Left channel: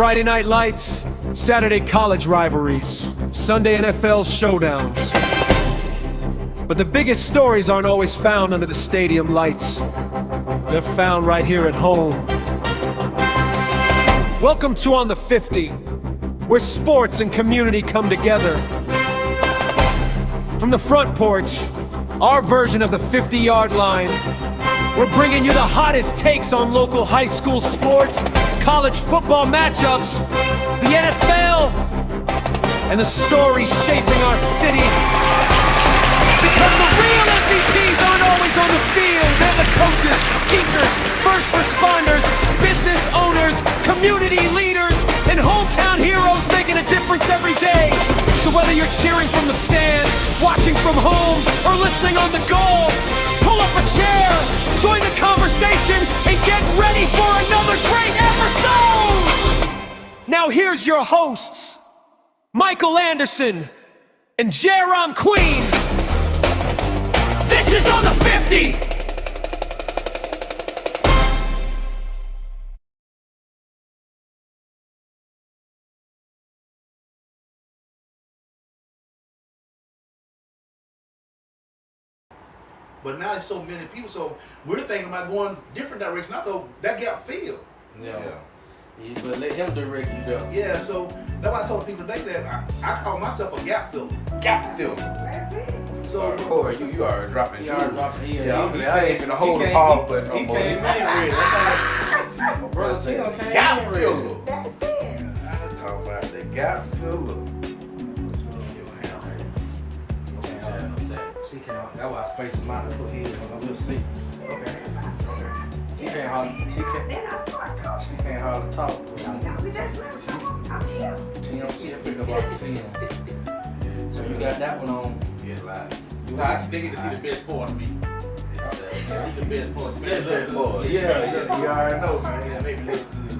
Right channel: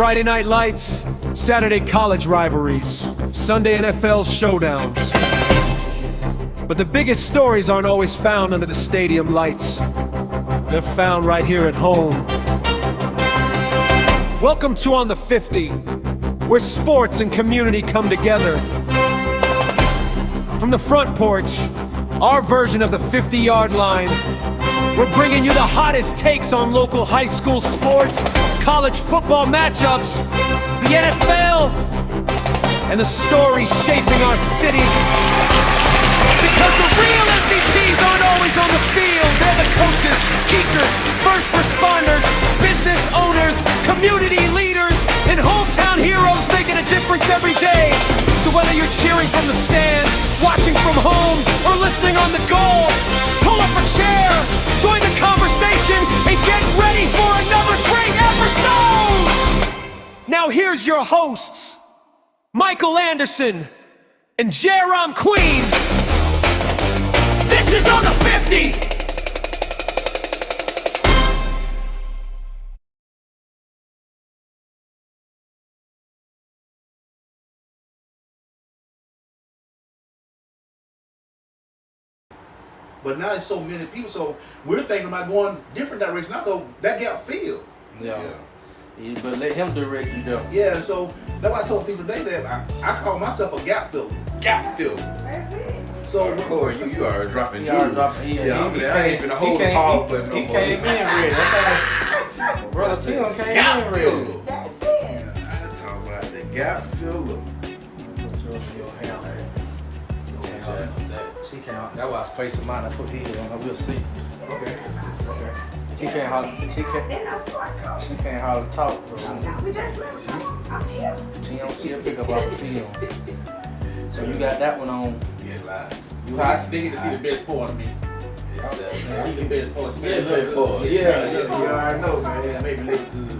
Friday night lights, Saturday college rivalries, Sunday NFL showdowns. But the biggest stories aren't always found under the stadium lights. They're found right here at home. Welcome to On the 50, where sports and community come together. From the front porch, our version of the 50-yard line, we're bringing you the hottest takes on local high school sports, college football matchups, the NFL, and the stories shaping our city. Because the real MVPs aren't always on the field. They're the coaches, teachers, first responders, business owners, community leaders, and hometown heroes making a difference every day. So whether you're cheering from the stands, watching from home, or listening on the go, pull up a chair, join the conversation, and get ready for another great episode! Now here's your hosts, Michael Anderson and Jerome Queen. This is On the 50! But now it's so many people, so we're thinking about going different direction. I go that gap field. Yeah. You but let him direct you though. Yeah, so that's why I told people today that I call myself a gap filler. Gap fill. That's it. So Corey, you are dropping jewels. Yeah, I ain't finna hold the ball button no He more. came in ready. Brother Tim came Gap in ready. filler. That's it. I'm talking about the gap filler. She can't. That's why I spaced him out. I put heels on. We'll see. Okay. She can't holler. Then I start calling. She can't holler talk. We just I'm here. She can't pick up off the heel. So you got that one on. yeah, live. They get to see the best part of me. See the best part. See the best part. Yeah, you already know, man. Yeah, maybe look good.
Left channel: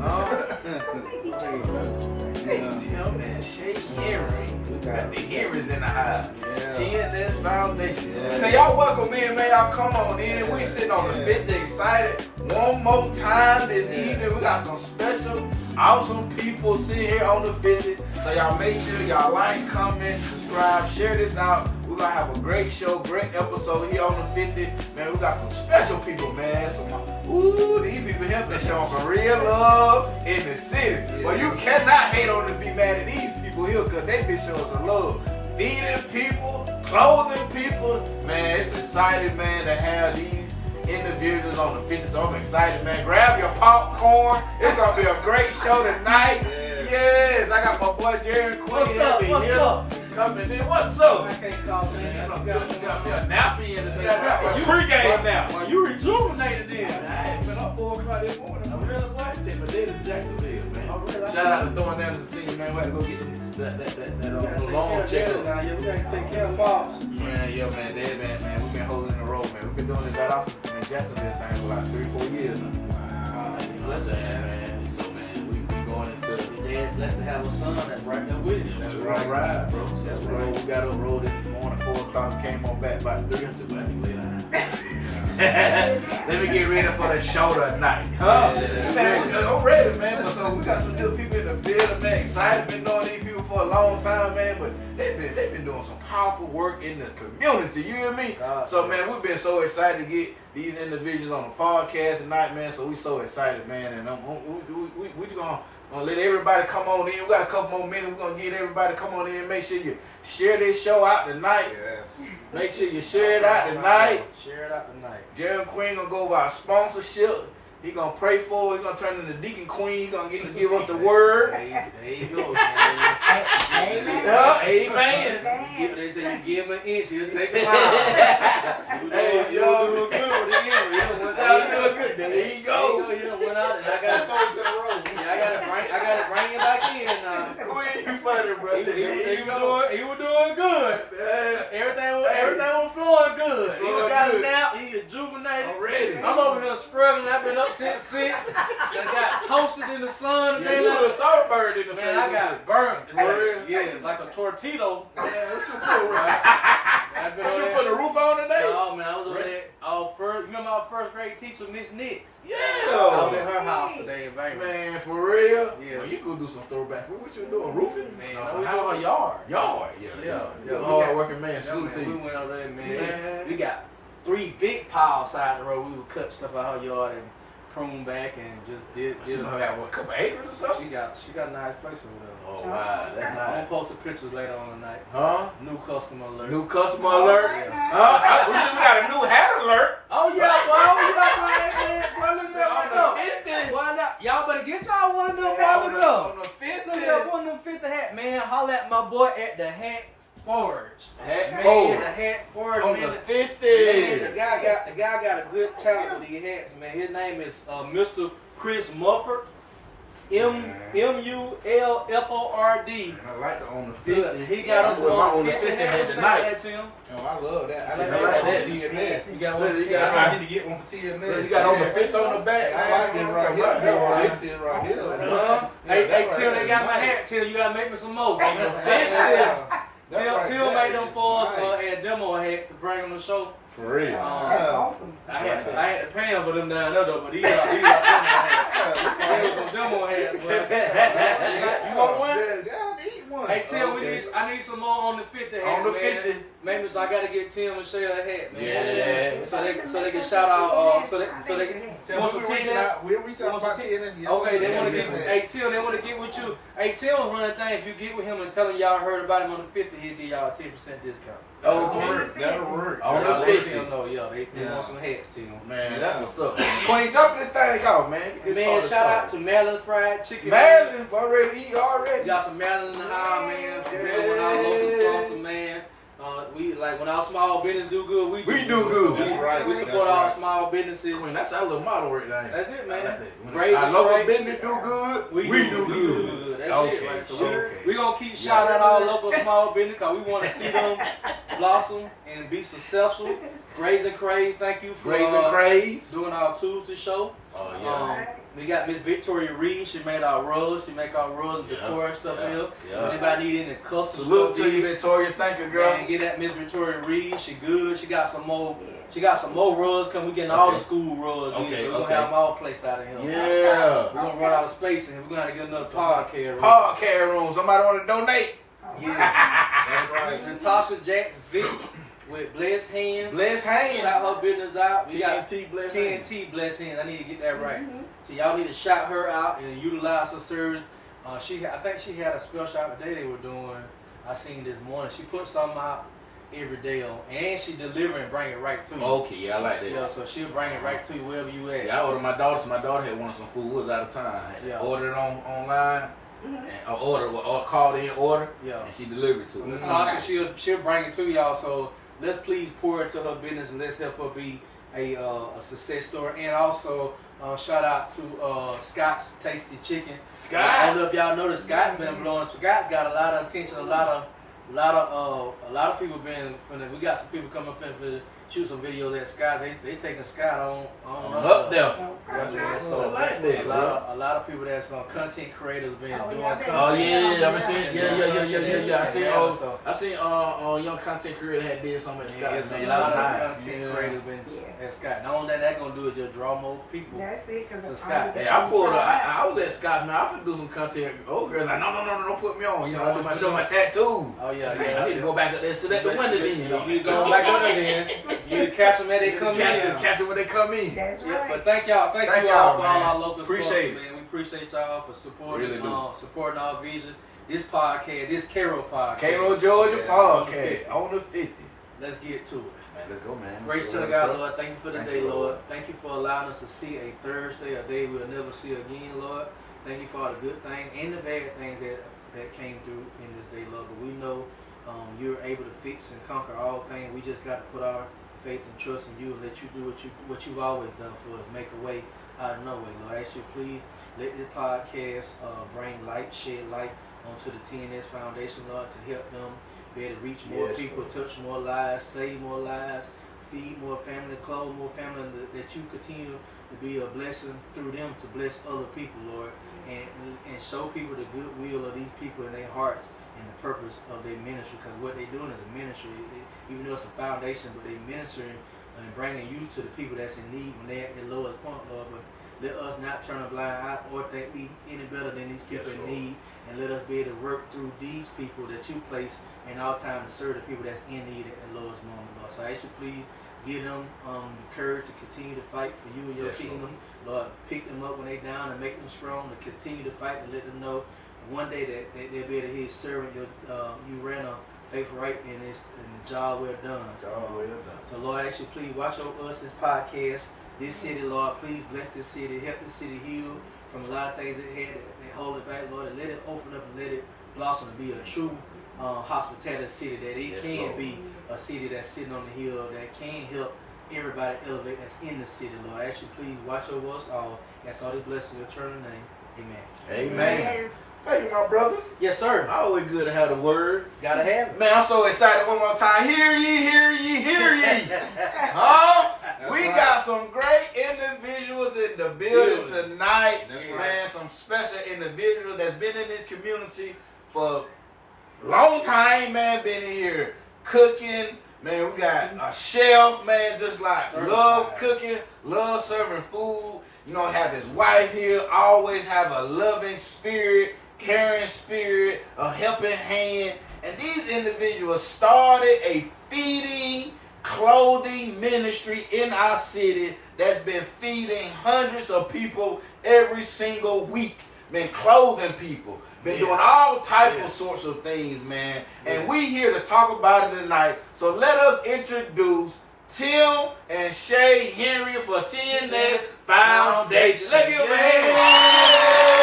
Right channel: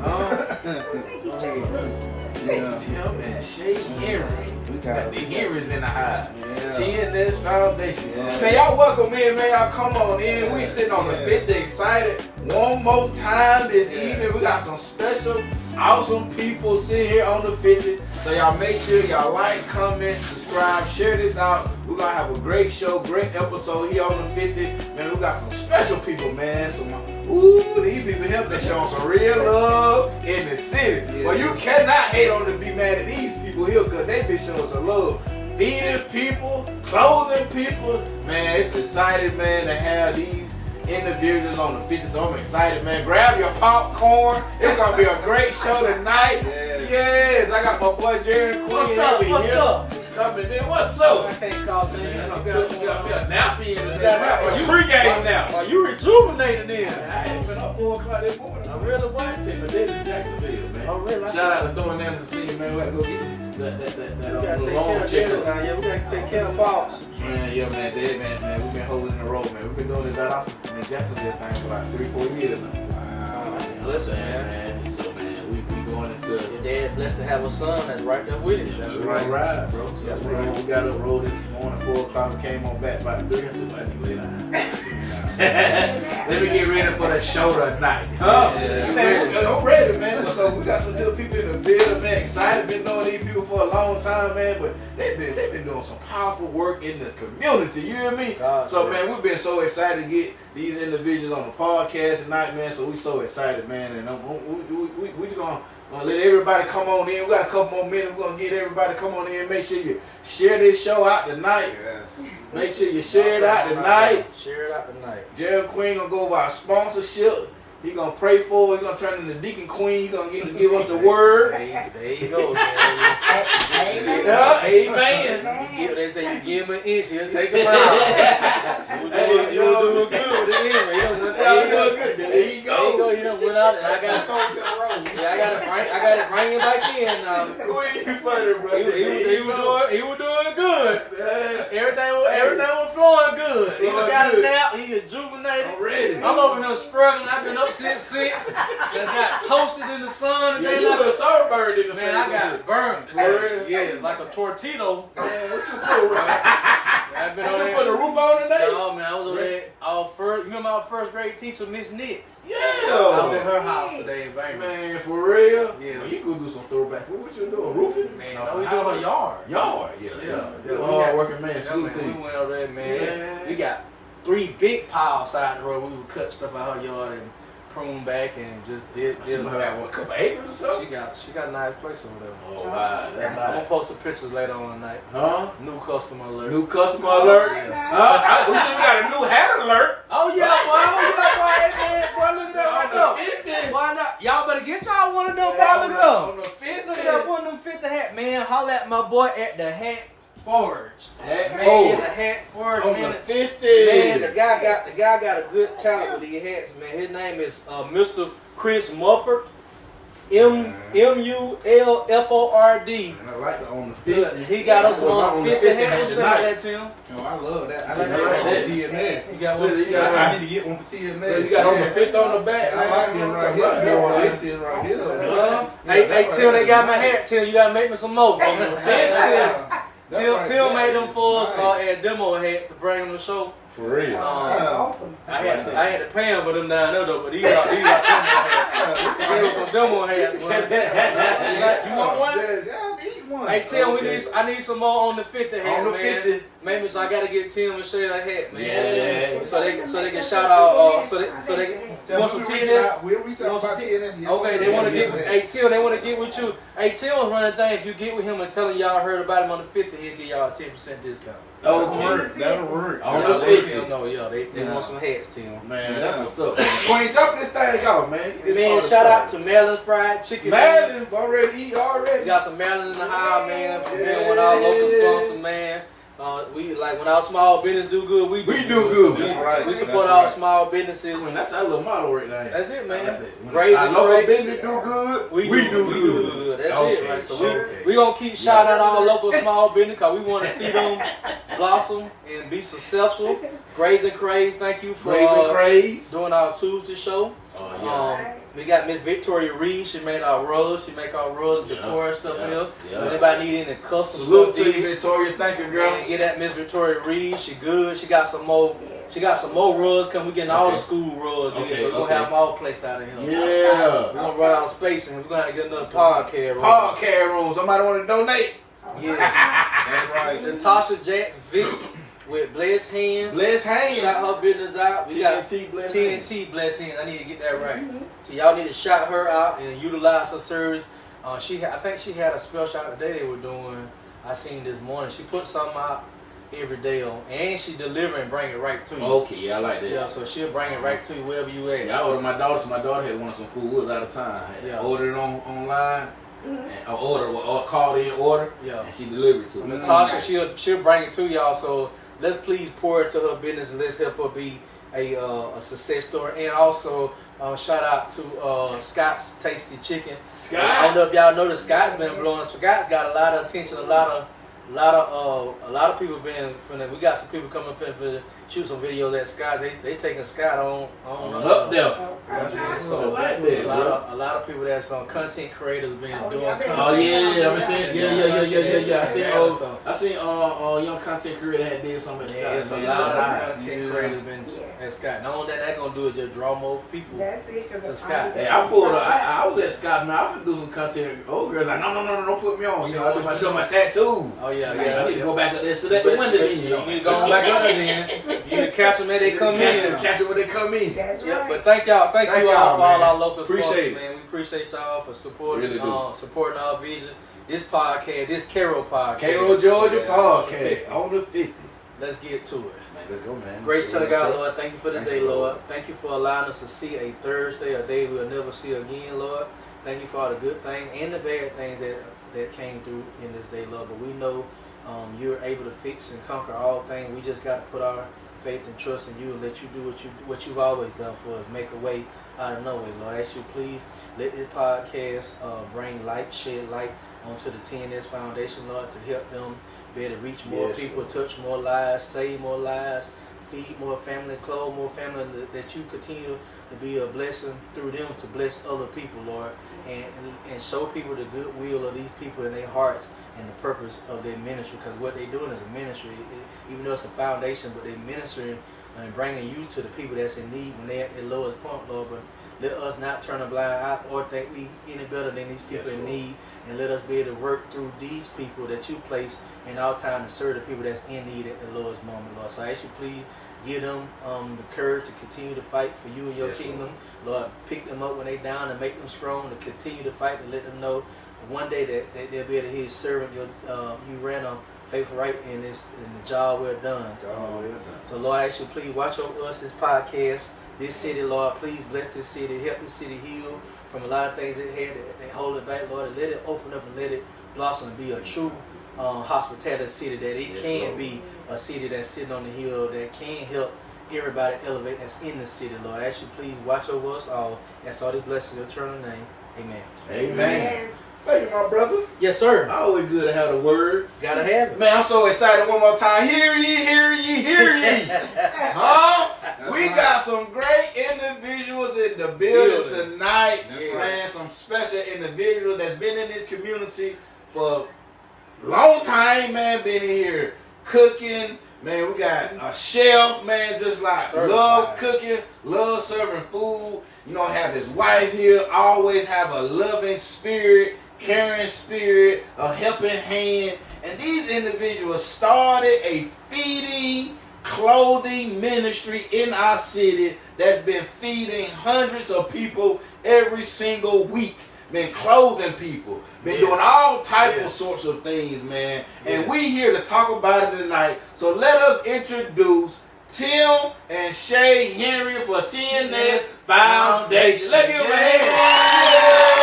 Tim and Shay Henry. We got The Henrys in the house. Yeah. T&S Foundation. Yeah. Man, y'all welcome in, man. Y'all come on in. We sitting on the 50 excited. One more time this evening. We got some special, awesome people sitting here on the 50. So y'all make sure y'all like, comment, subscribe, share this out. We're gonna have a great show, great episode here on the 50. Man, we got some special people, man. These people helping us show some real love in the city. Yeah. Well, you cannot hate on to be mad at these people here because they been showing some love. Feeding people, clothing people. Man, it's exciting, man, to have these individuals on the 50. So I'm excited, man. Grab your popcorn. It's gonna be a great show tonight. Yes, I got my boy Jerry Queen. What's up? over What's here. up? Coming in. What's up? I can't call things. You got me a nappy in the Well, day. you Pre-game now. Well, you rejuvenated then. I ain't been up 4 o'clock this morning. I really want to take my day to Jacksonville, man. Oh, really? Shout out to Throwing Names and Senior, man. We got to go get that long check check-up. Yeah, we got to take care of boss. Man, yeah, man, man, we've been holding the road, man. We've been doing this out office in Jacksonville thing for about 3-4 years now. Wow. Listen, man. So, man, we going into. Your dad blessed to have a son that's right there with you. That's right, bro. That's right. We got up road this morning, 4 o'clock. We came on back by 3. I said, let me lay down. Let me get ready for the show tonight. Man, I'm ready, man. So we got some good people in the building, man. Excited, been knowing these people for a long time, man. But they've been doing some powerful work in the community. You hear me? So man, we've been so excited to get these individuals on the podcast tonight, man. So we so excited, man. And we just gonna let everybody come on in. We got a couple more minutes. We're gonna get everybody to come on in. Make sure you share this show out tonight. Yes. Make sure you share it out tonight. Share it out tonight. Jerry Queen gonna go by sponsorship. He gonna pray for it. He gonna turn into Deacon Queen. He gonna get to give us the word. There you go. Amen. Yeah, amen. They say you give him an inch, he'll take him out. You'll do good with the end. There you go. He done went out and I got to bring him back in now. Queen, you funny, bro. He was doing good. Everything was flowing good. He got a nap. He is juvenated. I'm ready. I'm over here struggling. I've been up since 6. I got toasted in the sun and Yeah, then you a sunbird in the man, I got burned. Yeah, it's like a tortito. Man, what you cool, right? I've been You on put there. the roof on today? No, man, I was over there. You remember our first grade teacher, Miss Nix? Yeah. I was at her house today in Vegas. Man, for real? Yeah. Well, you go do some throwback. What you doing? Roofing? Man, No, no, we doing her yard. Yard. Yeah. You're a hard working man. Yeah, Salute to man, we you. went over there, man. Yeah. We got 3 big piles side the road. We would cut stuff out her yard and prune back and just did She it. must have what, a couple acres or something? She got a nice place over there. Oh, wow. That's I'm gonna nice. post the pictures later on tonight. Huh? New customer alert. New customer Oh, alert. my God. We should got a new hat alert. Oh yeah, boy, look at that right there. Why not? Y'all better get y'all one of them. Boy, look at them. On the Look 50. at that one of them 50 hat, man. Holla at my boy at the hat forge. Hat Man, forge. the hat forge. On Man, the 50. Man, the guy got a good talent with these hats, man. His name is Mr. Chris Mufford. Mullford. And I like the on the 50. And he got us on 50 hats. What you think about that, Tim? Oh, I love that. I didn't Yeah, get yeah, one yeah. for TNS. You got one. I need to get one for TNS. You got on the 50 on the back. I like this right here. I like this right here. Hey, Tim, they got my hat. Tim, you gotta make me some more. Tim made them for us at demo hats to bring them to show. For real. That's awesome. I had to pay him for them down there though, but these are demo hats. They were some demo hats. Man. You want one? Yeah, I need one. Hey Tim, I need some more on the 50 hat, On the man. 50. Maybe so I gotta get Tim and Shay a hat, man. Yeah. So they can shout out. So they Tell want me some we'll reach TNS. out. We'll reach out about TNS. Yeah, Okay, they want to get. yeah. Hey Tim, they want to get with you. Hey Tim was running thing. If you get with him and tell him y'all heard about him on the 50, he'll give y'all a 10% discount. Okay. That'll work. On Yeah, the they 50. know, yeah, they want some hats, Tim. Man, that's what's up. Queen, jump this thing off, man. Get this Man, party shout out started. to Maryland Fried Chicken. Maryland, already eat We already. got some Maryland in the house, man. For being one of our local sponsors, man. We like when our small business do good, we We do good. That's right. We support That's our right. small businesses. Queen, that's our little motto right there. That's it, man. I like that. When Great, our local great. business do good, we We do good. That's Okay, it, right? So okay. we gonna keep shouting out our local small business because we want to see them blossom and be successful. Graze and Crave, thank you for Graze and Craves. doing our Tuesday show. Oh, yeah. We got Miss Victoria Reed. She made our rugs. She make our rugs, Yeah, decor and stuff yeah, here. yeah. So anybody need any custom Salute stuff, to you, Victoria. Thank you, girl. man, get at Miss Victoria Reed. She good. She got some more. She got some more rugs. Cause we getting all the Okay. school rugs. Okay, So we're gonna okay. have them all placed out of here. Yeah. We're gonna run out of space and we're gonna have to get another podcast room. Podcast room. Somebody want to donate? Yeah. That's right. Natasha Jax Vic with Blessed Hands. Bless hands. Shout her business out. We got TNT Bless hands. TNT Blessed Hands. I need to get that right. So y'all need to shout her out and utilize her service. I think she had a special out today they were doing. I seen this morning. She put something out every day on, and she deliver and bring it right to you. Okay, yeah, I like that. Yeah, so she'll bring it right to you wherever you at. Yeah, I ordered my daughter. So my daughter had wanted some food. We was out of town. I Yeah. ordered it online. And or called in order. Yeah. And she delivered it to me. Natasha, she'll bring it to y'all. So let's please pour into her business and let's help her be a success story. And also shout out to Scott's Tasty Chicken. I don't know if y'all know that Scott's been blowing. Scott's got a lot of attention. A lot of people been from that. We got some people coming up for shoot some videos at Scott's. They taking Scott on Up there. So I like that, a lot of people that's content creators been doing. Oh yeah, I've been seeing. Yeah. I seen So, young content creator had did something at yeah, Scott. it's a man. lot Nice. of content creators been at Scott. Not only that, they're gonna do it just draw more people. That's it, So because Scott, Hey, I pulled up. I was at Scott, man. I was do some content. Old girls like, no, don't put me on. You know, I do show my tattoo. Oh yeah, I need to go back up there, sit at the window then. You know, You going back up there then. You need to catch them as they come in. Catch it when they come in. That's Yeah, right. but thank you all Thank for y'all, all man. our local Appreciate sponsors, it. man. We appreciate y'all for supporting Really do. supporting our vision. This podcast, this Cairo podcast. Cairo, Georgia Yeah, podcast on the 50. Let's get to it. Man, let's go, man. Grace to the God, Lord. Thank you for the Thank day, you, Lord. Lord. Thank you for allowing us to see a Thursday, a day we'll never see again, Lord. Thank you for all the good things and the bad things that came through in this day, Lord. But we know you're able to fix and conquer all things. We just got to put our faith and trust in you and let you do what you've always done for us. Make a way out of no way, Lord. I ask you, please let this podcast bring light, shed light onto the T&S Foundation, Lord, to help them be able to reach more Yes, people, Lord. touch more lives, save more lives, feed more family, clothe more family, that you continue to be a blessing through them to bless other people, Lord, and show people the goodwill of these people in their hearts and the purpose of their ministry. Because what they're doing is a ministry, even though it's a foundation, but they're ministering and bringing you to the people that's in need when they're at their lowest point, Lord. But let us not turn a blind eye or think we any better than these people in need, and let us be able to work through these people that you place in our time to serve the people that's in need at the lowest moment, Lord. So I ask you, please give them the courage to continue to fight for you and your kingdom, Lord. Pick them up when they're down and make them strong to continue to fight, and let them know one day that they'll be able to hear you servant. You ran a faithful right in the job well done. So Lord, I ask you, please watch over us, this podcast, this city, Lord. Please bless this city, help this city heal from a lot of things it had that hold it back, Lord. And let it open up and let it blossom and be a true hospitality city, that it can be a city that's sitting on the hill that can help everybody elevate that's in the city, Lord. I ask you, please watch over us all. That's all this blessing in your eternal name. Amen. Amen. Thank you, my brother. Yes, sir. Always good to have the word. Gotta have it. Man, I'm so excited one more time. Hear ye, hear ye, hear ye. Huh? We got some great individuals in the building tonight. Man, some special individuals that's been in this community for a long time, man, been here cooking. Man, we got a chef, man, just like love cooking, love serving food. You know, have his wife here, always have a loving spirit, caring spirit, a helping hand. And these individuals started a feeding, clothing ministry in our city that's been feeding hundreds of people every single week. Been clothing people, been doing all type of sorts of things, man. And we here to talk about it tonight. So let us introduce Tim and Shay Henry for T&S Foundation. Let's give them a hand.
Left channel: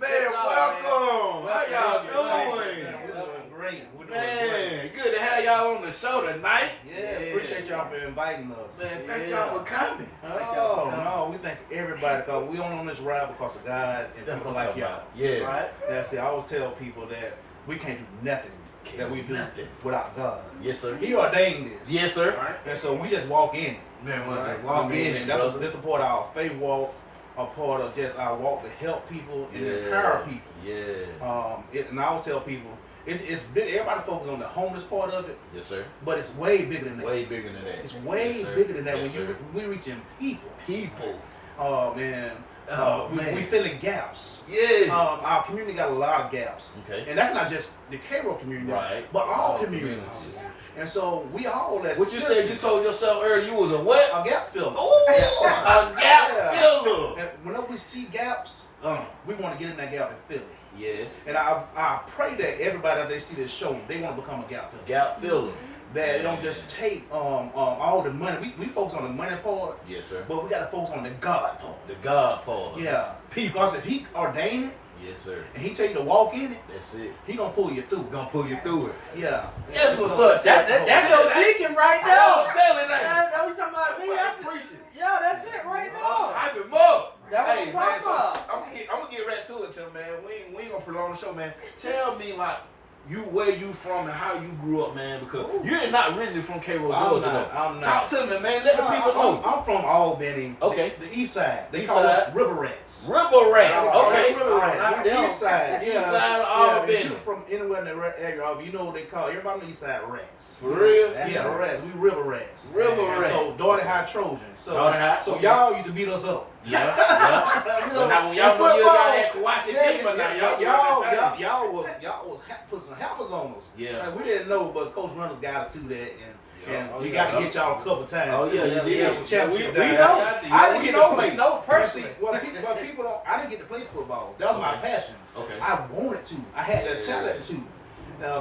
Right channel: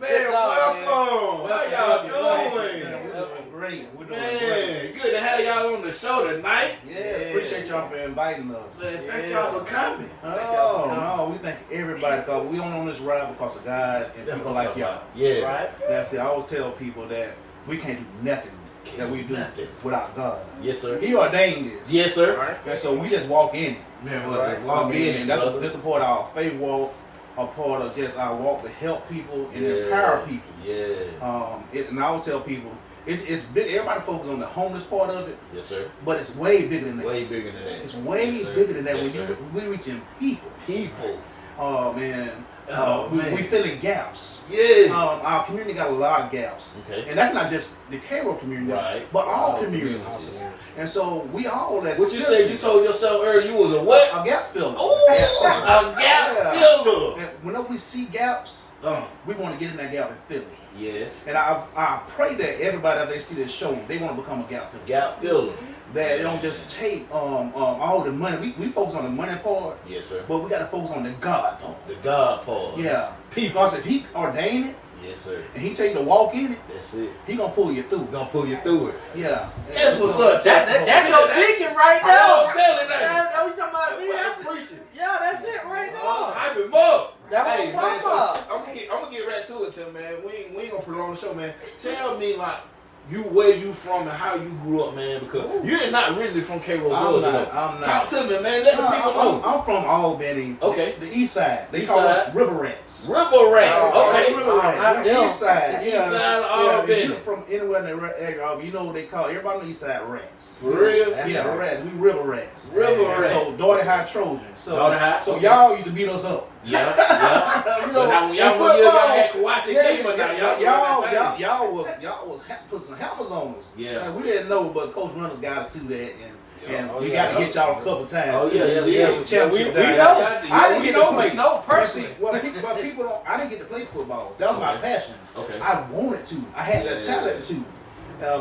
Man, welcome. How y'all doing? Great. We're doing Man, great. good to have y'all on the show tonight. Yeah, appreciate y'all for inviting us. Man, thank y'all for coming. Oh, no, we thank everybody because we on this ride because of God and people like y'all. Yeah. Right? That's it. I always tell people that we can't do nothing that we do without God. Yes, sir. He ordained this. Yes, sir. And so we just walk in it. Man, Right? walk in and that's brother. a part of our faith walk, a part of just our walk to help people and empower people. Yeah. And I always tell people, it's big. Everybody focuses on the homeless part of it, Yes, sir. but it's way bigger than that. Way bigger than that. It's way Yes, sir. bigger than that. Yes, When sir. we reaching people. People. Oh man. Oh, man. We filling gaps. Yeah. Our community got a lot of gaps. Okay. And that's not just the Cairo community, Right. but all communities. communities. And so we all that. What you said? You told yourself earlier you was a what? a gap filler. Ooh, a gap Yeah. filler. And whenever we see gaps, we want to get in that gap and fill it. Yes. And I pray that everybody that they see this show, they want to become a gap filler. Gap filler. That they don't just take all the money. We focus on the money part, Yes, sir. but we got to focus on the God part. The God part. Yeah. Because if he ordained it Yes, sir. and he tell you to walk in it, That's it. he gonna pull you through. Gonna pull you through it. Yeah. That's what's up. That's your deacon right I now. don't tell it that. Are you talking about me? That's preaching. Yeah, that's it right Oh, now. hype him up. That's what Hey, I'm man, talking so about. I'm gonna get right to it, Tim, man. We ain't gonna prolong the show, man. Tell me, like, where you from and how you grew up, man, because you're not originally from Cairo, I'm Georgia. not. though. I'm not. Talk to me, man. Let the people know. I'm from Albany. Okay. The east side. They East call side. it River Rats. River Rat. Okay. River Rats. Yeah. East side. Yeah. East side of Yeah, Albany. if you're from anywhere in the area, you know what they call everybody on the east side rats. For real? Yeah, rats. We river rats. River And Rat. So Daughter High Trojan. So Daughter High, So okay. y'all used to beat us up. Yeah, yeah. You But know, now when in y'all football, had Kawasi Kima now, y'all was put some helmets on us. Yeah. And we didn't know, but Coach Runners got us through that, and Oh, we yeah. got to get y'all a couple times. Oh, too. yeah, yeah, We yeah. had some championships We down know. there. I didn't get to play. We know But personally. people don't. I didn't get to play football. That was my Okay. passion. Okay. I wanted to. I had the talent to.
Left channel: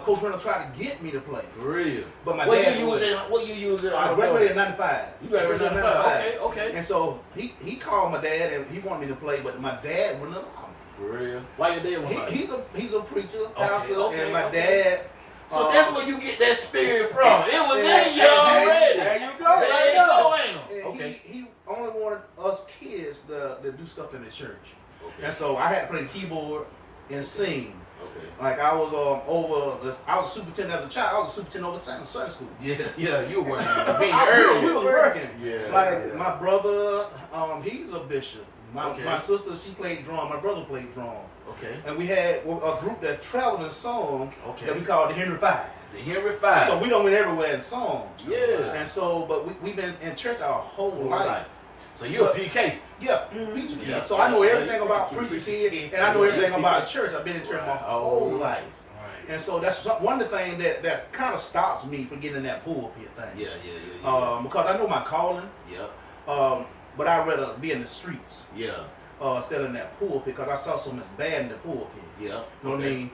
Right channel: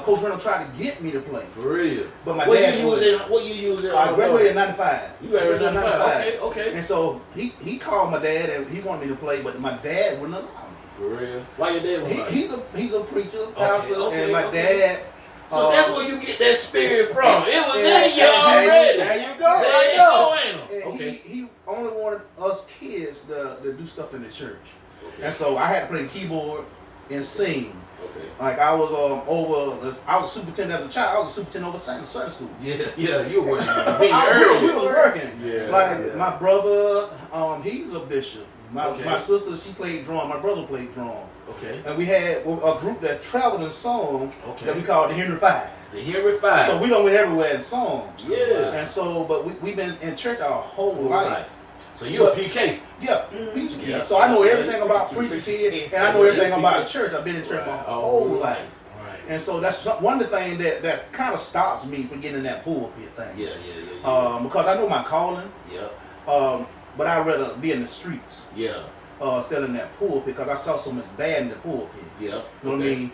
Coach Runners tried to get me to play, For real. but my What dad you wouldn't. using? What you using? I graduated in '95. You graduated in 95. Okay. And so he called my dad and he wanted me to play, but my dad wouldn't allow me. For real. Why your dad was like? He's a preacher, pastor, okay, and my okay. dad. So that's where you get that spirit from. It was in you already. There you go. There Right you there. go, ain't it? And Okay. he only wanted us kids to do stuff in the church. Okay. And so I had to play the keyboard, and sing. Okay. Like I was I was a superintendent as a child. I was a superintendent over Sunday school. Yeah, you were working We was working. Yeah, Like my brother, he's a bishop. My sister, she played drum. My brother played drum. Okay. And we had a group that traveled in song that we called the Henry Five. The Henry Five. So we done went everywhere in song. Yeah. And so, but we've been in church our whole life. So you're a PK. Yeah, preacher kid. Yeah. So I know everything about preacher kid, and I know everything about church. I've been in church my whole life. Right. And so that's one of the things that kind of stops me from getting in that pulpit thing. Yeah. Because I know my calling. Yeah. But I'd rather be in the streets. Yeah. Instead of in that pulpit, because I saw so much bad in the pulpit. Yeah. You know what I mean?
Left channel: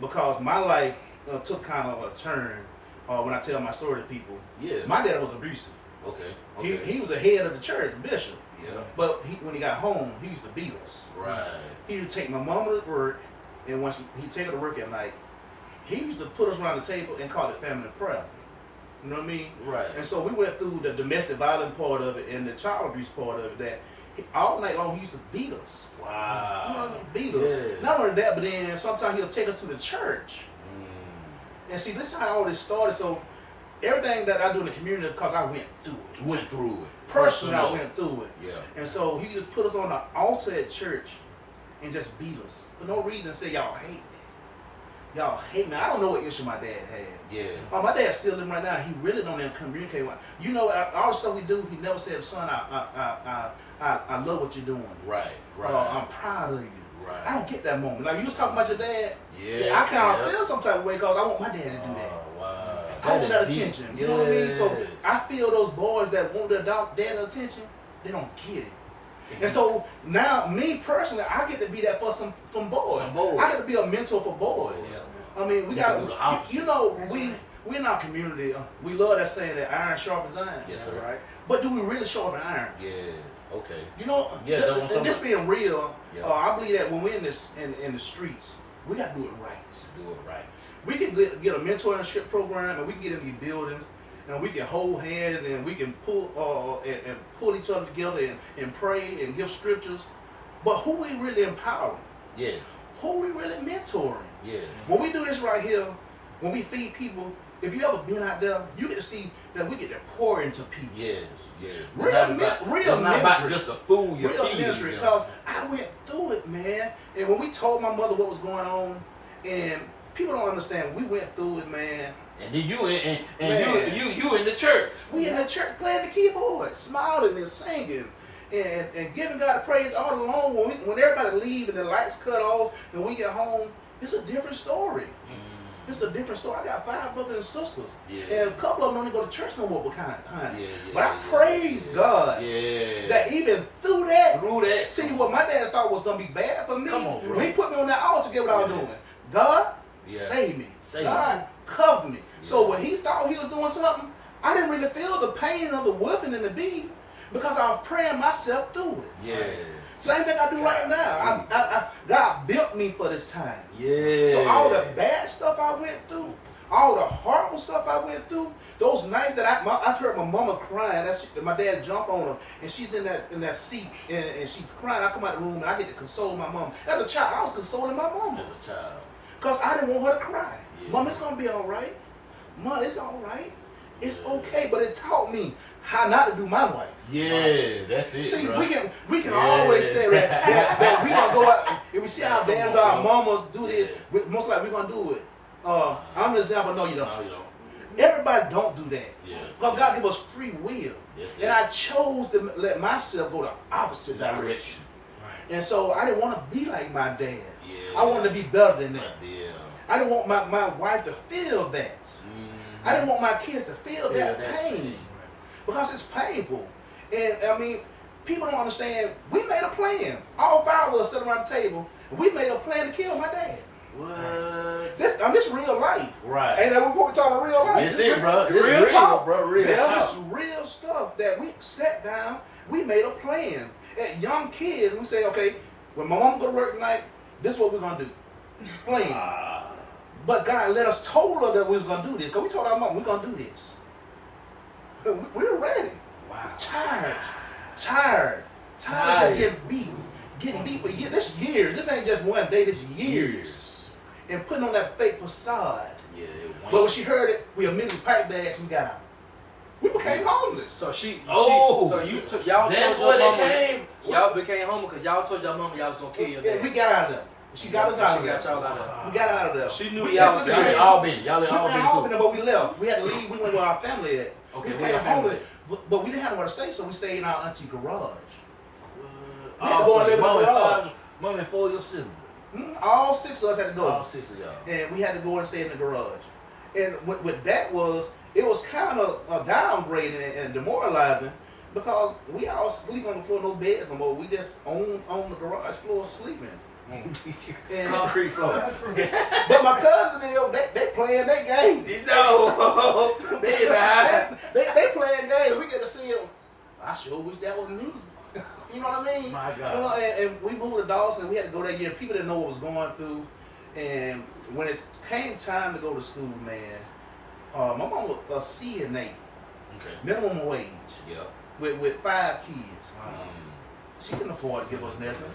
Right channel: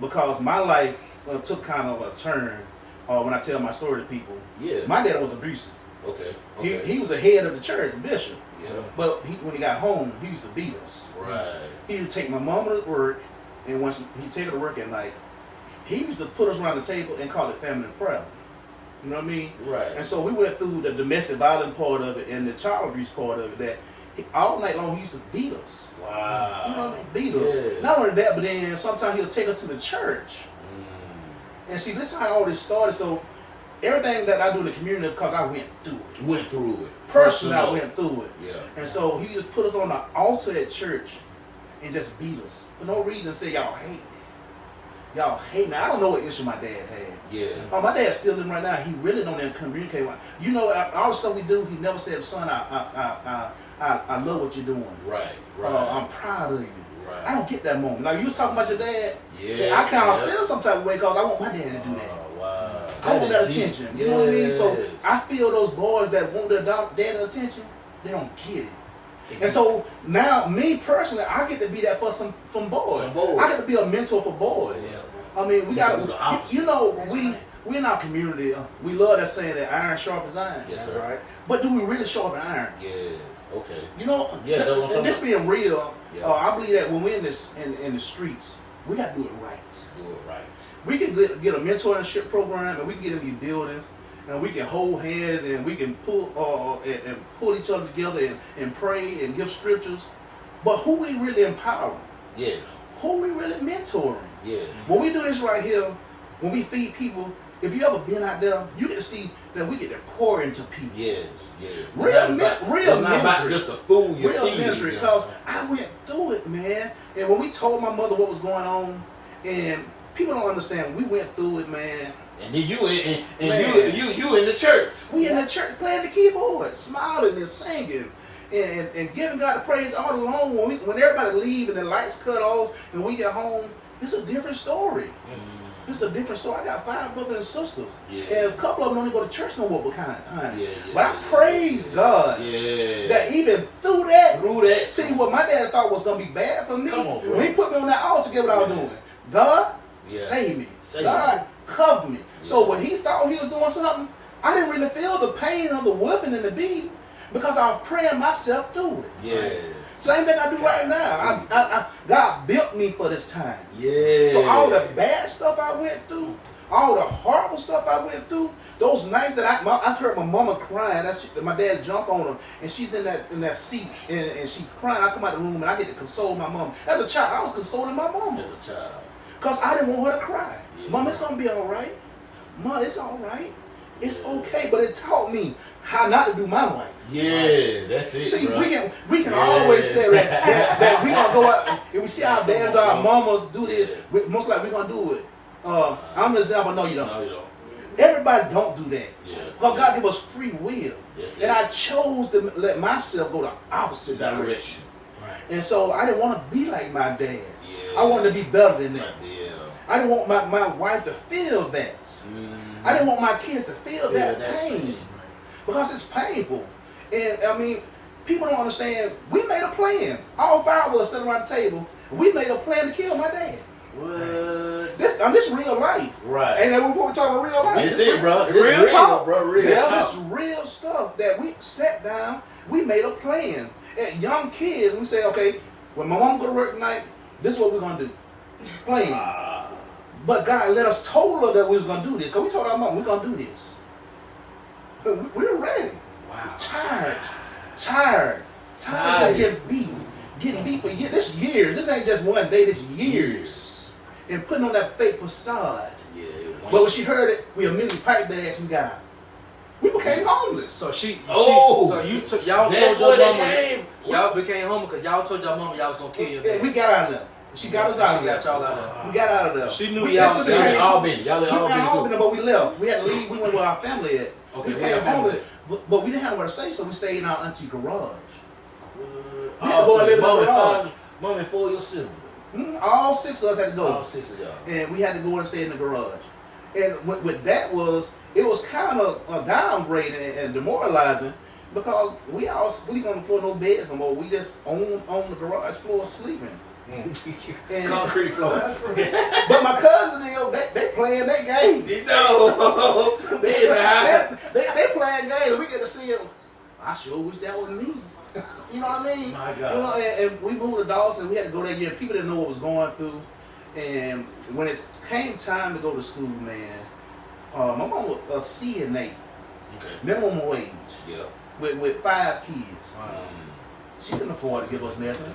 Because my life took kind of a turn when I tell my story to people. Yeah. My dad was abusive. Okay. He was the head of the church, bishop. Yeah. But when he got home, he used to beat us. Right. He would take my mama to work, and once he'd take her to work at night, he used to put us around the table and call it family prayer. You know what I mean? Right. And so we went through the domestic violence part of it and the child abuse part of it. That all night long he used to beat us. Wow. You know what I mean? Beat us. Yeah. Not only that, but then sometimes he'll take us to the church. And see, this is how all this started. So everything that I do in the community, because I went through it. Personally, I went through it. Yeah. And so he just put us on the altar at church and just beat us for no reason. Say y'all hate me. Y'all hate me. I don't know what issue my dad had. Yeah. My dad's still living right now. He really don't even communicate with. You know, all the stuff we do, he never said, "Son, I love what you're doing. Right. I'm proud of you." Right. I don't get that moment. Like you was talking about your dad. Yeah. I kind of feel some type of way because I want my dad to do that. Oh, wow. I want that attention. You know what I mean? So I feel those boys that want their dad attention, they don't get it. And so now, me personally, I get to be that for some boys. I get to be a mentor for boys. Yeah. I mean, we got to, you know, we in our community, we love that saying that iron sharpens iron. Yes, sir. Right? But do we really sharpen iron? Yeah. Okay. You know, and this being real, I believe that when we're in the streets, we got to do it right. Do it right. We can get a mentorship program, and we can get in these buildings, and we can hold hands, and we can pull each other together and pray and give scriptures. But who we really empowering? Yeah. Who we really mentoring? Yeah. When we do this right here, when we feed people, if you ever been out there, you get to see that we get to pour into people. Yes. Yeah. Real it's not about just the food you're real feeding. ministry, because I went through it, man. And when we told my mother what was going on, and people don't understand, we went through it, man. And then you in the church. We in the church playing the keyboard, smiling and singing, and giving God the praise all along. When everybody leave and the lights cut off and we get home, it's a different story. It's a different story. I got 5 brothers and sisters, and a couple of them don't even go to church no more behind. But I praise God that even through that, see what my dad thought was gonna be bad for me. Come on, bro. When he put me on that altar to get what I was doing, God save me. God covered me. So when he thought he was doing something, I didn't really feel the pain of the whipping and the beating because I was praying myself through it. Yeah. Same thing I do right now. God built me for this time. Yeah. So all the bad stuff I went through, all the horrible stuff I went through, those nights that I heard my mama crying, my dad jump on her, and she's in that seat, and she's crying. I come out the room, and I get to console my mom. As a child, I was consoling my mama. As a child. Because I didn't want her to cry. Yeah. Mom, it's going to be all right. Mom, it's all right. It's okay. But it taught me how not to do my life. Yeah, that's it. See, bro. we can always say that we gonna go out. If we see our dads or our mamas do this, most likely we're gonna do it. I'm an example. No, you don't. No, you don't. Everybody don't do that. Yeah. Because God give us free will, and I chose to let myself go the opposite direction. Right. And so I didn't want to be like my dad. Yeah. I wanted to be better than that. Yeah. I didn't want my wife to feel that. I didn't want my kids to feel that pain. Because it's painful. And I mean, people don't understand, we made a plan. All 5 of us sitting around the table, we made a plan to kill my dad. What? This real life. Right. Ain't that what we're talking real life? It's it, bro. It's real talk. bro. Real This talk. is real stuff that we sat down, we made a plan. At young kids, we say, okay, when my mom go to work tonight, this is what we're going to do. Plan. But God let us told her that we was going to do this. Because we told our mom, we're going to do this. We were ready. Wow. Tired. Just getting getting beat for years. This years. This ain't just one day. This years. And putting on that fake facade. Yeah. But when she heard it, we immediately pipe bags. We got out. We became homeless. So so you took y'all. That's told your what mama, it came. Y'all became homeless because y'all told y'all mama y'all was gonna kill your Yeah, dad. we got out of there. She got us out of She there. got y'all out of We got out of there. She knew We- y'all this was was in the- Albany. Y'all in We Albany got too. Albany, but we left. We had to leave. We went where our family at. Okay, we where your came family home, but we didn't have nowhere to stay, so we stayed in our auntie garage. Oh, We had to go and live in the mom garage. and 4 of your siblings. All 6 of us had to go. All 6 of y'all. And we had to go and stay in the garage. And what that was, it was kind of downgrading and demoralizing because we all sleep on the floor, no beds no more. We just on the garage floor sleeping. And, Concrete floor. but my cousin, they playing their game. You know. They in the house. they playing games. We get to see them. I sure wish that was me. You know what I mean? My God. You know, and we moved to Dawson. We had to go that year. People didn't know what was going through. And when it came time to go to school, man, my mom was a CNA, Okay. minimum wage, Yeah. with 5 kids. She couldn't afford to give us nothing.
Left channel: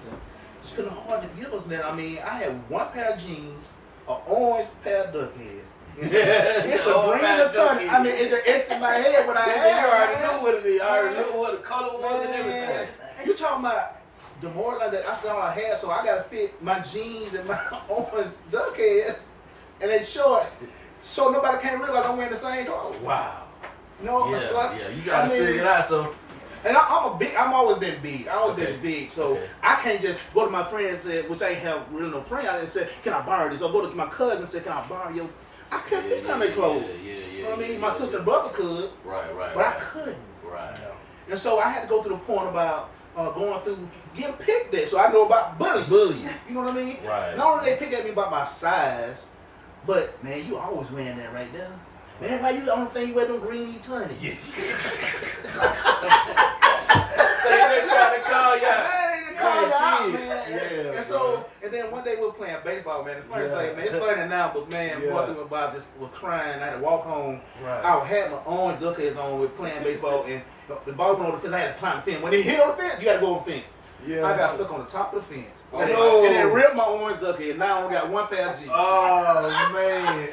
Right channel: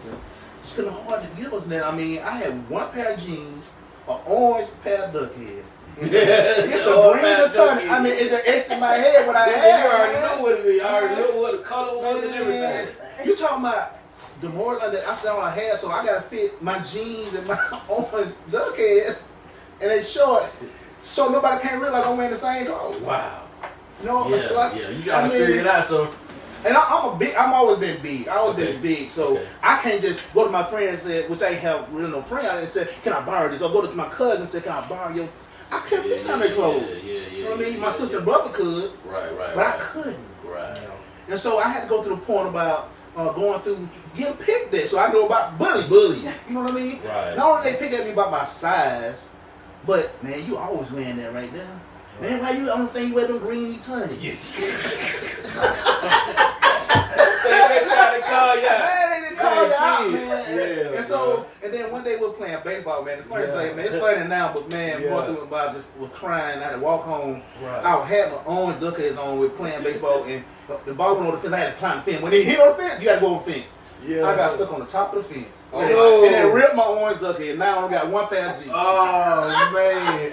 She couldn't afford to give us nothing. I mean, I had 1 pair of jeans, an orange pair of duck heads. It's a Orange green pair of duck baton. I mean, it's an X in my head what I You had. already man. know what it is. I already know what the color was and Man, everything. you talking about the more like that I still I had, so I gotta fit my jeans and my orange duck heads and they shorts, so nobody can't realize I'm wearing the same clothes. Wow. You know, Yeah, like, yeah. You gotta figure it out. So And I'm always been big. I always been big, so Okay. I can't just go to my friend and say, which I ain't have really no friend. I didn't say, can I borrow this? Or go to my cousin and say, can I borrow your? I couldn't put on their clothes. Yeah. You know what I mean? My sister and brother could, Right. but I couldn't. Right. And so I had to go to the point about going through getting picked at, so I know about bullying. Bullying. You know what I mean? Right. Not only they pick at me about my size, but man, you always wearing that right there. Man, why you the only thing you wear them green tunnies? They trying to call you. Man, they call you out, man. Yeah, And so, and then one day we were playing baseball, man. The funny thing, man, it's funny now, but man, going through it, I just was crying. I had to walk home. Right. I had my orange duck heads on with playing baseball, and the ball went over the fence. I had to climb the fence. When they hit on the fence, you got to go over the fence. Yeah. I got stuck on the top of the fence. Oh. And then ripped my orange duck head. Now I only got 1 pair of jeans. Oh man.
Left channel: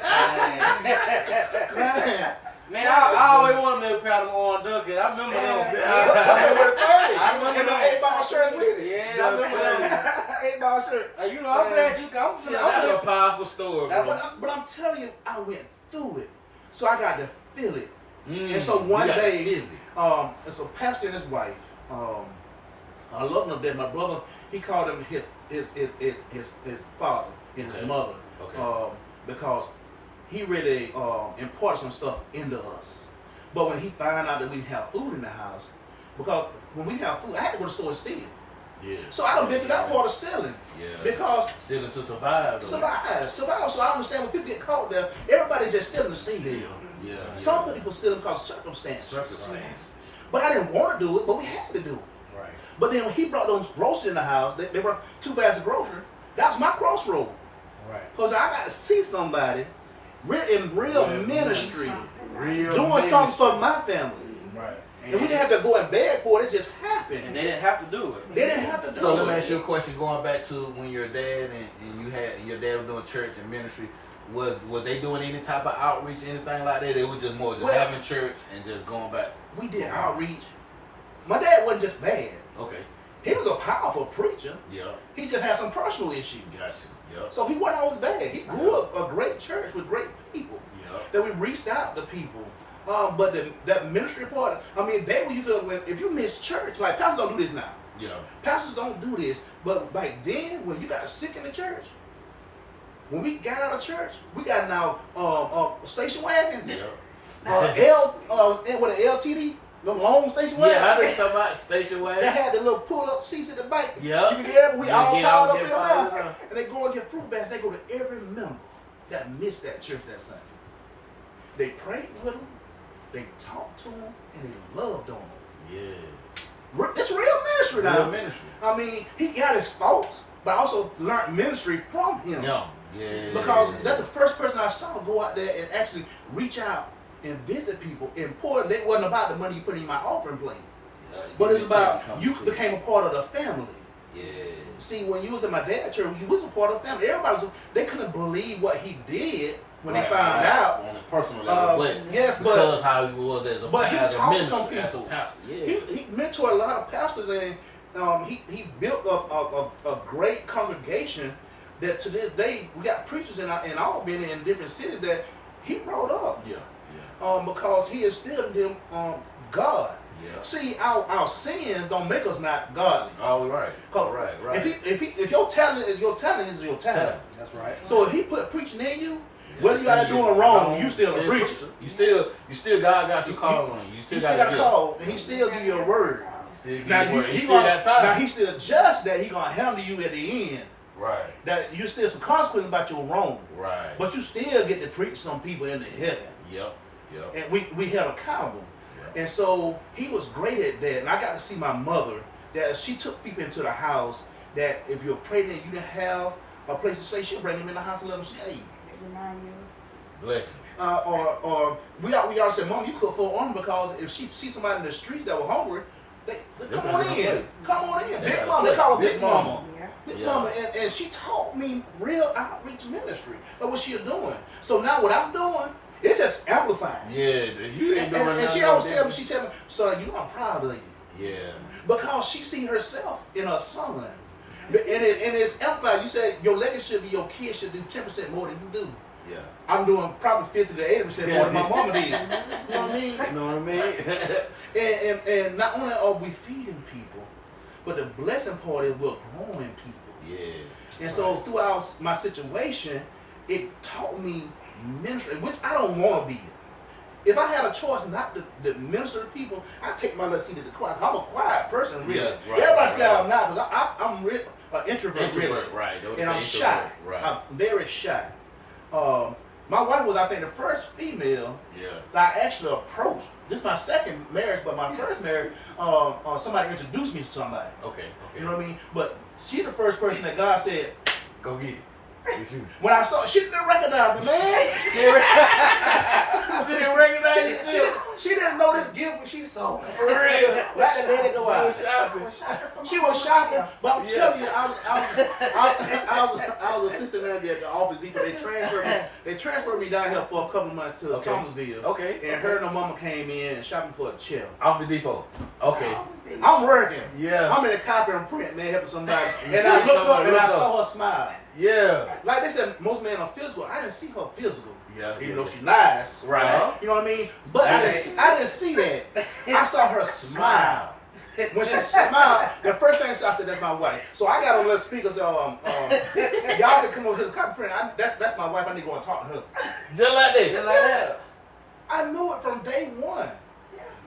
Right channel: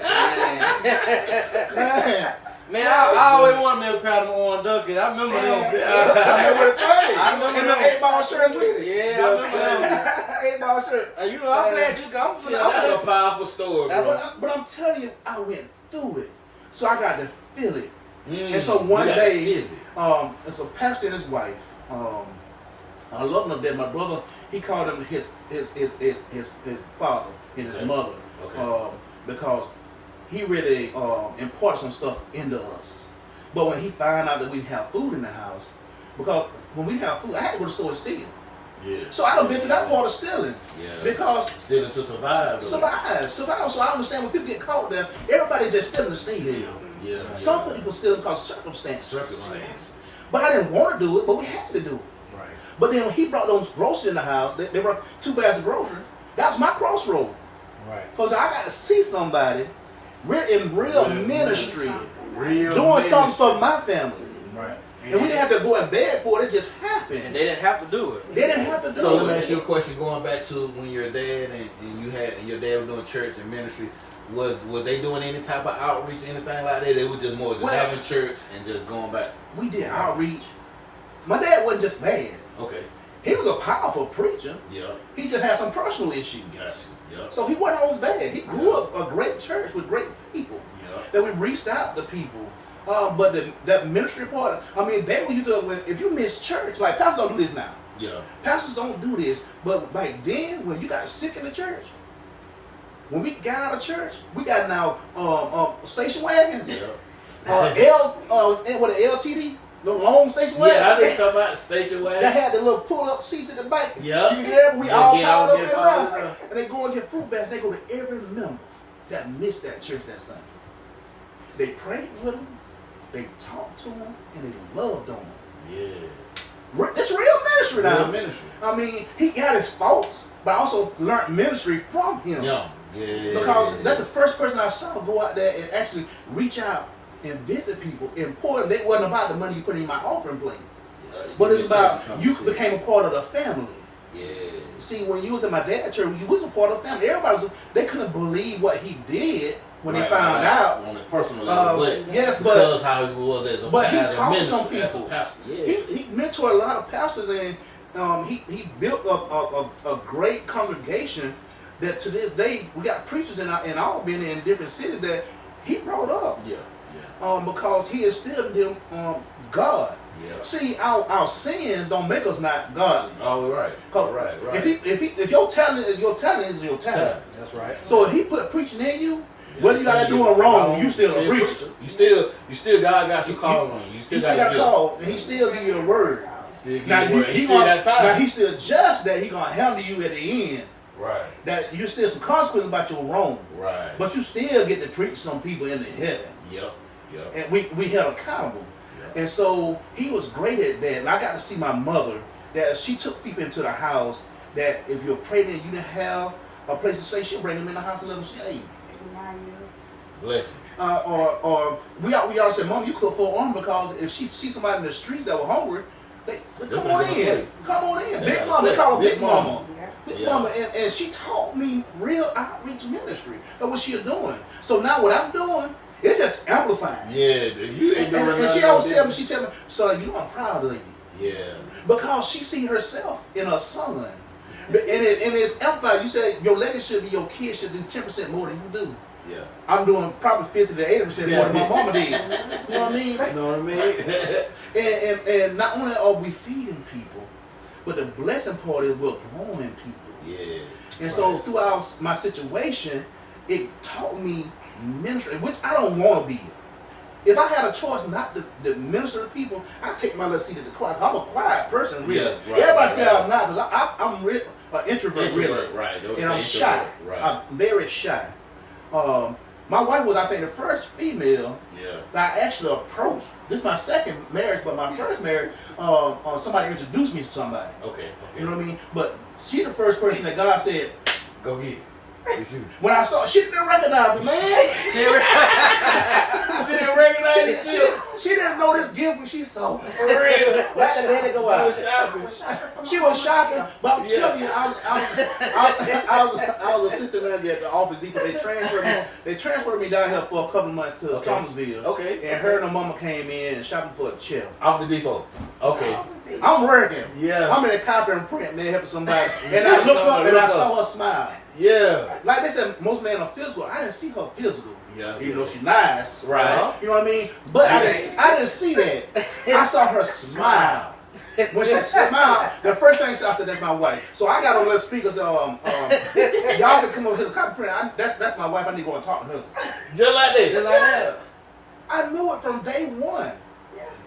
Man. Man, I always wanted me a pair of them orange duckets. I remember them. I remember the thing. I remember And them. the 8-ball shirt with it. Yeah, I remember them. 8-ball shirt. You know, I'm glad you got Yeah, that's a powerful story, bro. But I'm telling you, I went through it. So I got to feel it. Mm, And so one you gotta day, feel it. it's a pastor and his wife. I love them that my brother, he called him his father and his Okay. mother. Okay. Because he really imparted some stuff into us. But when he found out that we didn't have food in the house, because when we didn't have food, I had to go to the store and steal. Yeah. So I done been through that part of stealing. Yeah. Because Still to survive. though. survive. So I understand when people get caught there, everybody just stealing to steal. Yeah. Some people stealing because of circumstances. Circumstance. But I didn't want to do it, but we had to do it. Right. But then when he brought those groceries in the house, they were 2 bags of groceries. That was my crossroad. Right. Because I got to see somebody. We're in real ministry, Real doing ministry. something for my family. Right. And we didn't have to go in bed for it. It just happened. And they didn't have to do it. They didn't have to do So let it. me ask you a question. Going back to when your dad and your dad was doing church and ministry, was they doing any type of outreach, anything like that? They were just more just Well- having church and just going back. We did outreach. My dad wasn't just bad. Okay. He was a powerful preacher. Yeah. He just had some personal issues. Gotcha. Yeah. So he wasn't always bad. He grew up a great church with great people. Yeah. That we reached out to people. But that ministry part, I mean, they were used to, if you miss church, like pastors don't do this now. Yeah. Pastors don't do this. But back then, when you got sick in the church, when we got out of church, we got now station wagon. Yeah. With an LTD, the long station wagon. Yeah, I just talk about station wagon. That had the little pull-up seats at the back. Yeah. You can get we all get piled out, up in get around. piled up. And they go and get fruit baskets. They go to every member that missed that church that Sunday. They prayed with them, they talked to them, and they loved on them. Yeah. It's real ministry now. Real ministry. I mean, he got his faults, but I also learned ministry from him. Yeah. Yeah. Because that's the first person I saw go out there and actually reach out and visit people. Important, it wasn't about the money you put in my offering plate. But it's about you became a part of the family. Yeah. See, when you was at my dad's church, you was a part of the family. Everybody they couldn't believe what he did when they found out. On a personal level, but yes, because how he was as a but he as a taught minister, some people. as a pastor. Yeah. He mentored a lot of pastors, and he built a great congregation that to this day we got preachers in all been in different cities that he brought up. Yeah. Because he instilled in them God. Yeah. See, our sins don't make us not godly. All right. Right. If your talent is your talent, That's right. So if he put preaching in you, whether you got to doing wrong, you still a preacher. You still God got you called on you. You still got a call, and he still give you a word. Now He still got time. Now he still judge that he gonna handle you at the end. Right. That you still some consequences about your wrong. Right. But you still get to preach some people into heaven. Yep. And we held accountable. Yep. And so he was great at that. And I got to see my mother, that she took people into the house, that if you're pregnant, you didn't have a place to stay, she'll bring them in the house and let them stay. Bless you. Or we always said, Mom, you cook for arm, because if she see somebody in the streets that were hungry, they come on in. Come on in. Big Mama. They call her Big Mama. Big Mama. And she taught me real outreach ministry of what she was doing. So now what I'm doing, it's just amplifying. Yeah, you ain't doing and she always tell me, son, you know I'm proud of you. Yeah. Because she see herself in her son. And it's amplified. You said your legacy should be your kids should do 10% more than you do. Yeah. I'm doing probably 50 to 80% more than my mama did. You know what I mean? You know what I mean? and not only are we feeding people, but the blessing part is we're growing people. Yeah. And so throughout my situation, it taught me ministry, which I don't want to be. If I had a choice not to minister to people, I'd take my little seat at the quiet. I'm a quiet person, really. Yeah, right, Everybody say I'm not, because I'm an introvert, really. Right. And I'm shy. Right. I'm very shy. My wife was, I think, the first female that I actually approached. This is my second marriage, but my first marriage, somebody introduced me to somebody. Okay. You know what I mean? But she's the first person that God said, Go get it. when I saw, she didn't recognize me, man. She didn't recognize you. She didn't know this gift when she saw it. For real. Let the lady go out. She was shopping, but I'm telling you, I was assistant manager at the Office Depot. They transferred me down here for a couple of months to Thomasville. Okay. And her and her mama came in and shopping for a chair. Off the depot. Okay. I'm working. Yeah. I'm in a copy and print, man, helping somebody. And I looked up and I saw her smile. Yeah. Like they said, most men are physical. I didn't see her physical. Yeah. Even though she's nice. Right. You know what I mean? But I didn't see that. I saw her smile. When she smiled, the first thing I said, that's my wife. So I got on little speakers. Y'all can come over to the copy print. That's my wife. I need to go and talk to her. Just like that. Just like that. I knew it from day one.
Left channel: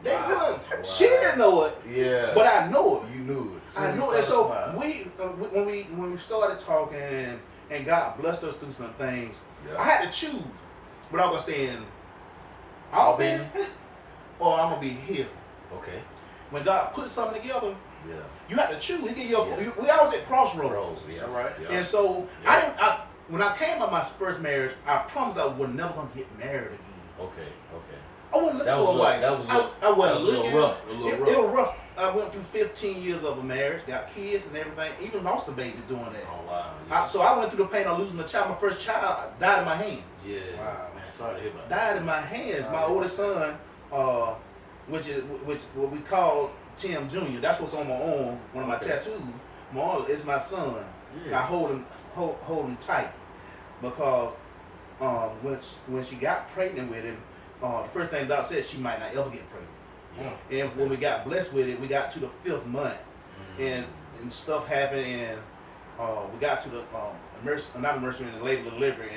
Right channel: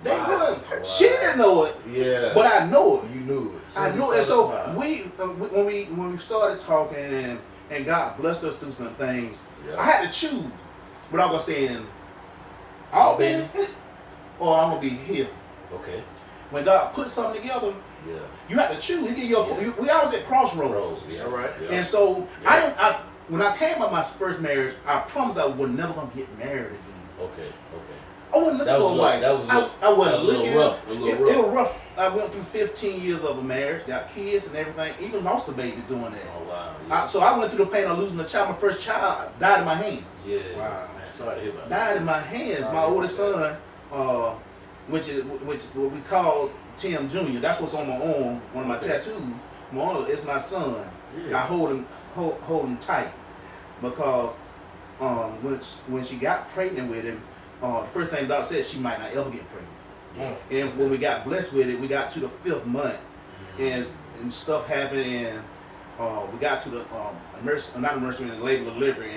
Day one. She didn't know it. Yeah. But I know it. You knew it. I knew it. And so when we started talking and God blessed us through some things, I had to choose. But I'm gonna stay in Albany or I'm gonna be here. Okay. When God put something together, you have to choose. We always at crossroads. Yeah. Right. Yeah. And so when I came by my first marriage, I promised I was never gonna get married again. Okay. I wasn't looking for a wife. I wasn't looking. A little rough. It was rough. I went through 15 years of a marriage, got kids and everything, even lost a baby doing that. Oh wow. Yeah. So I went through the pain of losing a child. My first child died in my hands. Yeah. Wow. Man, sorry to hear about that. Died in my hands. My oldest son, which what we call Tim Jr. That's what's on my arm. One of my tattoos. My arm is my son. Yeah. I hold him tight because when she got pregnant with him, the first thing the doctor said, she might not ever get pregnant. Yeah. And when we got blessed with it, we got to the 5th month, and stuff happened, and we got to the labor delivery,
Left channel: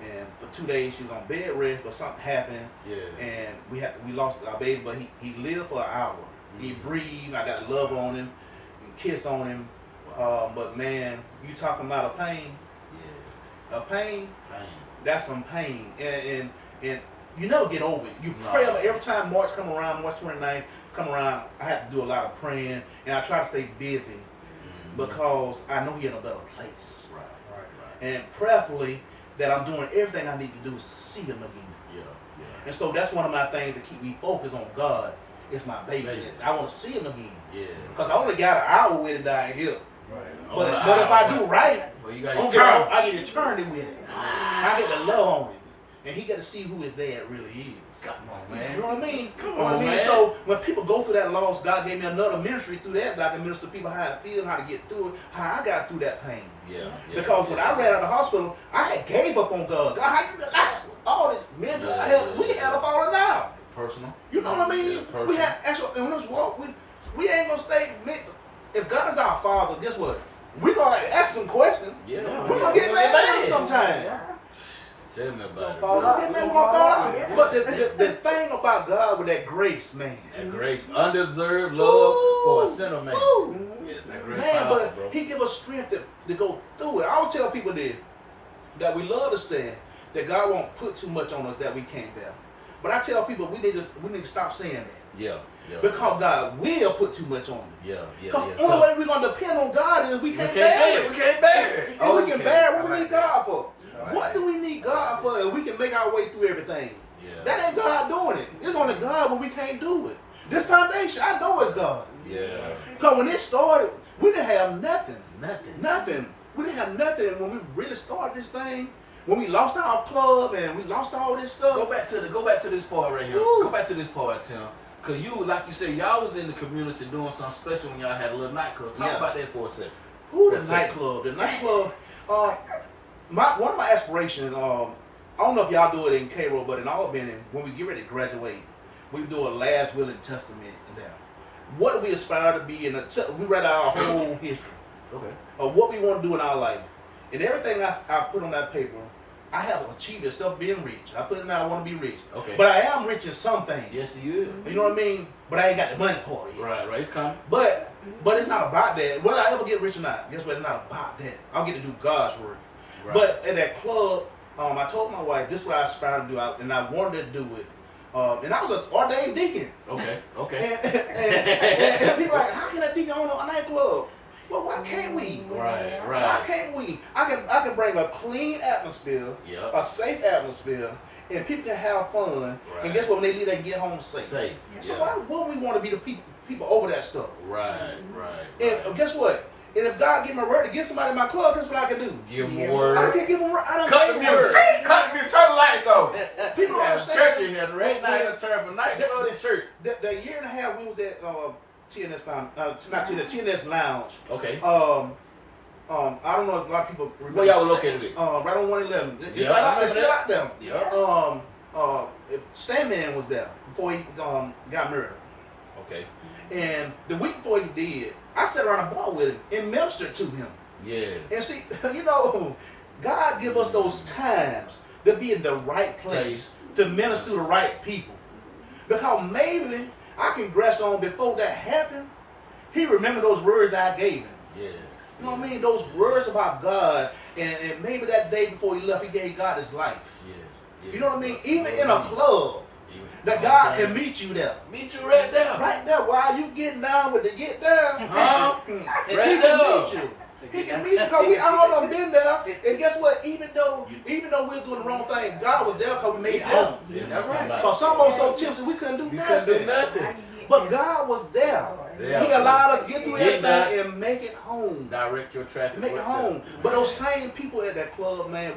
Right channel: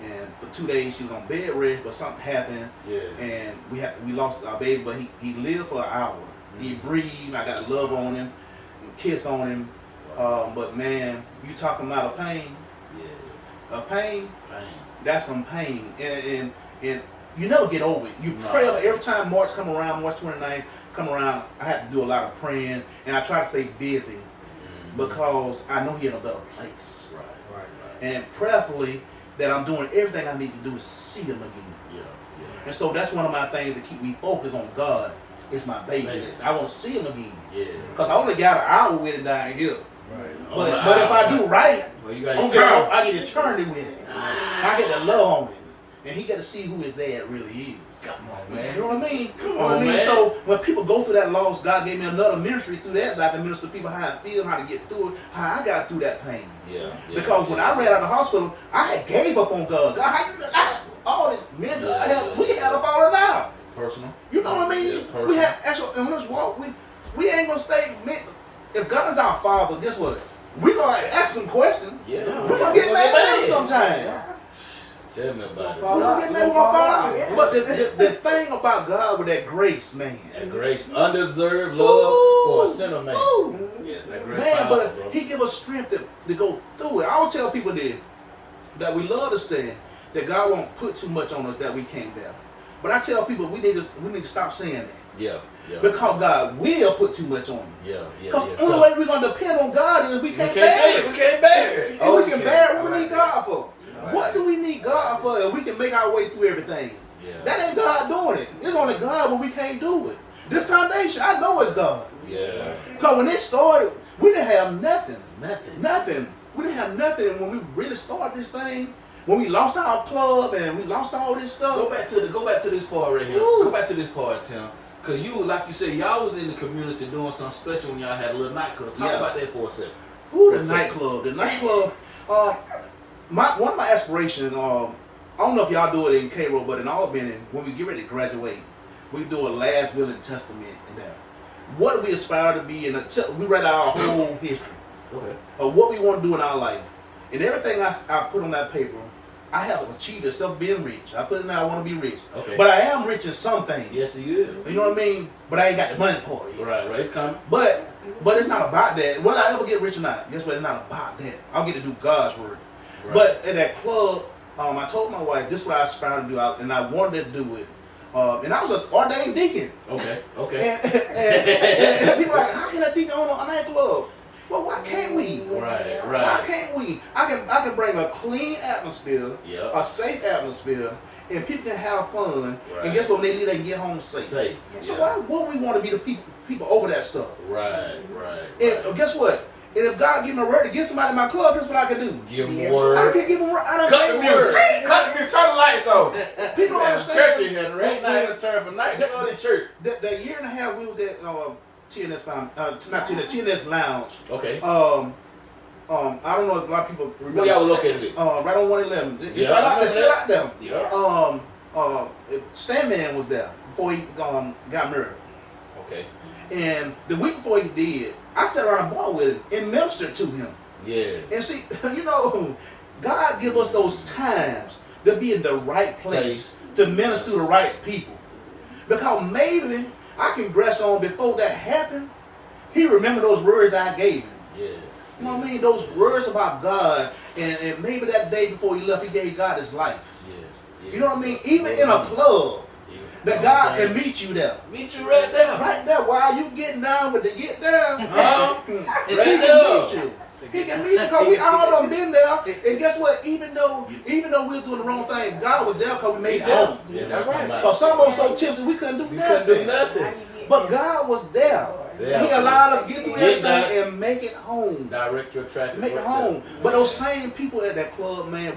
and for 2 days she was on bed rest, but something happened, and we lost our baby, but he lived for an hour. He breathed. I got to love on him, and kiss on him. Wow. But man, you talking about a pain? Yeah. A pain. That's some pain, and you never get over it. You pray every time March 29th come around, I have to do a lot of praying, and I try to stay busy because I know he's in a better place. Right. And prayerfully that I'm doing everything I need to do to see him again. Yeah. And so that's one of my things to keep me focused on God is my baby. I want to see him again. Yeah. Because I only got an hour with him down here. But if I do right, Well, you got I get eternity with it. I get to love on it. And he get to see who his dad really is. Come on, man. You know what I mean? Come You know what I on, mean? man. So when people go through that loss, God gave me another ministry through that I can minister to people how I feel, how to get through it, how I got through that pain. Yeah. Because when I ran out of the hospital, I had gave up on God. God, how you all this man, we had a falling out. Personal. You know what I mean? Yeah, personal. We had actually in this walk, we ain't gonna stay. If God is our Father, guess what? We gonna ask some questions. Yeah. We gonna get mad at him sometime. Tell me about it. We gonna get mad, we gonna fall out. But the thing about God with that grace, man. That grace, undeserved love for a sinner man. Yes, that grace Man, powerful, but bro. he give us strength to go through it. I always tell people that we love to say that God won't put too much on us that we can't bear. But I tell people we need to stop saying that. Yeah. Because God will put too much on you. Yeah. Because the only way we're gonna depend on God is we can't bear it. We can't bear it. If we can bear it, what we need God for? What do we need God for if we can make our way through everything? Yeah. That ain't God doing it. It's only God when we can't do it. This foundation, I know it's God. Yeah. Because when it started, we didn't have nothing. Nothing. We didn't have nothing when we really started this thing. When we lost our club and we lost all this stuff. Go back to this part right here. Woo. Go back to this part, Tim. Cause you, like you said, y'all was in the community doing something special when y'all had a little nightclub. Talk about that for a second. Ooh, the nightclub. The nightclub. One of my aspirations. I don't know if y'all do it in Cairo, but in Albany, when we get ready to graduate, we do a last will and testament in there. What do we aspire to be? We write out our whole history of what we want to do in our life, and everything I put on that paper. I have achieved itself being rich. I put in there, I want to be rich. Okay. But I am rich in some things. Yes, you is. You know what I mean? But I ain't got the money for it yet. Right. It's coming. But it's not about that. Whether I ever get rich or not, guess what? It's not about that. I'll get to do God's work. Right. But at that club, I told my wife, this is what I aspire to do, and I wanted to do it. And I was an ordained deacon. Okay. And people are like, how can a deacon own a nightclub? Well, why can't we? Right. Why can't we? I can bring a clean atmosphere, a safe atmosphere, and people can have fun. Right. And guess what? When they leave, they can get home safe. So why wouldn't we want to be the people over that stuff? Right. And guess what? And if God give me a word to get somebody in my club, guess what I can do? Give them a word. I can give them. I don't Cut the give a word. music. Turn the lights on. People don't Have church understand. in here. Right now, it's turn for night. Go to church. The year and a half we was at T&S Foundation, T&S Lounge. Okay. I don't know if a lot of people remember. Where y'all were located at? Right on 111. It's Yeah, right out, I it's still out there. Yeah. Stanman was there before he got murdered. Okay. And the week before he did, I sat around a bar with him and ministered to him. Yeah. And see, God give us those times to be in the right place to minister to the right people. Because maybe I can grasp on before that happened, he remembered those words I gave him. Yeah. You know what I mean? Those words about God, and maybe that day before he left, he gave God his life. Yeah. You know what I mean? Even in a club, that God can meet you there. Meet you right there. Right there, while you getting down with the get down, Uh-huh. he Right can meet you. He can meet you because we all done been there. And guess what? Even though we was doing the wrong thing, God was there because we made it home. Yeah, that's right. Because some of us so tipsy we couldn't do nothing. But God was there. Yeah. He allowed us to get through Get everything that. and make it home. Direct your traffic. Make it right home. there. But those same people at that club, man,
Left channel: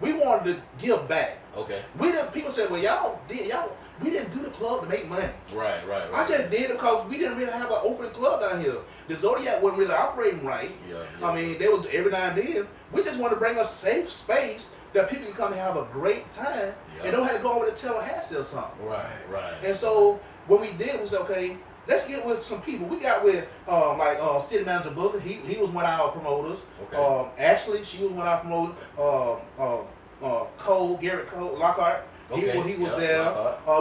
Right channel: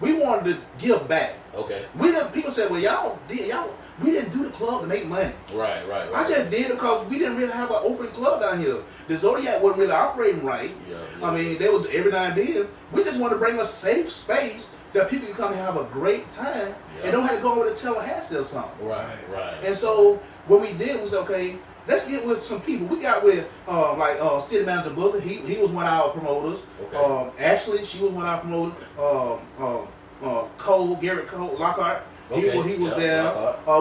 we wanted to give back. Okay. We didn't. People said, "Well, we didn't do the club to make money." Right. I just did it because we didn't really have an open club down here. The Zodiac wasn't really operating right. Yeah. I mean, they would every now and then. We just want to bring a safe space that people can come and have a great time and don't have to go over to Tallahassee or something. Right. And so when we did, we said, okay, let's get with some people. We got with City Manager Booker. He was one of our promoters. Okay. Ashley, she was one of our promoters. Garrett Cole, Lockhart. Okay. He was there.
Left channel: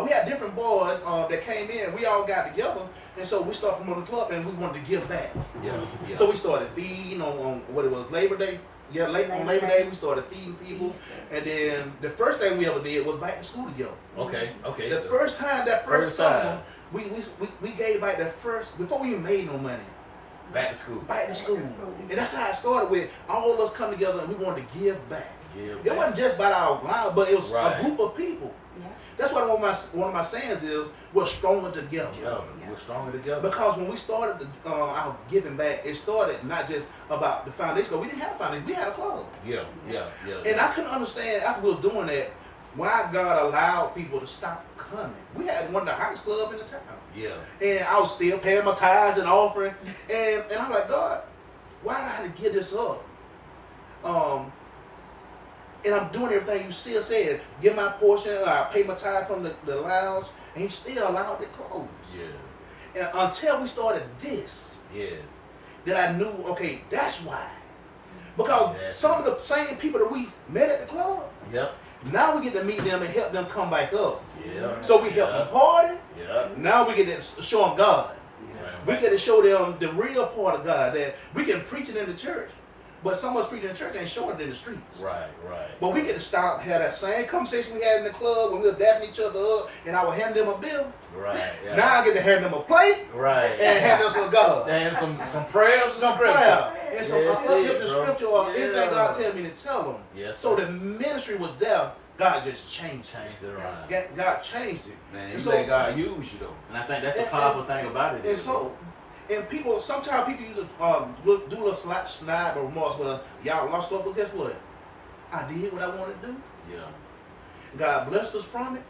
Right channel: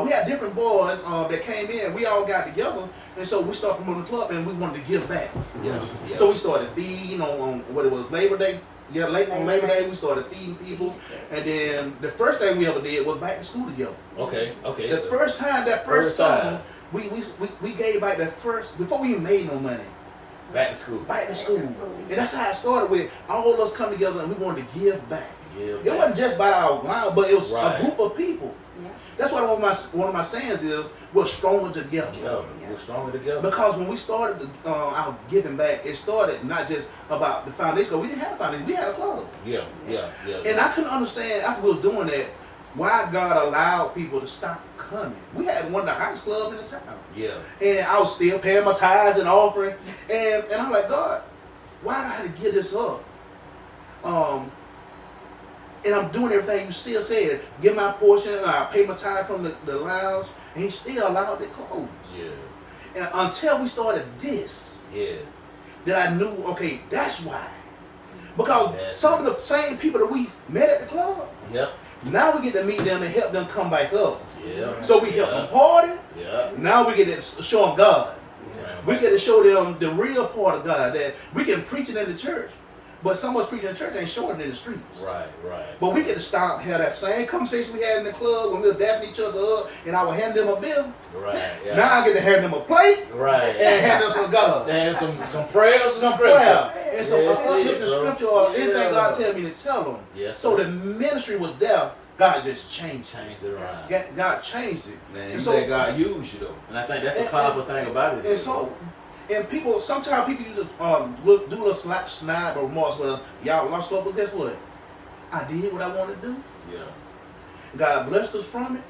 We had different boys that came in. We all got together, and so we started promoting the club, and we wanted to give back. Yeah. So we started feeding on what it was, Labor Day. Yeah, on Labor Day we started feeding people, and then the first thing we ever did was back to school together. Okay. The first time, that first summer, we gave back that first before we even made no money. Back to school. Back to school, and that's how it started with all of us come together, and we wanted to give back. It wasn't just about our line, but it was a group of people. Yeah. That's why one of my sayings is we're stronger together. Yeah, we're stronger together. Because when we started our giving back, it started not just about the foundation. Because we didn't have a foundation, we had a club. Yeah. And I couldn't understand after we was doing that why God allowed people to stop coming. We had one of the hottest clubs in the town. Yeah. And I was still paying my tithes and offering. And I'm like, God, why do I have to give this up? And I'm doing everything you still said. Give my portion, I pay my tithe from the lounge, and he still allowed it closed. Yeah. And until we started this, Yes. that I knew, okay, that's why. Because some of the same people that we met at the club, Yep. now we get to meet them and help them come back up. Yeah. So we help them party. Yeah. Now we get to show them God. We get to show them the real part of God, that we can preach it in the church, but some of us preaching in the church ain't showing it in the streets. Right. But we get to stop, have that same conversation we had in the club when we were dapping each other up, and I would hand them a bill. Right. Yeah. Now I get to hand them a plate Right. and hand them some God. And some prayers, Some prayer and some Yes, uplifting bro. scripture or anything Yeah. God tell me to tell them. Yes, So sir. the ministry was there. God just changed it. Change it around. God changed it. Man, And you so- let God use you though. And I think that's the powerful thing about it. And so, and people, sometimes people use to do a little snide or remorse. Well, y'all lost love, but guess what? I did what I wanted to do. Yeah. God blessed us from it.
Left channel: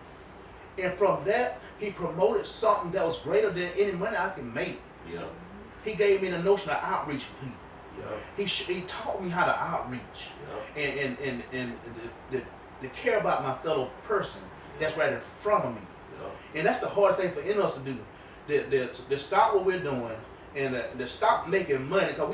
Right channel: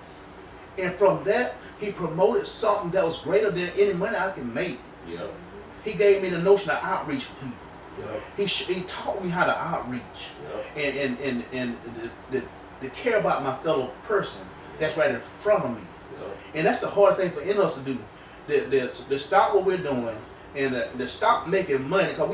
And from that, he promoted something that was greater than any money I can make. Yeah. He gave me the notion of outreach for people. Yeah. He taught me how to outreach Yeah. and to care about my fellow person that's right in front of me. Yeah. And that's the hardest thing for any of us to do. To stop what we're doing and to stop making money. Because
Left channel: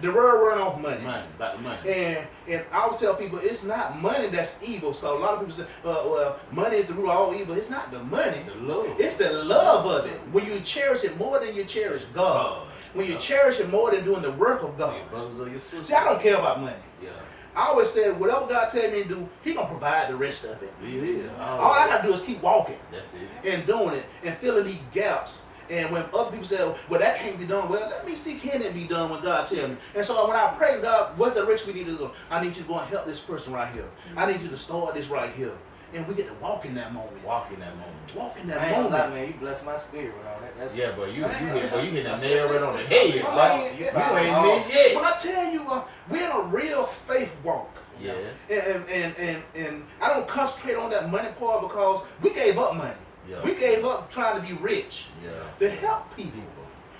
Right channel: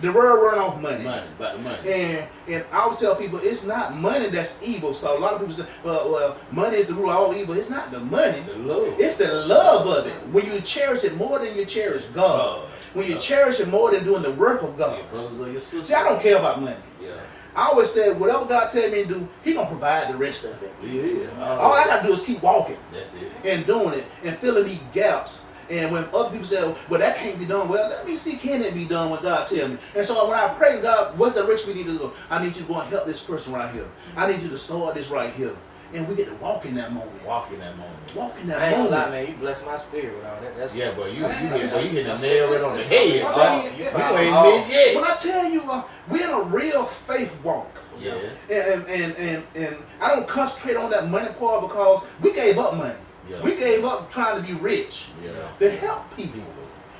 the world run off money. Money, about the money. And I always tell people, it's not money that's evil. So a lot of people say, well, money is the root of all evil. It's not the money. The love. It's the love of it. When you cherish it more than you cherish God. When you cherish it more than doing the work of God. Your brothers or your sisters. See, I don't care about money. Yeah. I always said, whatever God tell me to do, he going to provide the rest of it. Yeah. All I got to do is keep walking That's it. and doing it and filling these gaps. And when other people say, well, that can't be done, well, let me see, can it be done when God tell me? And so when I pray, God, what direction we need to go? I need you to go and help this person right here. I need you to start this right here. And we get to walk in that moment. Walk in that moment. Walk in I that ain't gonna lie, moment. man. You bless my spirit around that. That's Yeah, but you hit the nail right on the head. I mean, You it- ain't missed yet. When I tell you, we're in a real faith walk. Yeah. And I don't concentrate on that money part because we gave up money. Yeah. We gave up trying to be rich Yeah. to help people.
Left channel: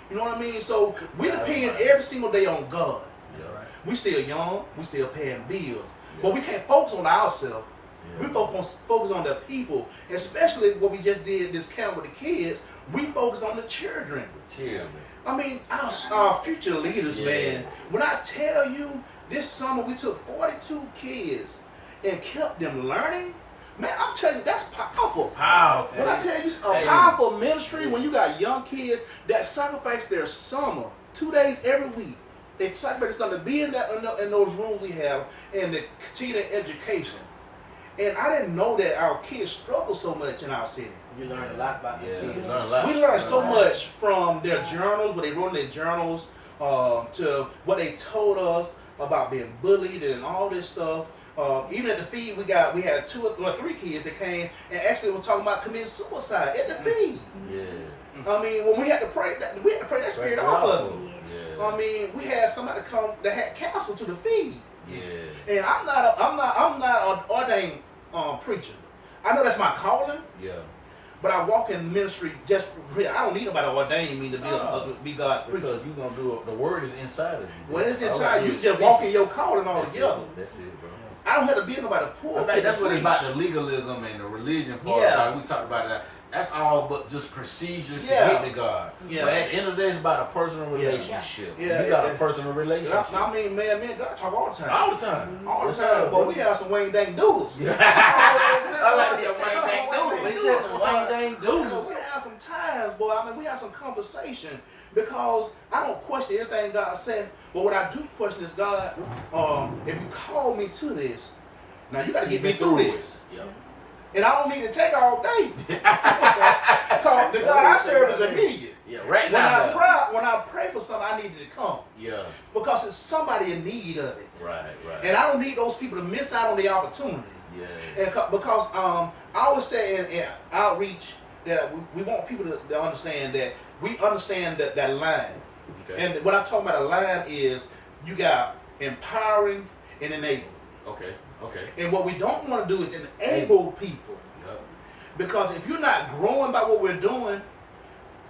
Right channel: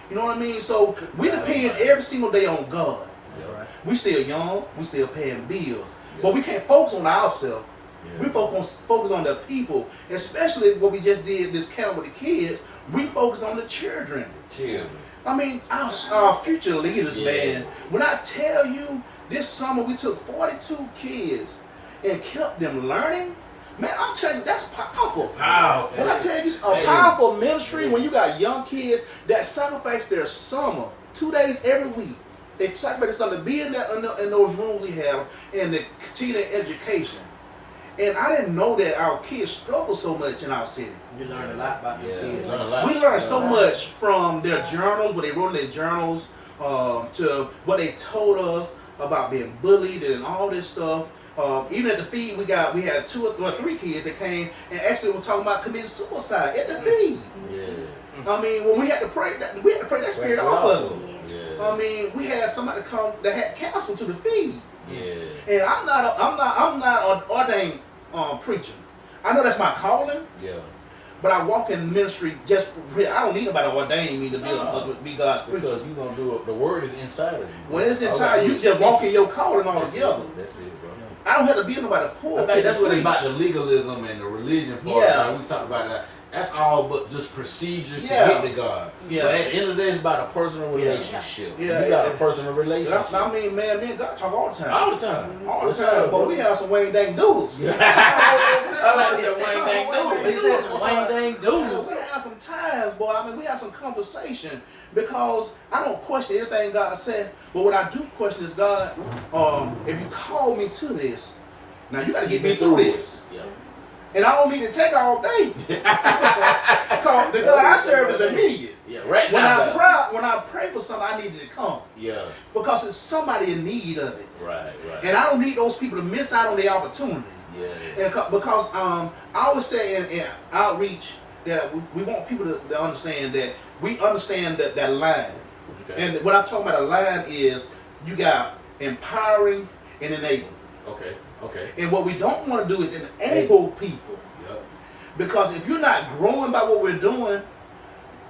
You know what I mean? So we depend every single day on God. Yeah. We still young, we still paying bills, but we can't focus on ourselves. Yeah. We focus on the people, especially what we just did this camp with the kids. We focus on the children. Chill. I mean, our future leaders, Yeah. man. When I tell you, this summer we took 42 kids and kept them learning, man, I'm telling you, that's powerful. Powerful. When I tell you, a powerful ministry, when you got young kids that sacrifice their summer, 2 days every week, they sacrifice their summer to be in those rooms we have and to continue their education. And I didn't know that our kids struggle so much in our city. You learn a lot about the Yeah. kids. Learn a lot. We learned so much from their journals, what they wrote in their journals, to what they told us about being bullied and all this stuff. Even at the feed, we had 2 or 3 kids that came and actually were talking about committing suicide at the feed. Yeah. I mean, when we had to pray that spirit off of them. Yeah. I mean, we had somebody come that had counsel to the feed. Yeah. And I'm not an ordained preacher. I know that's my calling. Yeah. But I walk in ministry just I don't need nobody to ordain me to be God's preacher. Because you gonna do it. The word is inside of you. Bro. When it's inside you, just walk in your calling all That's together. it. That's it, bro. I don't have to be nobody poor. I think that's what it's about, the legalism and the religion part. Yeah. Like we talked about that. That's all but just procedures Yeah. to get to God. Yeah. But at the end of the day, it's about a personal Yeah. relationship. Yeah. You got a Yeah. personal relationship. I mean, man, me and God talk all the time. All the time. All the What's time. up, But bro? we have some Wayne Dang doodles. I like to say Wayne Dang Doodle. He said some Wayne Dang doodles. We have some times, boy. I mean, we have some conversation because I don't question anything God said, but what I do question is, God, if you call me to this, now you got to get me through this. Yeah. And I don't need to take all day. Because Cause the God I serve is immediate. Yeah, right When now. when I pray for something, I need it to come. Yeah. Because it's somebody in need of it. Right. And I don't need those people to miss out on the opportunity. Yeah. And because I always say in outreach that we want people to understand that we understand that line. Okay. And what I'm talking about a line is you got empowering and enabling. Okay. And what we don't want to do is enable people. Yep. Because if you're not growing by what we're doing,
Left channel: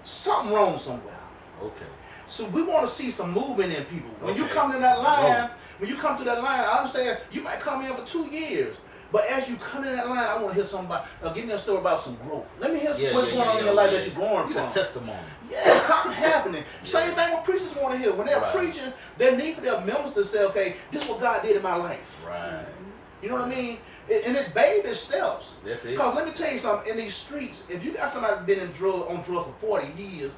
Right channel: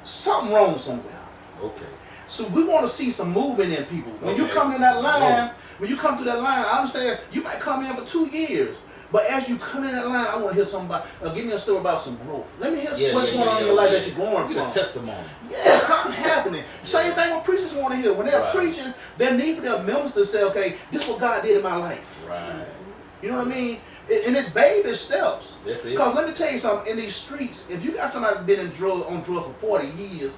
something wrong somewhere. Okay. So we want to see some movement in people. When you Okay. come in that line, when you come through that line, I understand you might come in for 2 years. But as you come in that line, I want to hear somebody, give me a story about some growth. Let me hear what's going on in your life that you're going Get a from. testimony. Yeah, something happening. Same thing what preachers want to hear. When they're Right. preaching, they need for their members to say, okay, this is what God did in my life. Right. You know what I mean? And it's baby steps. That's it. Because let me tell you something, in these streets, if you got somebody been on drugs for 40 years,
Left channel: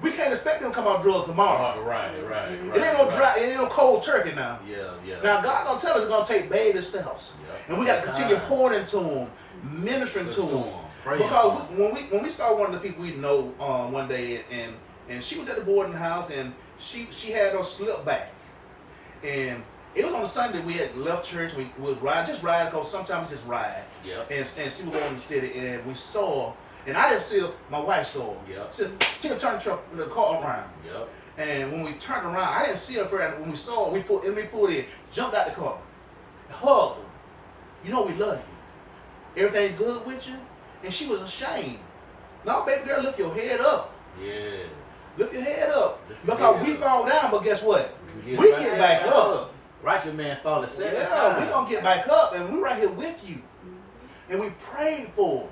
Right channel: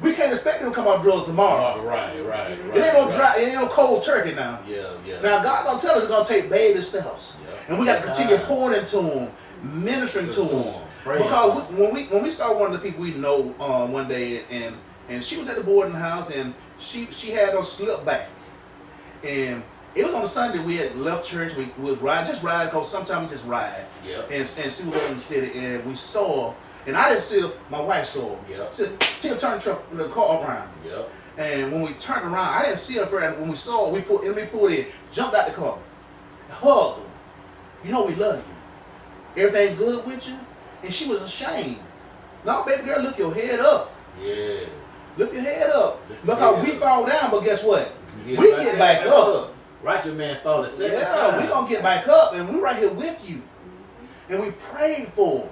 we can't expect them to come off drugs tomorrow. Right. It ain't no dry, it ain't no cold turkey now. Yeah. Now God gonna tell us it's gonna take baby steps, Yeah. and we got to continue pouring into them, ministering to them. Because when we saw one of the people we know one day, and she was at the boarding house, and she had her slip back, and it was on a Sunday we had left church. We was riding because sometimes we just ride. Yeah. And see what in the city, and we saw, and I didn't see her, my wife saw her. Yeah. Said, Tim, turn the car around. Yep. And when we turned around, I didn't see her first. When we saw her, we pulled in, jumped out the car, hugged her. You know we love you. Everything's good with you. And she was ashamed. No, baby girl, lift your head up. Yeah. Lift your head up. Lift your Because head we up. fall down, but guess what? You We get back up. Righteous man fall a second Yeah, time. we gonna get back up, and we right here with you. And we prayed for her.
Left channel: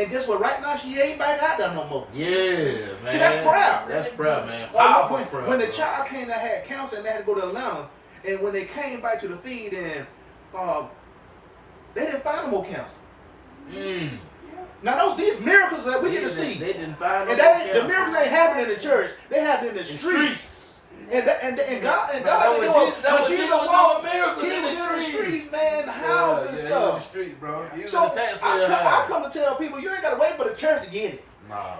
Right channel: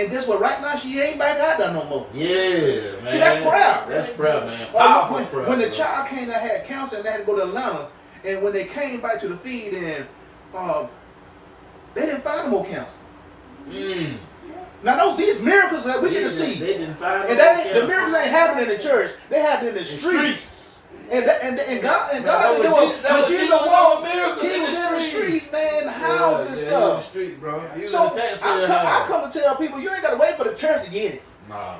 And guess what? Right now, she ain't back out there no more. Yeah, man. See, that's proud. That's proud, man. Or Powerful when, proud, when the bro. child came that had cancer and they had to go to Atlanta, and when they came back to the feed, and they didn't find no more cancer. Mm. Now these miracles that we get to They see, didn't find and no the miracles ain't happening in the church; they happen in the streets. And God, That was Jesus- that was Jesus Jesus walked, doing miracles he in was the in the streets. streets, man, houses and In the stuff. street, bro. He was So in the tax I come to tell people, you ain't got to wait for the church to get it. No.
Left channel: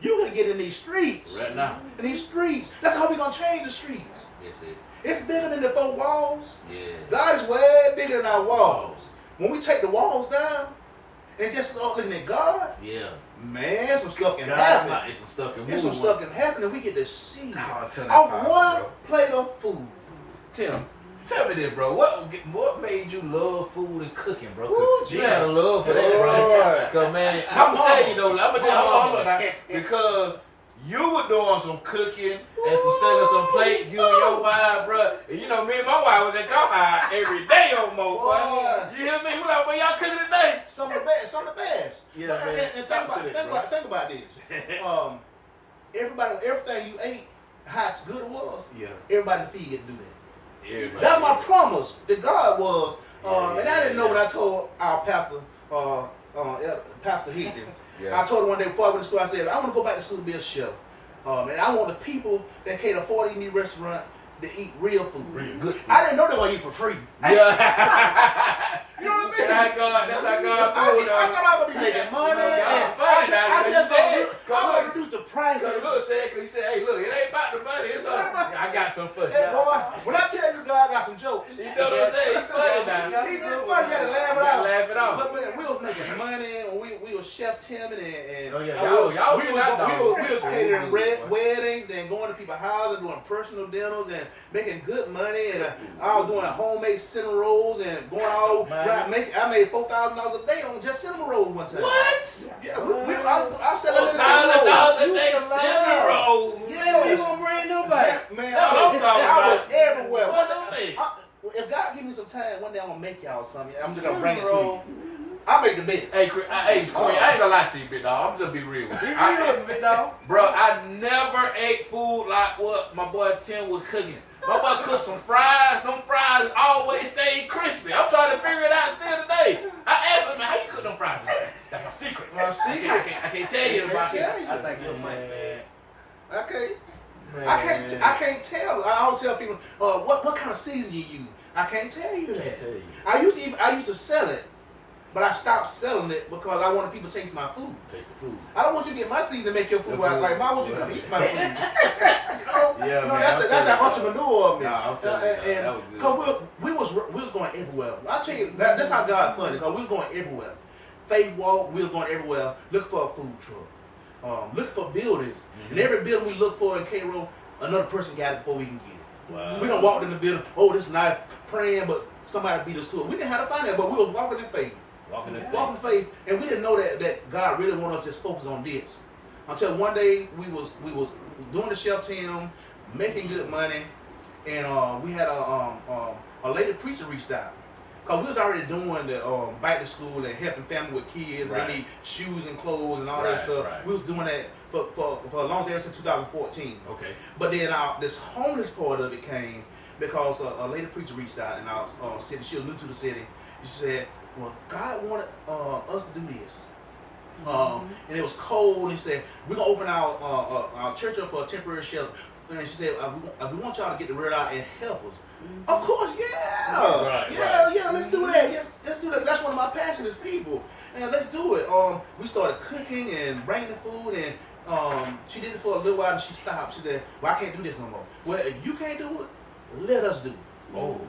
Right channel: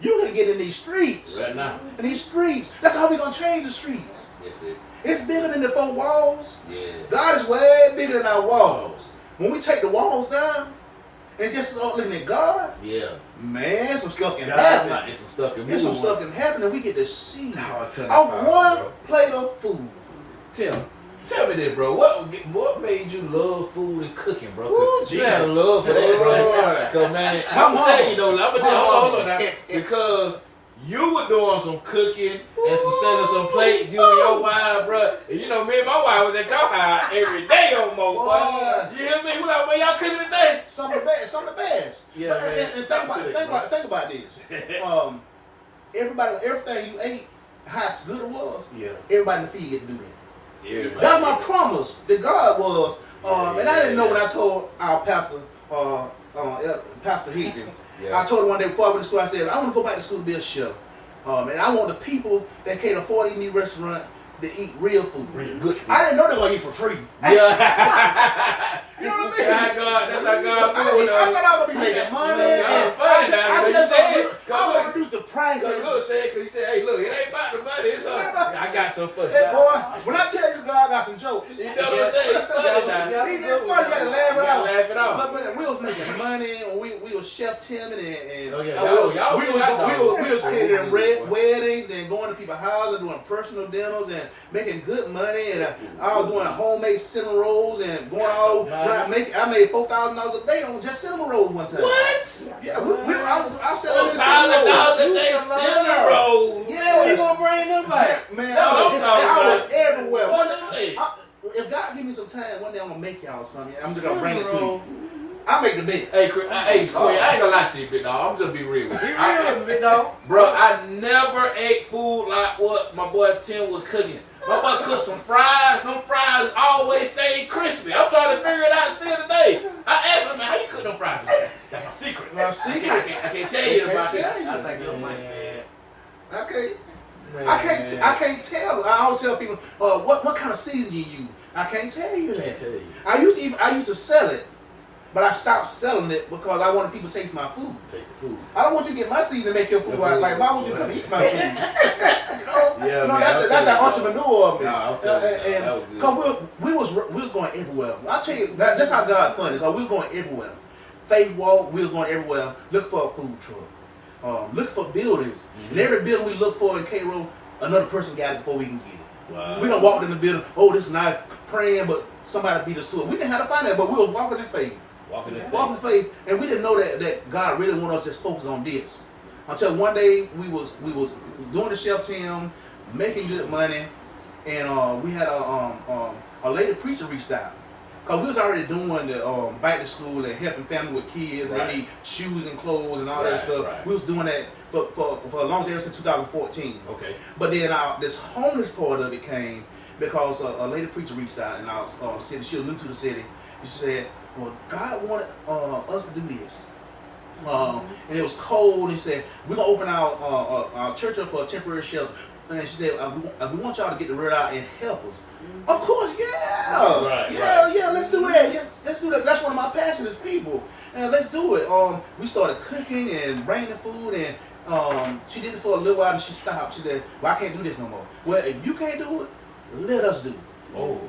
You can get in these streets. Right now. In these streets. That's how we gonna change the streets. That's it. It's bigger than the 4 walls. Yeah. God is way bigger than our walls. When we take the walls down and just start looking at God, Yeah. man, some stuff can God, happen. it's some stuff can There's move. some stuff can happen and we get to see Oh, tell me off about one it, bro. plate of food. Tim, tell me this, bro. What made you love food and cooking, bro? Ooh, 'Cause you Jesus. had a love for that, bro. Boy. Cause man, My I'm gonna tell mama. you though, I'm gonna My hold mama. on now, because you were doing some cooking and some selling some plates, you and your wife, bro. And you know, me and my wife was at your house every day almost, boy. Boy. You hear me? We like, man, y'all cooking today? Some of the best. Yeah, But- man. And Talk to that, think about this. Everything you ate, how good it was. Yeah. Everybody in the feed get to do that. Everybody. That's my promise that God was. And I didn't know Yeah. when I told our pastor, Pastor Higgin. Yeah. I told him one day before I went to school, I said, I want to go back to school to be a chef. And I want the people that can't afford to eat in the restaurant to eat real food. Real good food. I didn't know they were going to eat for free. Yeah. You know what I mean? That's how God I do it. thought I was going to be making money. And funny now, I you just said- want to reduce the price. So look, cause he said, hey, look, it ain't about the money. It's I got some for you. Hey, boy, when I tell you God got some jokes, You know what I'm saying? It's funny now. He's funny. You gotta laugh it You gotta off. laugh it off. But man, we was making money. And we was Chef Tim and Oh, yeah. Y'all we do was that, though. we was catering weddings and going to people's houses, doing personal dinners and making good money. And I was doing homemade cinnamon rolls and going all around I made $4,000 a day on just cinnamon rolls one time. What? Yeah, I said I made $1,000 cinnamon a day, rolls. cinnamon rolls. Yeah, You gonna bring them back? man, That's what I'm talking I was about. everywhere. What One them day, say? if God give me some time, one day I'm gonna make y'all something. I'm just gonna bring it to you. I make the best. Hey, Queen, I ain't gonna lie to you, big dog. I'm just be real with you. Be real with me, dog. Bro, I never ate food like what my boy Tim was cooking. My boy cooked some fries. Them fries always stayed crispy. I'm trying to figure it out still today. I asked him, man, how you cook them fries? That's my secret. My secret? I can't tell you about tell it. you. I think you're right, man. Okay. I can't tell. I always tell people, what kind of season you use. I can't tell you that. Can't tell you. I used to sell it. But I stopped selling it because I wanted people to taste my food. Take the food. I don't want you to get my seed to make your food. Like, why would you come eat my food? Yeah, No, man, that's that entrepreneur of me. Nah, I'm telling you, that was good. Cause we was going everywhere. I'll tell you that's how God's funny. Cause we was going everywhere. Faith walk, we was going everywhere. Look for a food truck. Look for buildings. And every building we look for in Cairo, another person got it before we can get it. Wow. We don't walk in the building. Oh, this is nice praying, but somebody beat us to it. We didn't have to find that, but we was walking in faith. Walking in faith, and we didn't know that God really wanted us to just focus on this. Until one day we was doing the chef team, making good money, and we had a lady preacher reached out. Cause we was already doing the back to school and helping family with kids. Right. They need shoes and clothes and all that Right, stuff. right. We was doing that for a long time since 2014. Okay. But then this homeless part of it came because a lady preacher reached out in our city. She was new to the city. And she said, well, God wanted us to do this. And it was cold. And he said, we're going to open our church up for a temporary shelter. And she said, we want y'all to get the word out and help us. Of course, yeah. Yeah, let's do that. Yes, let's do that. That's one of my passions, people. And let's do it. We started cooking and bringing food, and she did it for a little while, and she stopped. She said, well, I can't do this no more. Well, if you can't do it, let us do it. Oh.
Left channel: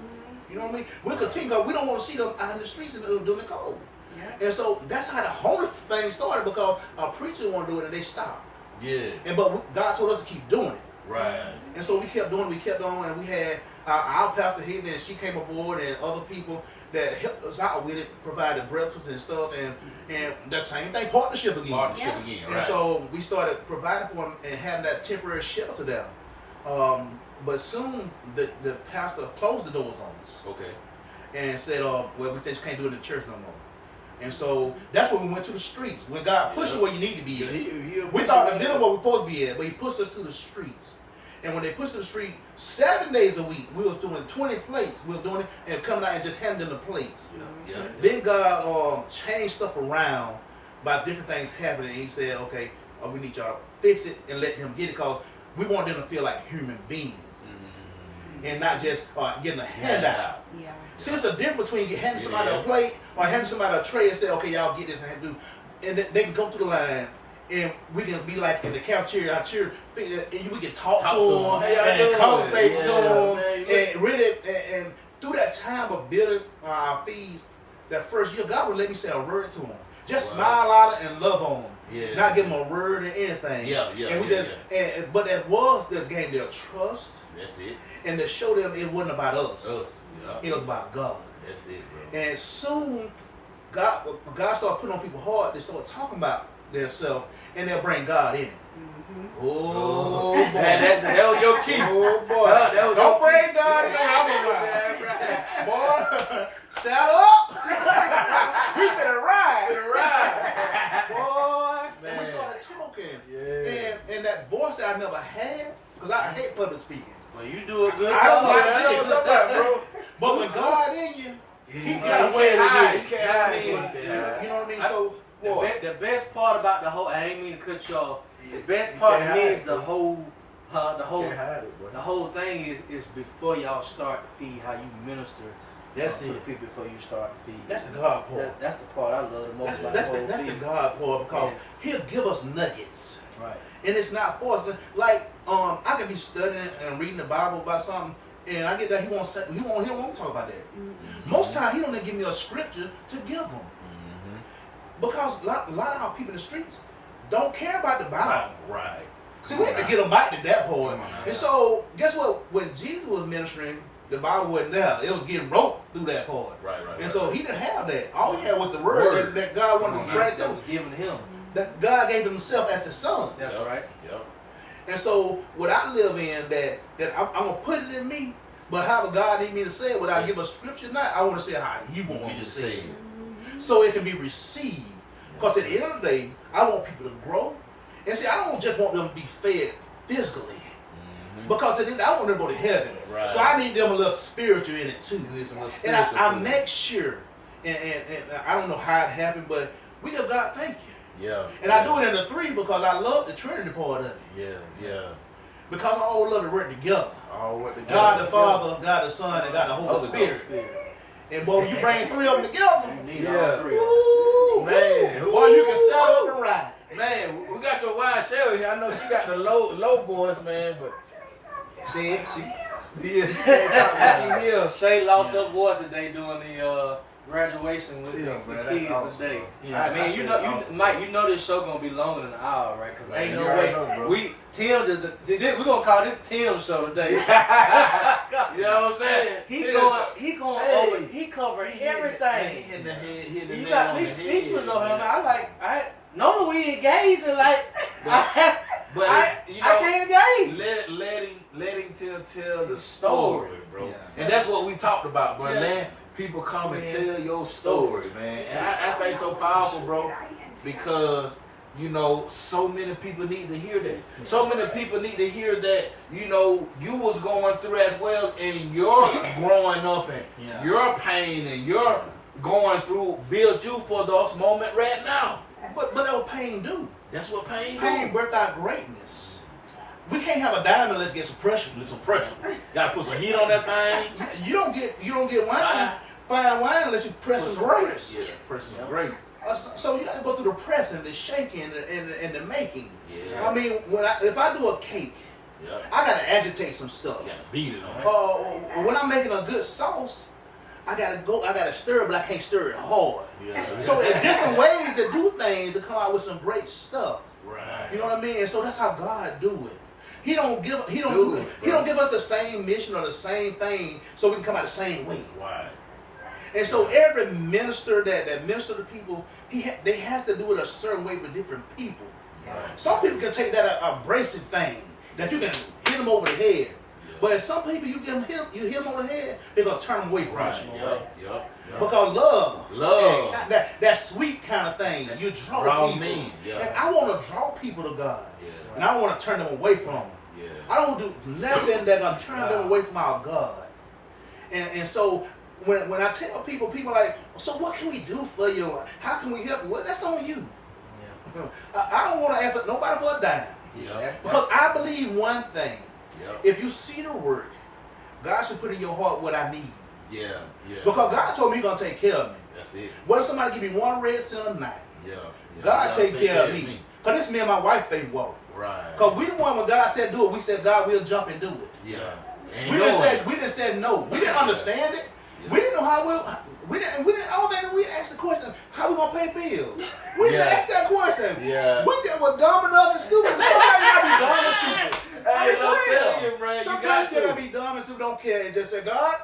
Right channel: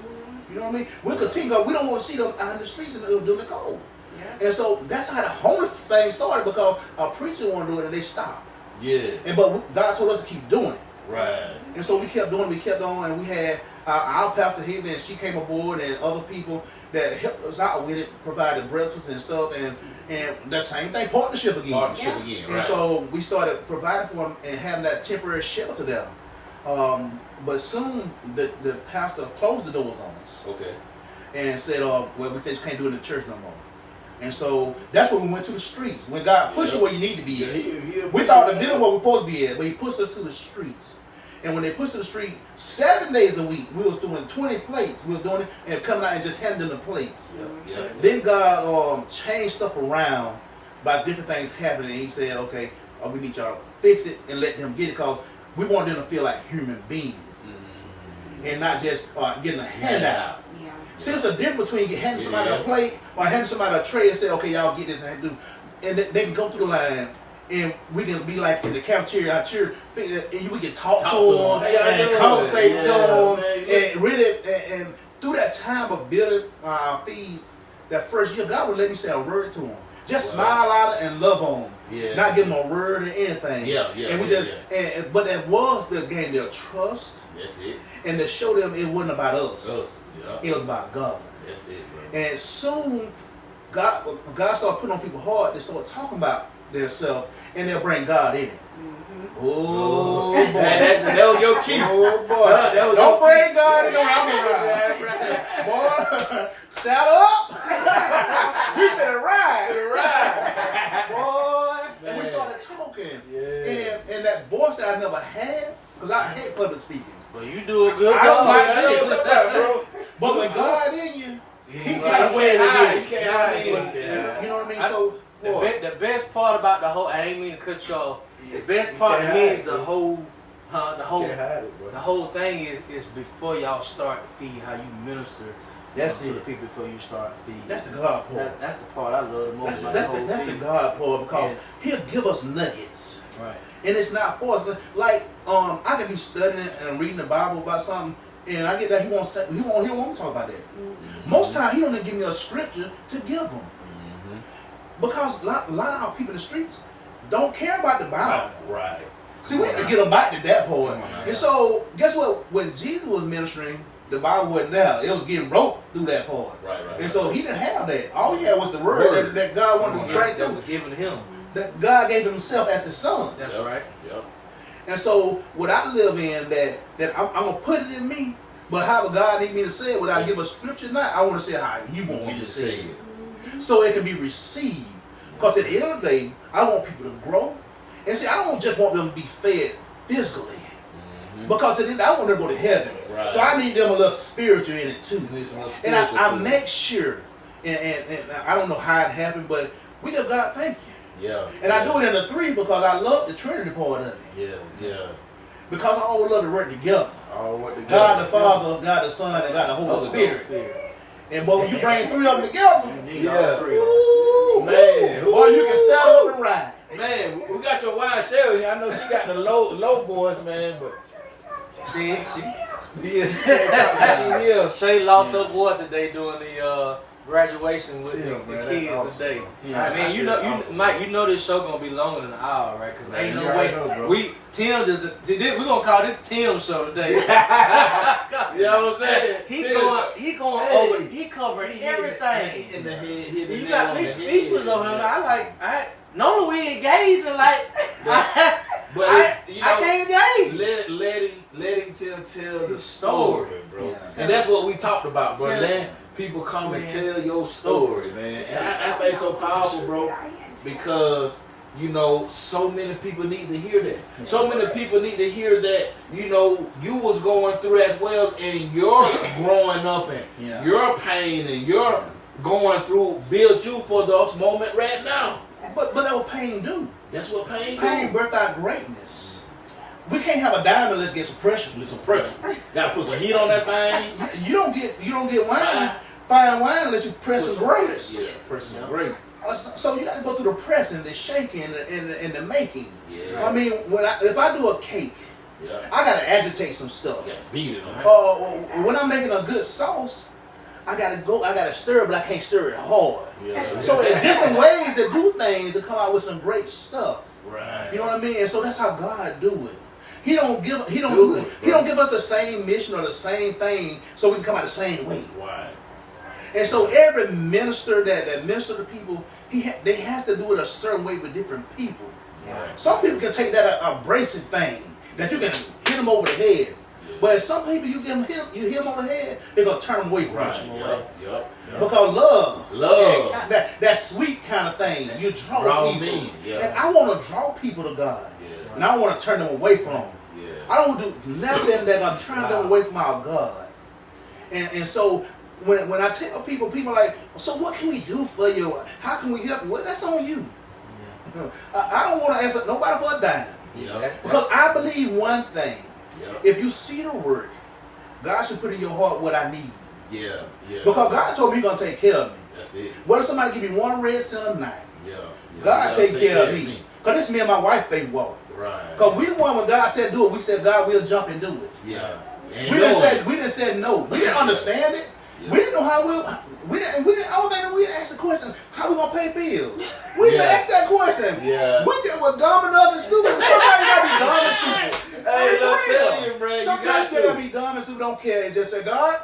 You know what I mean? We'll continue, because we don't want to see them out in the streets and doing the cold. Yeah. And so that's how the homeless thing started, because a preacher wanted to do it, and they stopped. Yeah. But God told us to keep doing it. Right. And so we kept doing it, we kept on, and we had our pastor here, and she came aboard, and other people that helped us out with it, provided breakfast and stuff, and that same thing, partnership again. Right. And so we started providing for them and having that temporary shelter there. But soon the pastor closed the doors on us. Okay. And said, well, we just can't do it in the church no more. And so that's when we went to the streets. When God pushed you where you need to be at. We thought the middle where we're supposed to be at, but he pushed us to the streets. And when they pushed to the street, 7 days a week, we was doing 20 plates. We were doing it and coming out and just handing them the plates. Yeah. Then God changed stuff around by different things happening. And he said, okay, we need y'all to fix it and let them get it, because we want them to feel like human beings. And not just getting a handout. Yeah. See, it's a difference between handing somebody a plate or handing somebody a tray and say, okay, y'all get this and do. And they can go through the line, and we can be like in the cafeteria, our church, and we can talk to them and conversate to them. And really, and through that time of building our fees, that first year, God would let me say a word to them. Just smile at them and love on them. Yeah. Not give them a word or anything. And we just, but that was the gain their trust. That's it. And to show them it wasn't about us. Yeah. It was about God. That's it, bro. And soon, God started putting on people's heart. They start talking about themselves, and they'll bring God in it. Oh, boy. That was your key. Oh, boy. Don't bring God in your house. Boy, saddle up. You finna ride. Boy. And we started talking. Yeah. And that voice that I never had, because I hate public speaking. Well, you do a good I don't like it, bro. But when God in you, he got a way with it. You know what I mean? So, the best part about the whole, I ain't mean to cut you off. The best part to me is the whole thing is before y'all start to feed, how you minister to the people before you start to feed. That's the God part. That's the part I love the most. That's the God part, because he'll give us nuggets. Right. And it's not for us. Like, I can be studying and reading the Bible about something, and I get that he don't want to talk about that. Mm-hmm. Most times he don't even give me a scripture to give them. Mm-hmm. Because a lot of our people in the streets don't care about the Bible. Right. See, we have to get them back to that point. And so, guess what? When Jesus was ministering, the Bible wasn't there. It was getting wrote through that part. Right. And so he didn't have that. All he had was the word. That God wanted to bring that through. was given to him. That God gave himself as the Son. That's right. Yep. And so what I live in, that I'm going to put it in me, but however God need me to say it, without give a scripture tonight, I want to say how he want me to say it. So it can be received. Because at the end of the day, I want people to grow. And see, I don't just want them to be fed physically. Because at the end, I want them to go to heaven. Right. So I need them a little spiritual in it too. And I make sure, and I don't know how it happened, but we give God thank you. Yeah. And I do it in the 3 because I love the Trinity part of it. Yeah. Because I all love to work together. God the Father, God the Son, and God the Holy Spirit. And boy, when you bring 3 of them together, Need all 3 of woo, Man, boy, you can set up and ride. Man, we got your wife Shay here. I know she got the low voice, man, but she here. Shay lost her voice today doing the graduation with the kids awesome. today. Yeah, I mean, Mike, you know this show gonna be longer than an hour, right? Because ain't no Right, way we gonna call this Tim show today. You know what I'm saying? He covered everything. Hit the head. You got me speechless over him. I normally we engage and But I can't engage. letting tell the story, bro. Yeah. And that's what we talked about, bro. Letting people come and tell your story, man. And I think it's so powerful, bro, because you know, so many people need to hear that. So many people need to hear that, you know, you was going through as well, and your growing up and your pain and your going through build you for those moment right now. But that's what pain do. That's what pain Pain birthed out greatness. We can't have a diamond unless get some pressure. do. Some pressure. Gotta put some heat on that thing. You don't get wine, fine wine unless you press some grapes. Yeah, press some grapes. So you got to go through the pressing, the shaking, and the making. Yeah. I mean, if I do a cake, Yeah. I got to agitate some stuff. You gotta beat it, man. When I'm making a good sauce, I gotta stir it, but I can't stir it hard. Yeah. So there's different ways to do things to come out with some great stuff. Right. You know what I mean? And so that's how God do it. He don't give us the same mission or the same thing so we can come out the same way. Right. And so every minister that minister to people, they have to do it a certain way with different people. Right. Some people can take that abrasive thing that you can hit them over the head. But some people you hit them over the head, they're gonna turn them away from Right. you. Yep. Because love, that sweet kind of thing, you draw people. Me. Yeah. And I want to draw people to God. Yeah. And I want to turn them away from Him. Yeah. I don't do nothing that's gonna turn them away from our God. And so when I tell people are like, so what can we do for you? How can we help you? Well, that's on you. Yeah. I don't want to ask nobody for a dime. Yeah. Because I believe one thing. Yep. If you see the work, God should put in your heart what I need. Yeah. Because God told me He's going to take care of me. That's it. What if somebody give me one red cent a night? Yeah. God take care of me. Because this is me and my wife faith walk. Right. Because we the one when God said do it, we said God will jump and do it. Yeah. We didn't say no. We didn't understand it. Yeah. We didn't know how we didn't I don't think we didn't ask the question, how we gonna pay bills? We didn't ask that question. Yeah. We just were dumb enough and stupid. Sometimes you gotta be dumb and stupid. Hey, For I'm real. telling you, man, you Sometimes got you gotta to. be dumb and stupid, don't care, and just say, God,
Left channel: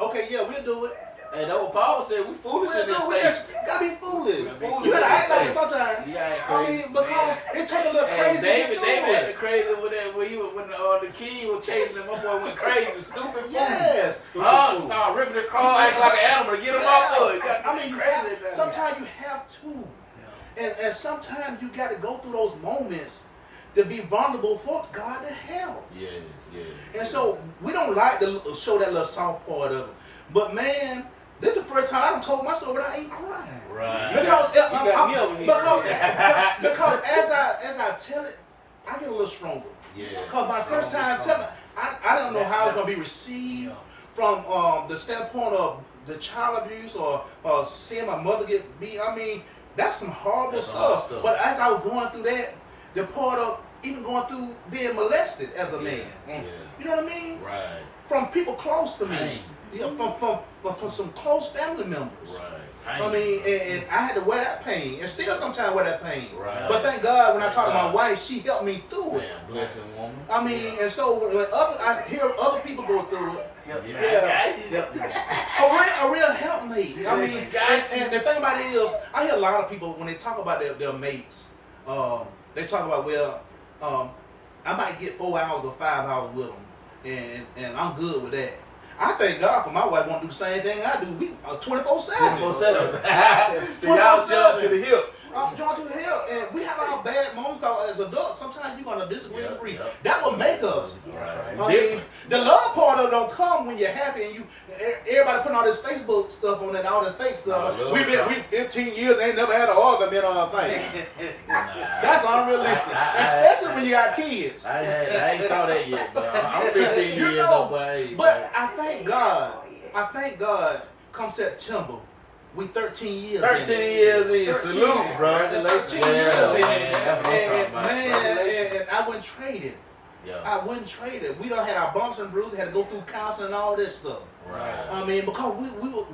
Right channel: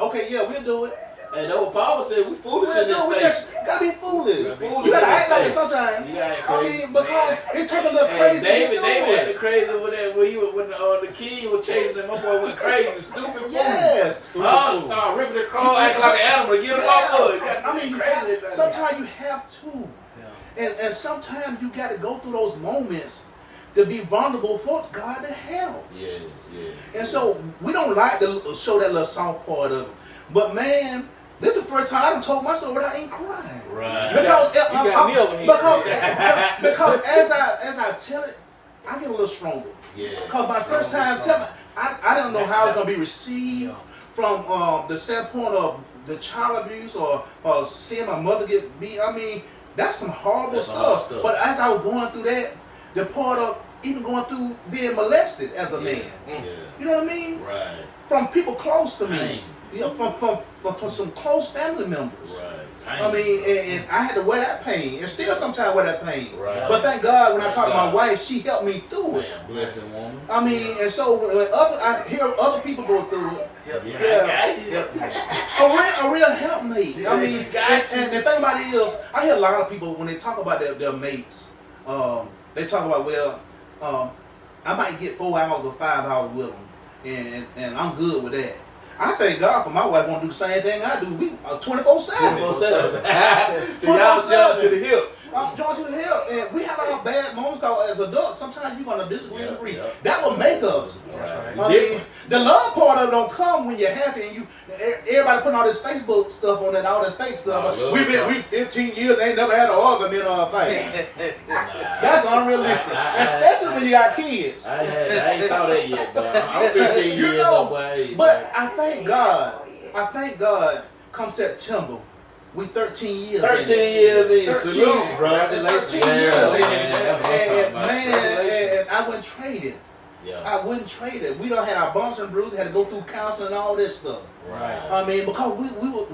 okay, yeah, we'll do it. And that's what Paul said. We foolish in this We face. just gotta be foolish. We're foolish You gotta in act like it this sometimes. You gotta act I crazy. mean, because it took a little And crazy David to get acted crazy with that when he was when the king was chasing him. My boy went crazy, stupid. Yes. Oh, start ripping the cross, acting like an animal to get him off of it. I mean, sometimes you have to. And sometimes you got to go through those moments to be vulnerable for God to help. Yes. And so we don't like to show that little soft part of it. But man, this is the first time I done told my story without even crying. Right. Because, got me over here. because as I tell it, I get a little stronger. Yeah. Because my first time telling, I don't know how it's going to be received from the standpoint of the child abuse or seeing my mother get beat. I mean, that's some horrible stuff. But as I was going through that, the part of even going through being molested as a man. Yeah. You know what I mean? Right. From people close to me. Pain. Yeah, from some close family members. Right. I mean, and I had to wear that pain, and still sometimes wear that pain. Right. But thank God, when I talked to my wife, she helped me through it. Man, blessing woman. I mean, and so when I hear other people go through it, a real helpmate. I mean, and the thing about it is, I hear a lot of people when they talk about their mates, they talk about, I might get 4 hours or 5 hours with them, and I'm good with that. I thank God for my wife want to do the same thing I do. We 24/7. 24/7. So y'all jump to the hip. I'm drawn to the hell, and we have our bad moments. Cause as adults, sometimes you're gonna disagree and agree. Yeah. That will make us. Right. I mean, the love part of it don't come when you're happy and everybody putting all this Facebook stuff on it, all this fake stuff. We 15 years ain't never had an argument on our face. That's unrealistic, especially when you got kids. I ain't saw that yet, but I'm 15 years old. But I thank God. come September, we 13 years. 13 years in. 13 Salute, bro. 13 Yeah, years. man. That's what I'm talking about. And I wouldn't trade it. Yeah. I wouldn't trade it. We done had our bumps and bruises, had to go through counseling and all this stuff. Right. I mean, because we were,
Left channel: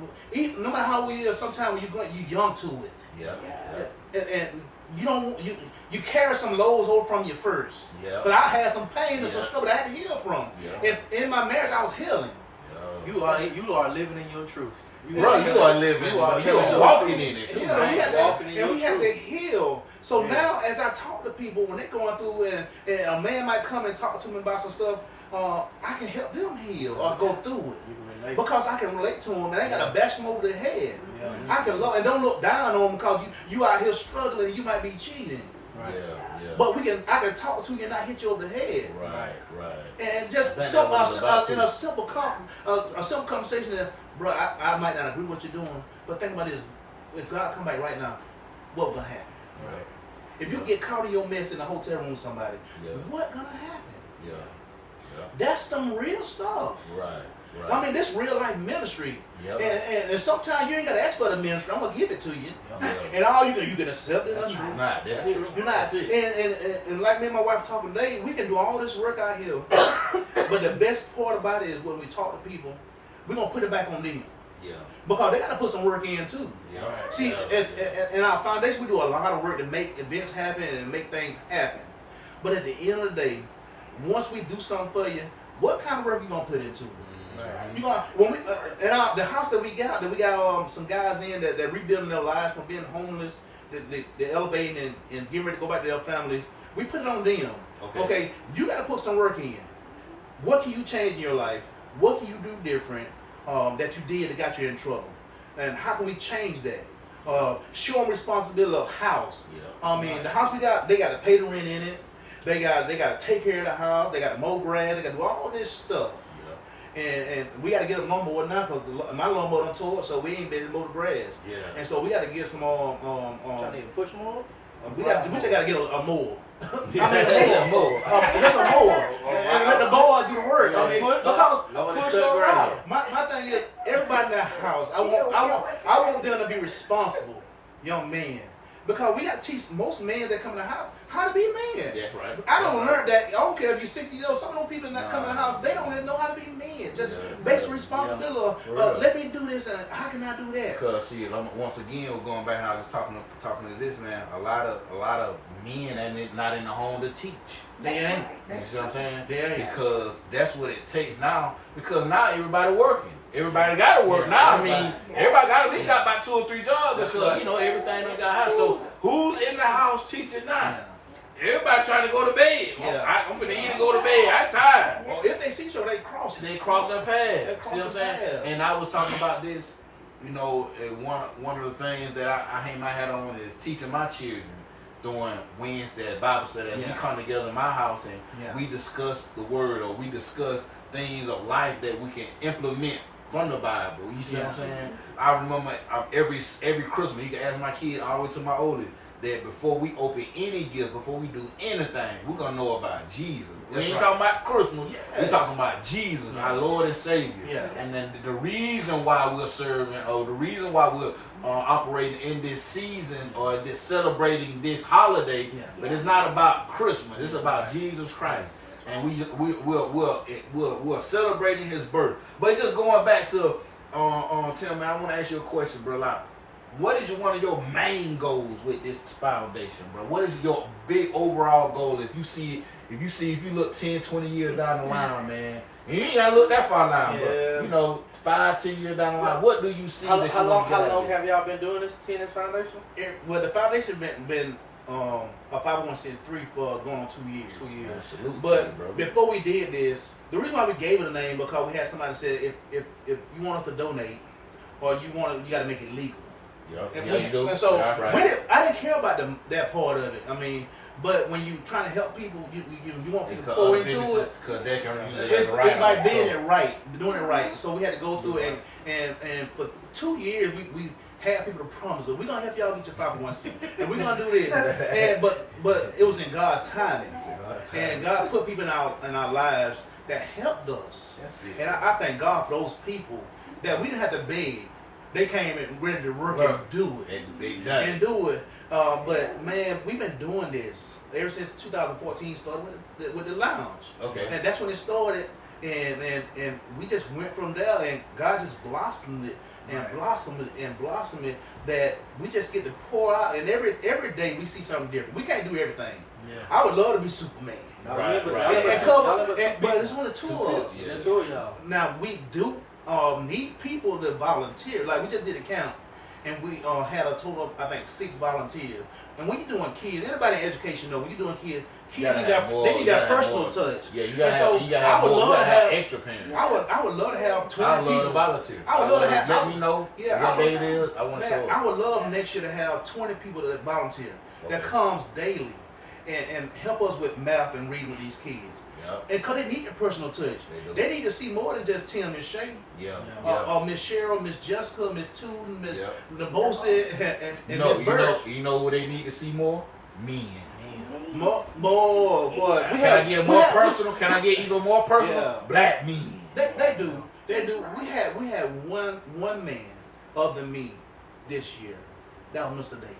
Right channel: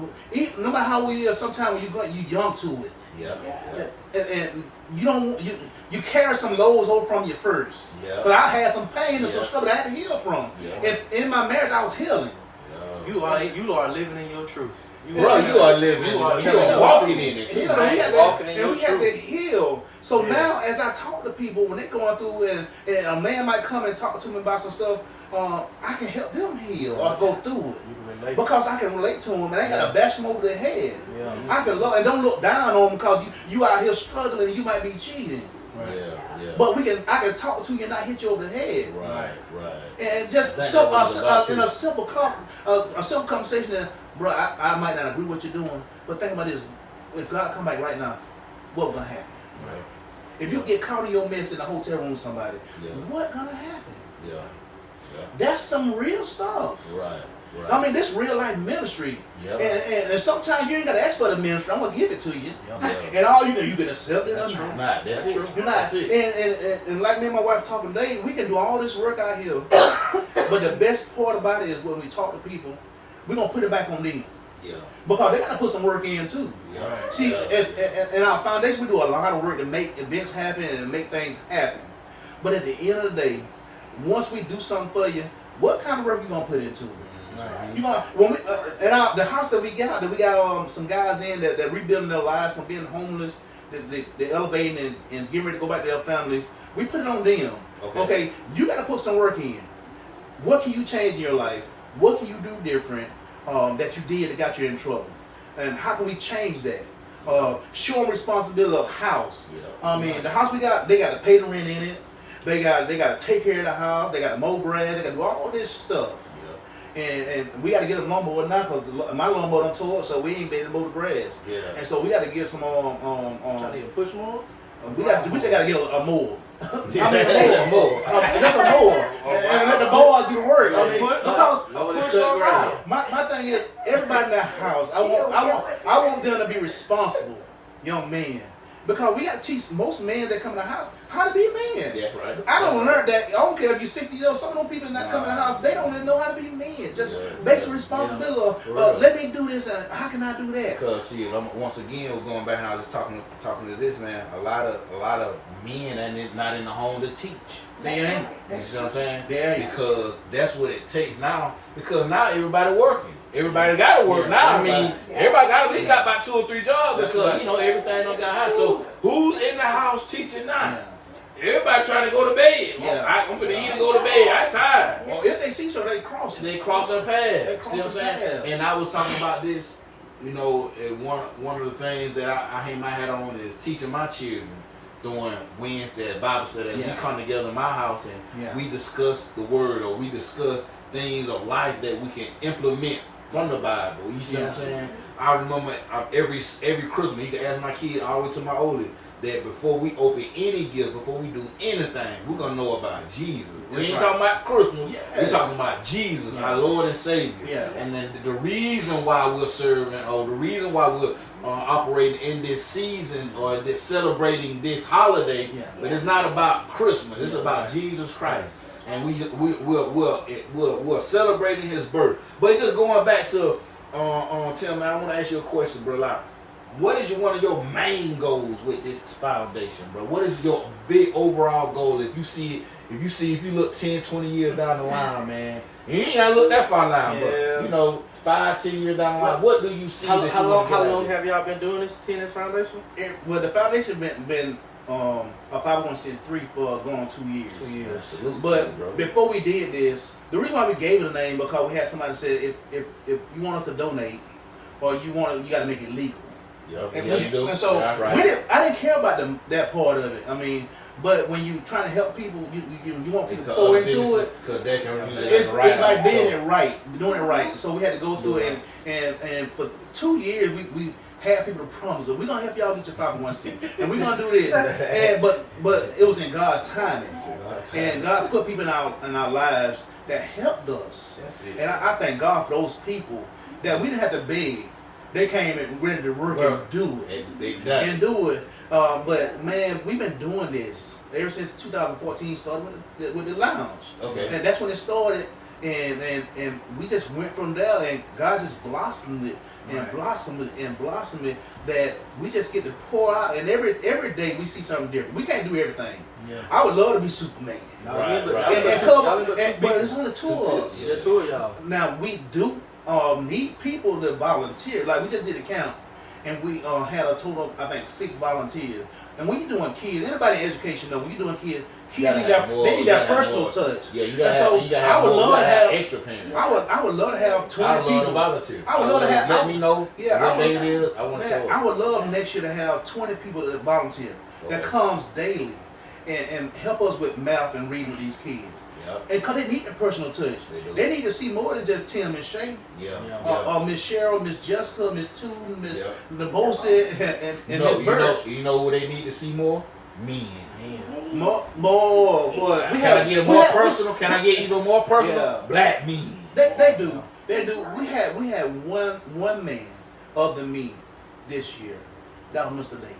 no matter how we is, sometimes you young to it. Yeah. And you don't you carry some lows over from you first. Yeah. Because I had some pain and some struggle that I had to heal from. Yeah. And in my marriage, I was healing. You are living in your truth. Bro, you are living. You are walking in it. Heal. We had to heal. So now, as I talk to people when they're going through, and a man might come and talk to me about some stuff, I can help them heal or go through it because I can relate to them, and I ain't gotta bash them over the head. Yeah. I can love and don't look down on them because you out here struggling and you might be cheating. Right. Yeah. But I can talk to you and not hit you over the head. Right. And just That's some what it's about, in a simple conversation that, bro, I might not agree with what you're doing, but think about this: if God come back right now, what gonna happen? Right. If you get caught in your mess in a hotel room with somebody, Yeah. what gonna happen? Yeah. That's some real stuff. Right. I mean, this real life ministry, Yep. and sometimes you ain't got to ask for the ministry. I'm gonna give it to you, Yeah. and all you can accept it or not. Nah, that's it. You're not. That's it. And like me and my wife talking today, we can do all this work out here, but the best part about it is when we talk to people, we're gonna put it back on them. Yeah. Because they got to put some work in too. Yeah. See, in our foundation, we do a lot of work to make events happen and make things happen. But at the end of the day, once we do something for you, what kind of work you gonna put into it? Right. You gonna when we the house that we got some guys in that rebuilding their lives from being homeless, they elevating and getting ready to go back to their families. We put it on them. Okay, you got to put some work in. What can you change in your life? What can you do different that you did that got you in trouble? And how can we change that? Show them responsibility of house. Yeah. I mean, the house we got, they got to pay the rent in it. They got to take care of the house. They got to mow grass. They got to do all this stuff. And we got to get a lawnmower now because my lawnmower don't tow up, so we ain't been able to mow the grass. Yeah. And so we got to get some Trying to push more? we just got to get a mower. Yeah. I mean, a mower. Just a mower. And let the mower do the work. I mean, because my thing is, everybody in that house, I want them to be responsible young men. Because we got to teach most men that come in the house how to be a man. Yeah, right. I don't learn that. I don't care if you're 60 years old. Some of those people that come in the house, they don't even know how to be men. Just basic responsibility. Let me do this. And how can I do that? Because see, once again, we're going back and I was talking to this man. A lot of men ain't not in the home to teach. They ain't. You see what I'm saying? They ain't. Because that's what it takes now. Because now everybody working. Everybody got to work now. I mean, everybody got about 2 or 3 jobs because everything done got high. So who's in the house teaching now? Everybody trying to go to bed. I'm finna eat and go to bed. I'm tired. Well, if they see so, they cross it. They cross their path. They cross See what I'm saying? their path. And I was talking about this. One of the things that I hang my hat on is teaching my children during Wednesday at Bible study. And we come together in my house and we discuss the word or we discuss things of life that we can implement from the Bible. You see what I'm saying? I remember every Christmas, you can ask my kids all the way to my oldest, that before we open any gift, before we do anything, we're going to know about Jesus. We ain't talking about Christmas. We're talking about Jesus, our Lord and Savior. Yeah. And then the reason why we're serving or the reason why we're operating in this season or celebrating this holiday, but it's not about Christmas. It's about Jesus Christ. And we're celebrating his birth. But just going back to Tim, man, I want to ask you a question, bro. Like, what is one of your main goals with this foundation, bro? What is your big overall goal? If you look 10, 20 years down the line, man, you ain't gotta look that far now, but 5, 10 years down the line, what do you see? How long have y'all been doing this T&S Foundation? Well, the foundation been a 501c3 for going on 2 years. 2 years. Absolutely, But bro. before we did this, the reason why we gave it a name because we had somebody say if you want us to donate or you got to make it legal. And so I didn't care about that part of it. I mean, but when you trying to help people, you want people to pour into it. Because they can use it It's right. like doing it right. So we had to go through it, and for 2 years we had people to promise us, we're gonna help y'all get your 501c, and we're gonna do this. And but it was in God's timing, and God put people in our lives that helped us. And I thank God for those people that we didn't have to beg. they came and ready to work and do it. It's a big day. And do it. But man, we've been doing this ever since 2014 started with the lounge. Okay. And that's when it started. And we just went from there, and God just blossomed it and blossomed it and blossomed it, that we just get to pour out. And every day we see something different. We can't do everything. Yeah. I would love to be Superman. Right. And cover, but it's only two of us. Yeah, two of y'all. Now we do need people to volunteer. Like we just did a count, and we had a total of I think 6 volunteers. And when you're doing kids, anybody in education know when you're doing kids need that personal touch. Yeah, you And gotta have I would love to have extra parents. I would love to have 20 I love people. to volunteer. I would love to have. Let me know what day it is. I want to Man, show I up. would love next year to have 20 people that volunteer that comes daily and help us with math and reading with these kids. Yep. And because they need the personal touch. They need to see more than just Tim and Shay. Yeah. Miss Cheryl, Miss Jessica, Miss Tootin, Miss Yep. Nebosi, and Miss Birch. You know what they need to see more? Men. More, boy. Can I get more personal? Can I get even more personal? Yeah. Black men. They do. They do. We had one man of the men this year. That was Mr. Dave.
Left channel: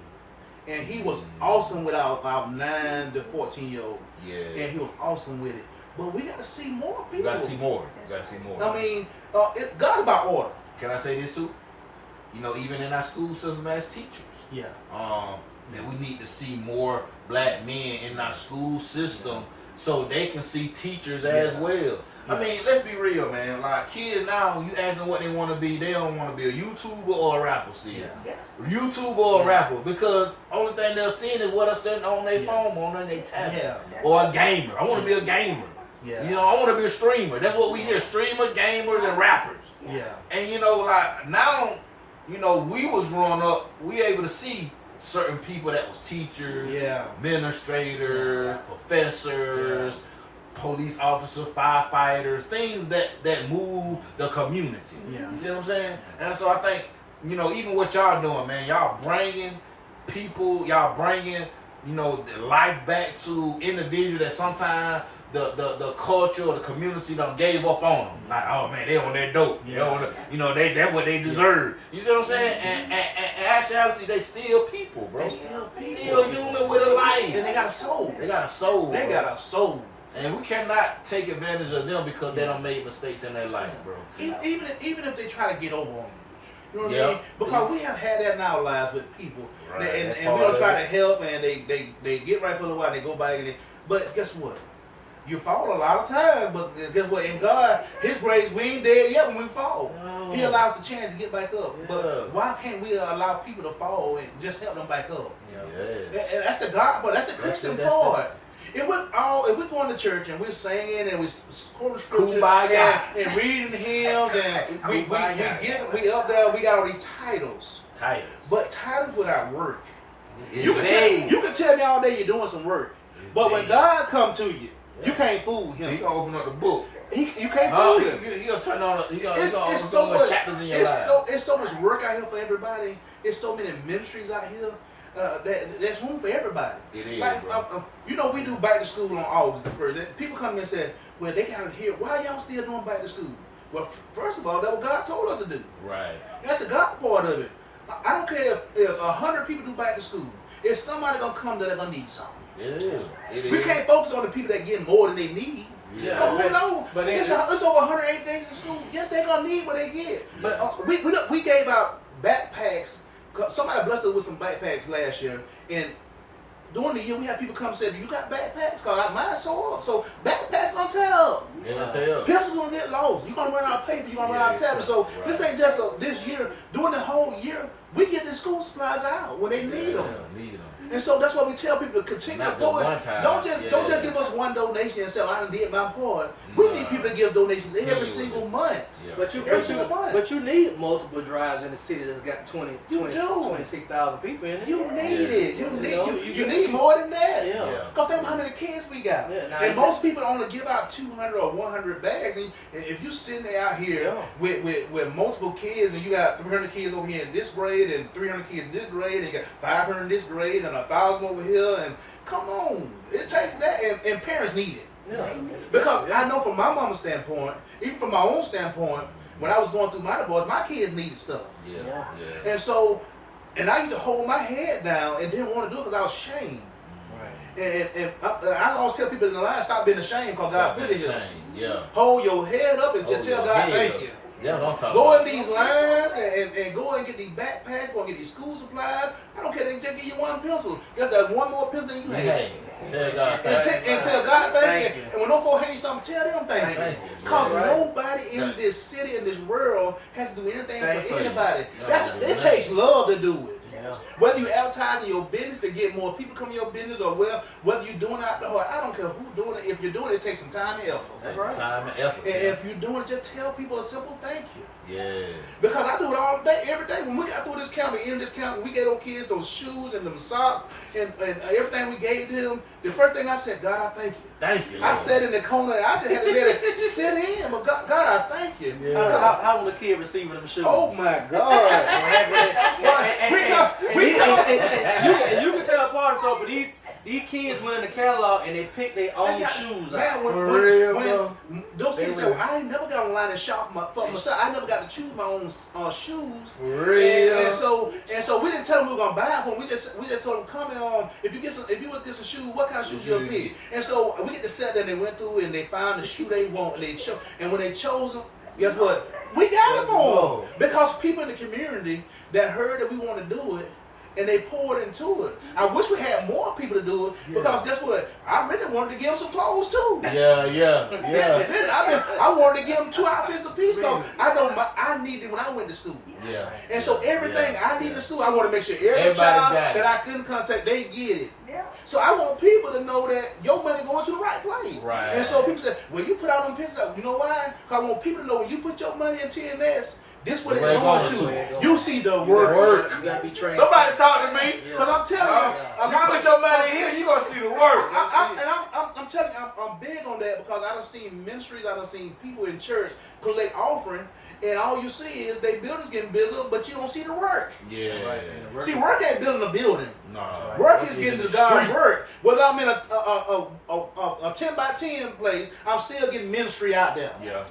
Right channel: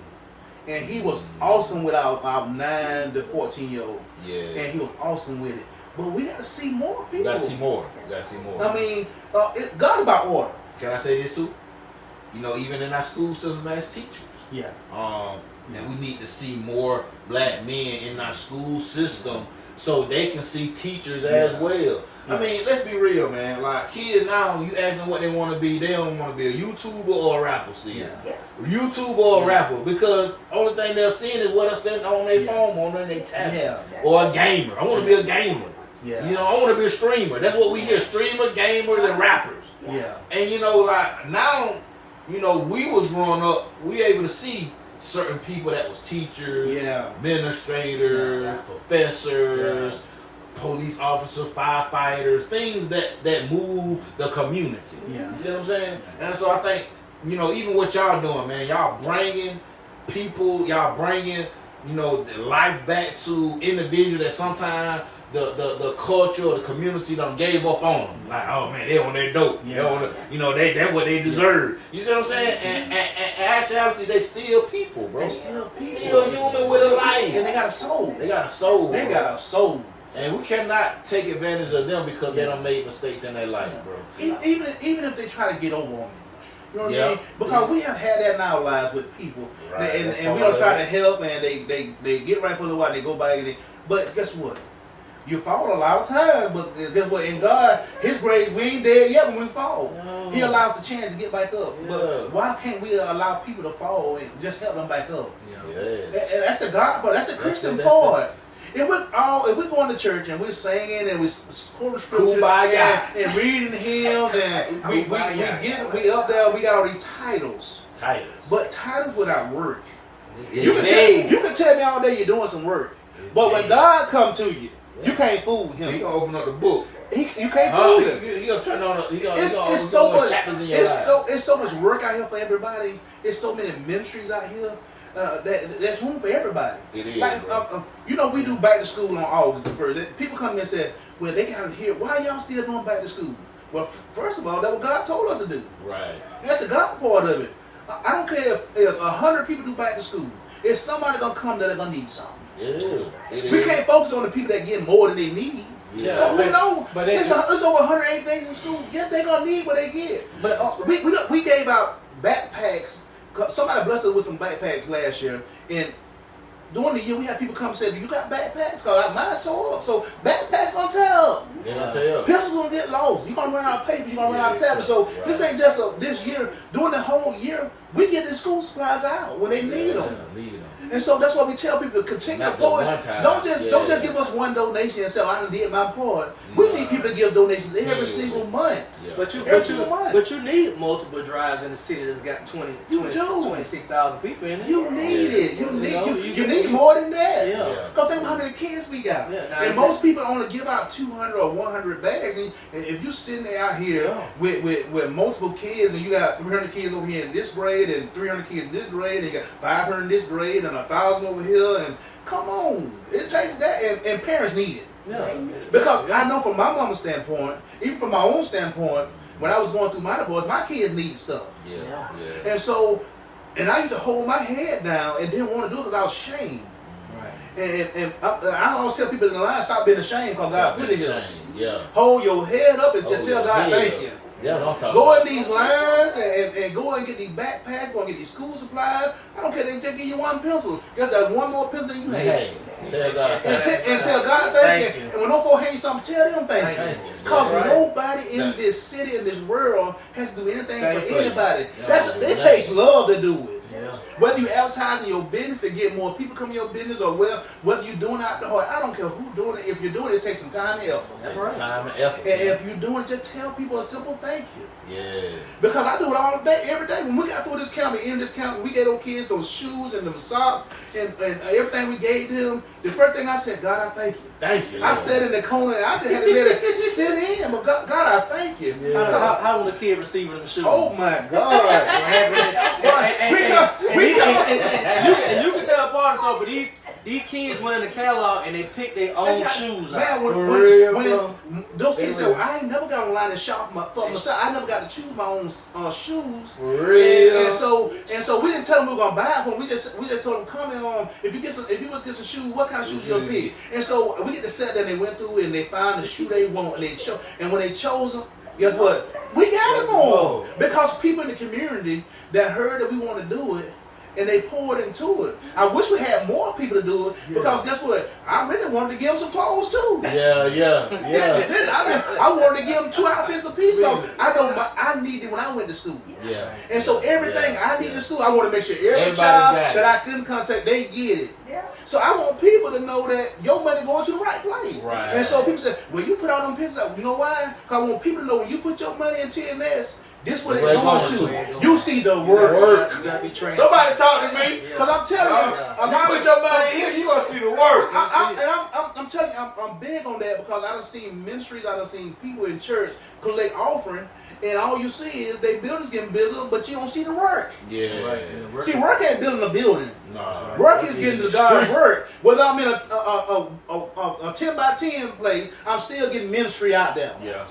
And he was awesome with our 9 to 14-year-old. Yeah. And he was awesome with it. But we got to see more people. You gotta see more. You gotta see more. I mean, God about order. Can I say this too? You know, even in our school system as teachers. Yeah. And we need to see more black men in our school system so they can see teachers as well. Yeah. I mean, let's be real, man. Like kids now, you ask them what they want to be, they don't want to be a YouTuber or a rapper. See, YouTuber or a rapper, because only thing they're seeing is what I'm sitting on their phone, on their tablet, or a gamer. I want to be a gamer. Yeah. You know, I want to be a streamer. That's what we hear: streamers, gamers, and rappers. Yeah. And you know, like now, you know, we was growing up, we able to see certain people that was teachers, administrators, professors, police officers, firefighters, things that move the community. Yeah. You see what I'm saying? And so I think, you know, even what y'all doing, man, y'all bringing people, y'all bringing, you know, the life back to individuals that sometimes the culture or the community done gave up on them. Like, oh man, they on their dope. Yeah. They on the, you know, that's what they deserve. You see what I'm saying? And actually, they still people, bro. They still people. Still human with a life. And they got a soul. They got a soul. They bro. got a soul. And we cannot take advantage of them because they done made mistakes in their life, bro. Even if they try to get over on you. You know what Yeah. I mean? Because we have had that in our lives with people. Right. And we don't try to help, and they get right for a little while, and they go back. But guess what? You fall a lot of times, but guess what? In God, His grace, we ain't dead yet when we fall. No. He allows the chance to get back up. Yeah. But why can't we allow people to fall and just help them back up? Yeah. And that's the God part. That's the Christian part. If we're going to church and we're singing and we're quoting scripture and reading hymns and we up there, we got all these titles. But titles without work. You can tell me all day you're doing some work. But when God come to you, you can't fool Him. He gonna open up the book. You can't fool Him. He gonna turn on. It's so much. Chapters in your life. It's so much work out here for everybody. It's so many ministries out here. There's room for everybody. It is. Like, you know, we do back to school on August the 1st. People come in and say, well, they gotta hear, why y'all still doing back to school? Well, first of all, that's what God told us to do. Right. That's the God part of it. I don't care if 100 people do back to school. If somebody gonna come there, they're gonna need something. It is. We can't focus on the people that get more than they need. Yeah. Who knows? It's over 108 days in school. Yes, they're gonna need what they get. But we gave out backpacks. Somebody blessed us with some backpacks last year, and during the year we had people come and say, "Do you got backpacks?" Because mine's so up. So backpacks gonna tell. Pencils gonna get lost. You gonna run out of paper. You gonna run out of tablets. So this ain't just this year. During the whole year, we get the school supplies out when they need them. And so that's why we tell people to continue to pour it. Don't just give us one donation and say, I done did my part. We need people to give donations every single month. But you need multiple drives in the city that's got 26,000 people in it. You need it. You need more than that. Because think how many kids we got. And most people only give out 200 or 100 bags. And if you sitting there out here with multiple kids and you got 300 kids over here in this grade and 300 kids in this grade and you got 500 in this grade and 1,000 over here, and come on, it takes that, and parents need it. Because I know from my mama's standpoint, even from my own standpoint, when I was going through my divorce, my kids needed stuff. Yeah. And so, and I used to hold my head down and didn't want to do it because I was ashamed. Right. And I always tell people in the line, stop being ashamed because God put it here. Yeah. Hold your head up and just tell God thank you. Yeah, what I'm talking Go about. in these lines and go and get these backpacks, go and get these school supplies. I don't care, they just give you one pencil. Guess that's one more pencil than you have. Hey, tell God And tell God thank you. And when no folks hand you something, tell them thank you. Because nobody in this city, in this world, has to do anything for anybody. It takes love to do it. Yeah. Whether you advertising your business to get more people come to your business, or whether you're doing it out the heart, I don't care who's doing it. If you're doing it, it takes some time and effort. That's right. Time and effort. And if you're doing it, just tell people a simple thank you. Yeah. Because I do it all day, every day. When we got through this county, in this county, we gave those kids those shoes and them socks and everything we gave them. The first thing I said, God, I thank you. Thank you. I sat in the corner and I just had to let it sit in. But God, I thank you. Yeah. How was the kid receiving them shoes? Oh my God. You can tell part of the stuff, but these kids went in the catalog and they picked their own shoes out. When those kids said, well, I ain't never got online and shop for myself. I never got to choose my own shoes. For real. And so we didn't tell them we were gonna buy it for them. We just told them, come in if you want to get some shoes, what kind of shoes you gonna pick? And so we get to sit there and they went through and they found the shoe they want and when they chose them, guess what? We got it for them. Because people in the community that heard that we want to do it, and they poured into it. I wish we had more people to do it because guess what? I really wanted to give them some clothes too. Yeah. I wanted to give them 2 outfits apiece because I know I needed when I went to school. Yeah. And so everything I needed to school, I want to make sure every child that I couldn't contact, they get it. Yeah. So I want people to know that your money going to the right place. Right. And so people say, well, you put out them pictures, you know why? Because I want people to know when you put your money in T&S, this what it's going to. You see the work. You gotta be trained. Somebody talk to me. Because I'm telling you, You put your money here, you gonna see the work. I'm telling you, I'm big on that because I done seen ministries, I done seen people in church collect offering, and all you see is they buildings getting bigger, but you don't see the work. Yeah. Right. See, work ain't building a building. No. Work is getting to God's work. Whether I'm in a 10 by 10 place, I'm still getting ministry out there. Yeah.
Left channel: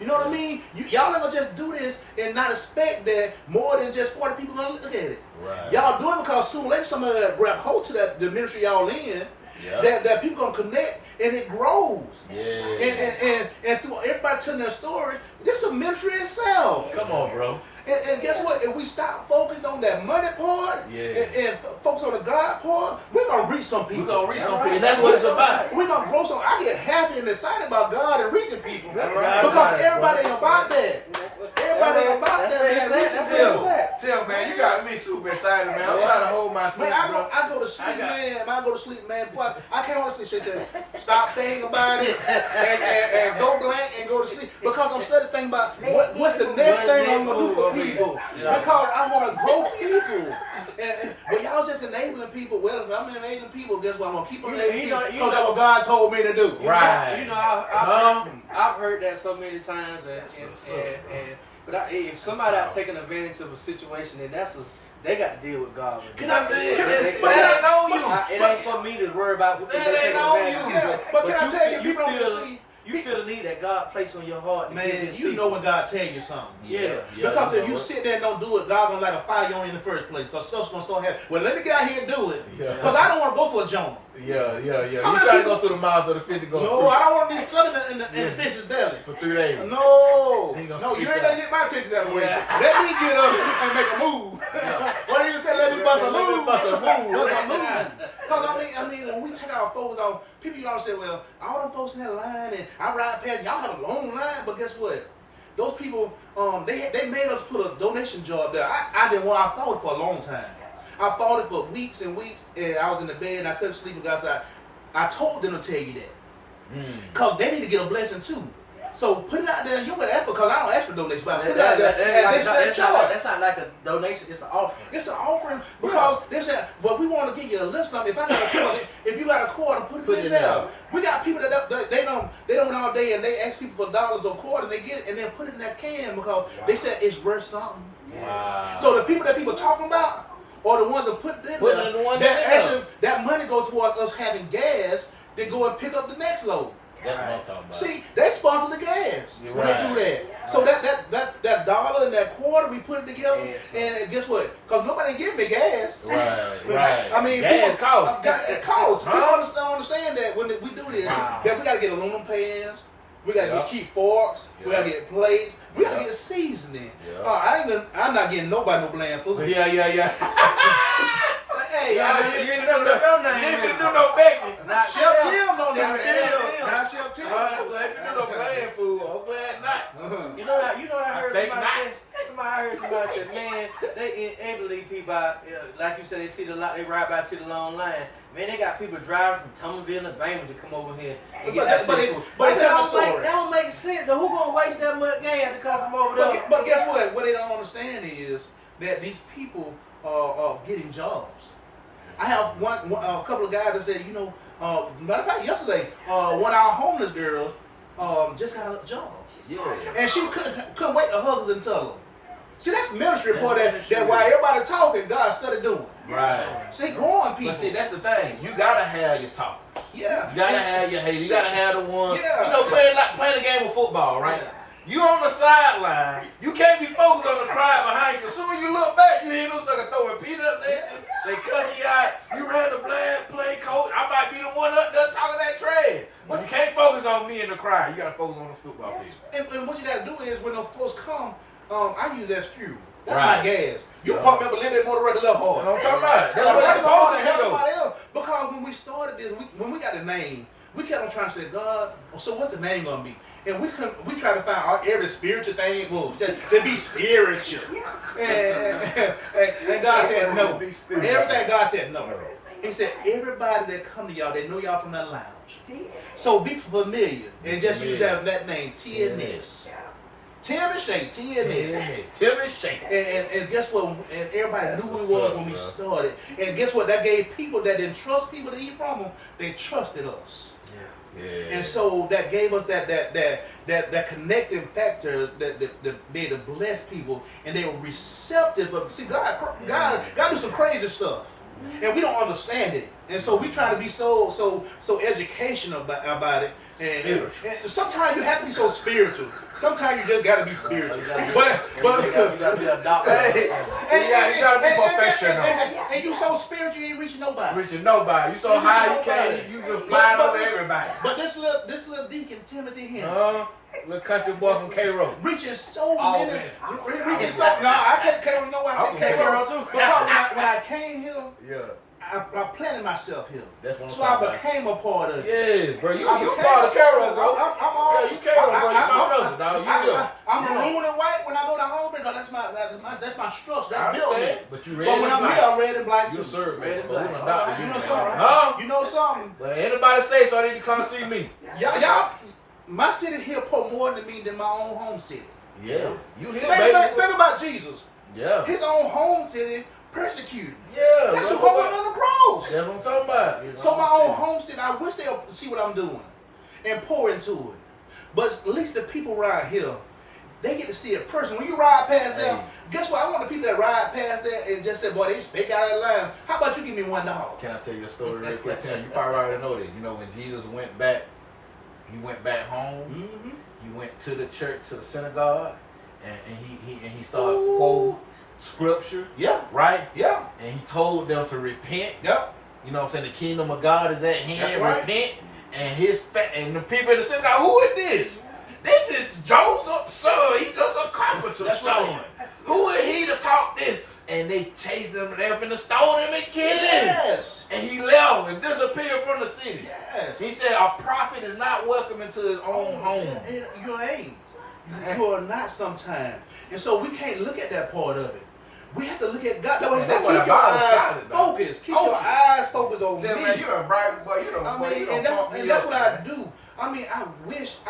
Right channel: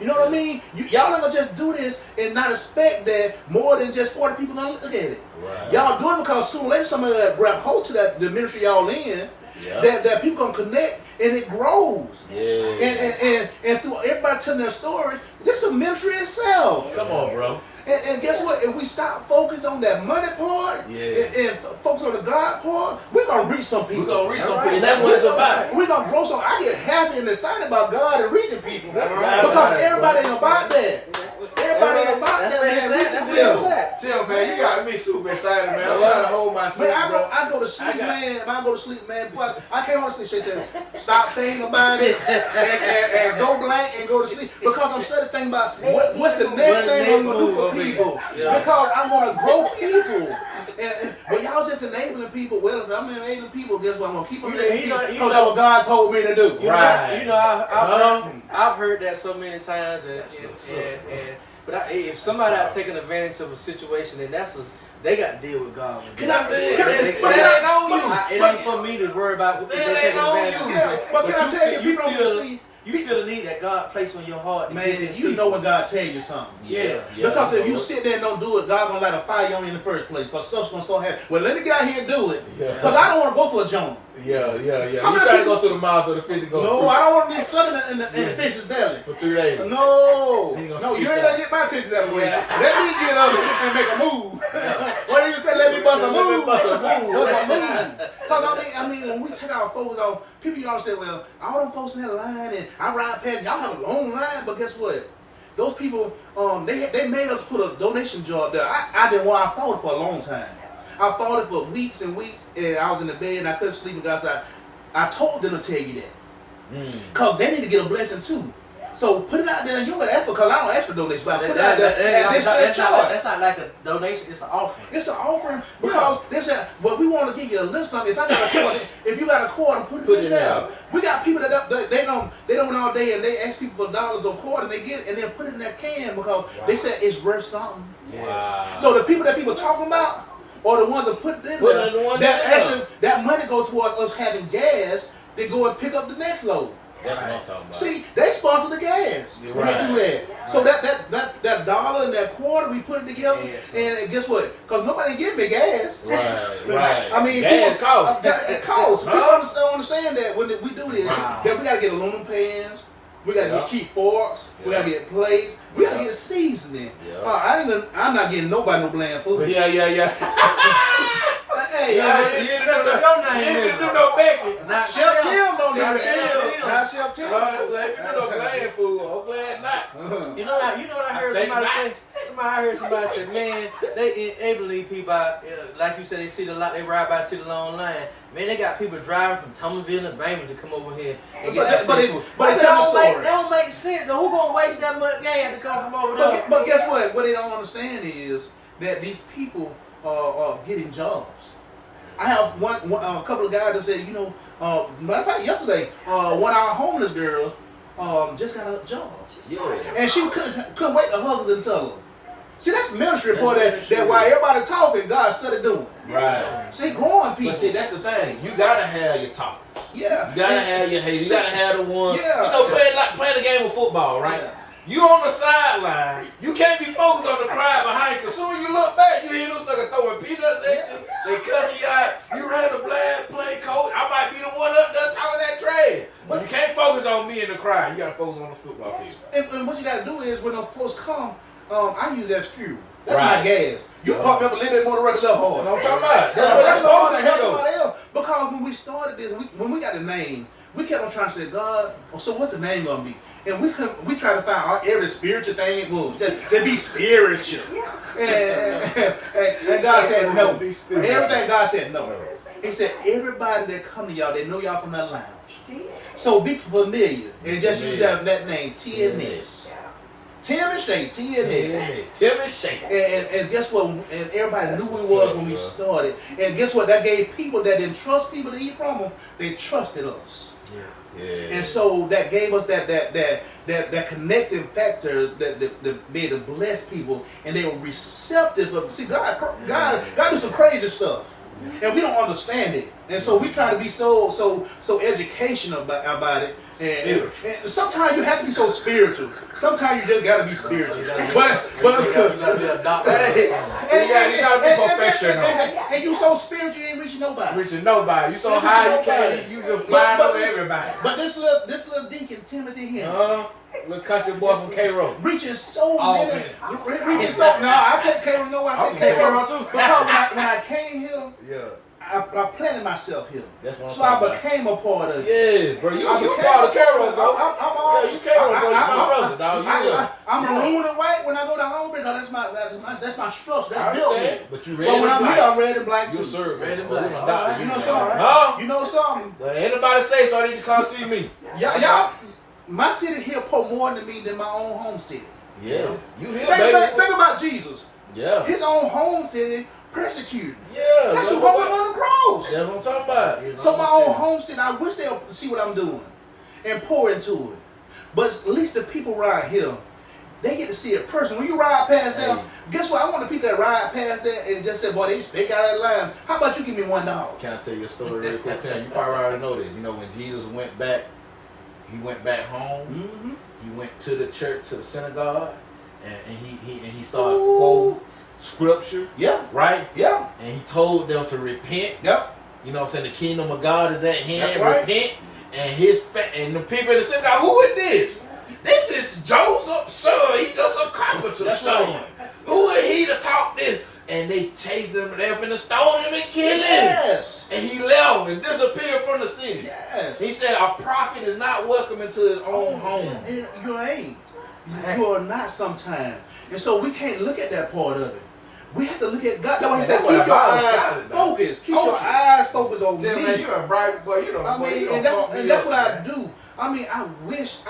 You know what I mean? Y'all not gonna just do this and not expect that more than just 40 people gonna look at it. Right. Y'all doing it because soon later somebody grab hold to the ministry y'all in. Yeah. That people gonna connect and it grows. Yeah. And through everybody telling their story, this is a ministry itself. Come on, bro. And guess what? If we stop focusing on that money part and focus on the God part, we're gonna reach some people. And that's what it's about. We're gonna grow some. I get happy and excited about God and reaching people right. because everybody ain't about that. Everybody ain't about that, man. Reaching people. Tim, man, you got me super excited, man. I'm trying to hold my seat, Man, bro. I go to sleep, man. I go to sleep, man. Boy, I can't hold to sleep. She said, stop thinking about it and go blank and go to sleep. Because I'm starting to think about what's the next thing I'm going to do for people. Because I want to grow people. But y'all just enabling people. Well, if I'm enabling people, guess what? I'm going to keep enabling people because that's what God told me to do. Right. You know, I've heard that so many times, but if somebody out taking advantage of a situation, then they got to deal with God. Can I say But it ain't on you. It ain't for me to worry about what they taking advantage of. Yeah, but can I tell you, people don't see. You feel the need that God placed on your heart. Man, you know when God tell you something. Yeah. Because if you sit there and don't do it, God gonna light a fire on you in the first place. Because stuff's gonna start happening. Well, let me get out here and do it. Because I don't want to go through a Jonah. Yeah. You How many try to people- go through the mouth of the fish to go. No, I don't want to be flooded in the fish's belly. For 3 days. No, He gonna no, you spit ain't gonna get my attention that way. Let me get up and make a move. What do you say? Let me bust a move. Bust a move. Because I mean, when we take our folks off, people y'all say, well, all them folks in that line, and I ride past, y'all have a long line, but guess what? Those people, they made us put a donation jar there. I fought it for a long time. I fought it for weeks and weeks, and I was in the bed and I couldn't sleep and got outside. I told them to tell you that. Because they need to get a blessing too. So put it out there. You don't got to ask for, because I don't ask for donations, but I put it out there. And this is charge. That's not like a donation, it's an offering. It's an offering because they said, well, we want to give you a little something. If I got a quarter, if you got a quarter, put it in there. We got people that they don't went all day and they ask people for dollars or quarter and they get it and they put it in that can because they said it's worth something. Wow. So the people that people talking about or the ones that put it in there, that money goes towards us having gas to go and pick up the next load. That's what I'm talking about. See, they sponsor the gas when they do that. Yeah. So that dollar and that quarter, we put it together, and guess what? Because nobody give me gas. Right. I mean, gas people, costs. it costs. People don't understand that when we do this, that we gotta get aluminum pans, we gotta get key forks, we gotta get plates, we gotta get seasoning. I'm not getting nobody no bland food. Hey, You ain't do no baking. Chef Tim don't even Not Chef Tim. Like, you know, bland food. I'm glad not. You know what I heard think somebody not. say? I heard somebody say, man, they enable these people out. Like you said, they see the lot, they ride by, see the long line. Man, they got people driving from Thomasville and Graham to come over here and get But that food. it's telling the That story. don't make sense. Now, who gonna waste that much gas to come from over there? But guess what? What they don't understand is that these people are getting jobs. I have a couple of guys that said, matter of fact, yesterday, one of our homeless girls just got a job. And she couldn't wait to hug us and tell her. See, that's ministry part that while everybody talking, God started doing. Right. See, growing people. But see, that's the thing. You gotta have your talk. Yeah. You gotta have your haters. You gotta have the one. Yeah. You know, playing the game of football, right? Yeah. You on the sideline. You can't be focused on the crowd behind you. Cause soon as you look back, you hear those suckers throwing peanuts at you. They cut you out. You ran a blind play coach. I might be the one up there talking that trash. But you can't focus on me in the crowd. You gotta focus on the football field. And what you gotta do is when those folks come, I use that as fuel. That's Right. my gas. You pump me up a little bit more to work a little harder. That's what I'm talking about. But That's supposed to what help I'm somebody else. Because when we started this, when we got the name, we kept on trying to say, God, so what's the name gonna be? And we try to find every spiritual thing it moves. That be spiritual. And God said no. Everything God said no. He said everybody that come to y'all, they know y'all from that lounge. So be familiar and just use that name, T&S. Tim Shea, T&S. Tim Shea. And guess what? And everybody knew who we was when we started. And guess what? That gave people that didn't trust people to eat from them, they trusted us. Yeah. And so that gave us that connecting factor that be able to bless people, and they were receptive of. See, God do some crazy stuff, and we don't understand it. And so we try to be so educational about it. And sometimes you have to be so spiritual. Sometimes you just got to be spiritual. But You gotta be professional. And you so spiritual, you ain't reaching nobody. Reaching nobody. You so Reaching high you nobody. can't. You just flying over everybody. But this little deacon Timothy Henry. Little country boy from K-Row. Reaching so Oh, many, man. reaching so. No, I take K-Row. No, I I'm take from K-Row K-Row, too. because when I came here, Yeah. I planted myself here. That's what I'm So I talking about. became a part of it. Yeah, bro. You I part became of K-Row, bro. I'm You K-Row, bro. You my brother, dog. You look. I'm maroon and white when I go to home because that's my structure. I That's built me. understand, but you red But when and I'm black. here, I'm red and black You too. sir, red and Black. black. We done adopted You you. know something? No. You know something? But anybody say so, they need to come see me. Y'all, my city here pour more than me than my own home city. Yeah. You here, Think about Jesus. Yeah. His own home city persecuted. Yeah. That's who what- hung on the cross. That's what I'm talking about. So my own home city, I wish they'll see what I'm doing and pour into it. But at least the people around here, they get to see it personally. When you ride past them, guess what? I want the people that ride past that and just say, boy, they got that line. How about you give me $1? Can I tell you a story real quick, Tim? You probably already know this. You know, when Jesus went back home. Mm-hmm. He went to the church, to the synagogue, and he started quoting scripture, Yeah. right? Yeah. And he told them to repent. Yep. You know what I'm saying? The kingdom of God is at hand. That's right. Repent. And the people in the synagogue, who is this? This is Joseph's son. He just a carpenter's That's son. right. Who is he to talk this? And they chased him, they were finna stone him and kill him. Yes. And he left and disappeared from the city. Yes. He said a prophet is not welcome into his own home. And you ain't. You are not sometimes. And so we can't look at that part of it. We have to look at God. That's why he said, That's what keep your the Bible eyes said, focused. Keep your eyes focused on Tell me. man, you done bribe, boy, you done, I boy, mean, you done fucked me and that's up, what I man. do. I mean, I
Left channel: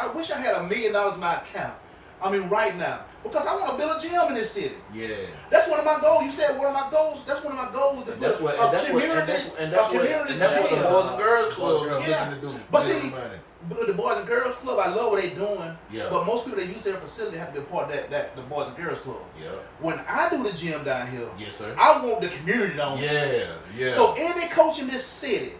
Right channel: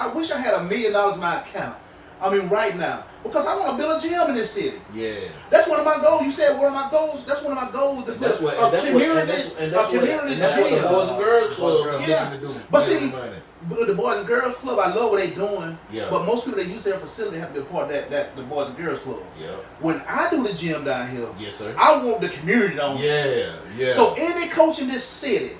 wish I had $1 million in my account. I mean, right now, because I want to build a gym in this city. Yeah. That's one of my goals. You said one of my goals. That's one of my goals to And put that's what, a and that's community, what, and that's a community what the gym. Boys and Girls Club is Yeah. looking to do. But Give see, them money. but the Boys and Girls Club, I love what they're doing. Yeah. But most people that use their facility have to be a part of the Boys and Girls Club. Yeah. When I do the gym down here, Yes, sir. I want the community on. Yeah. Yeah. So any coach in this city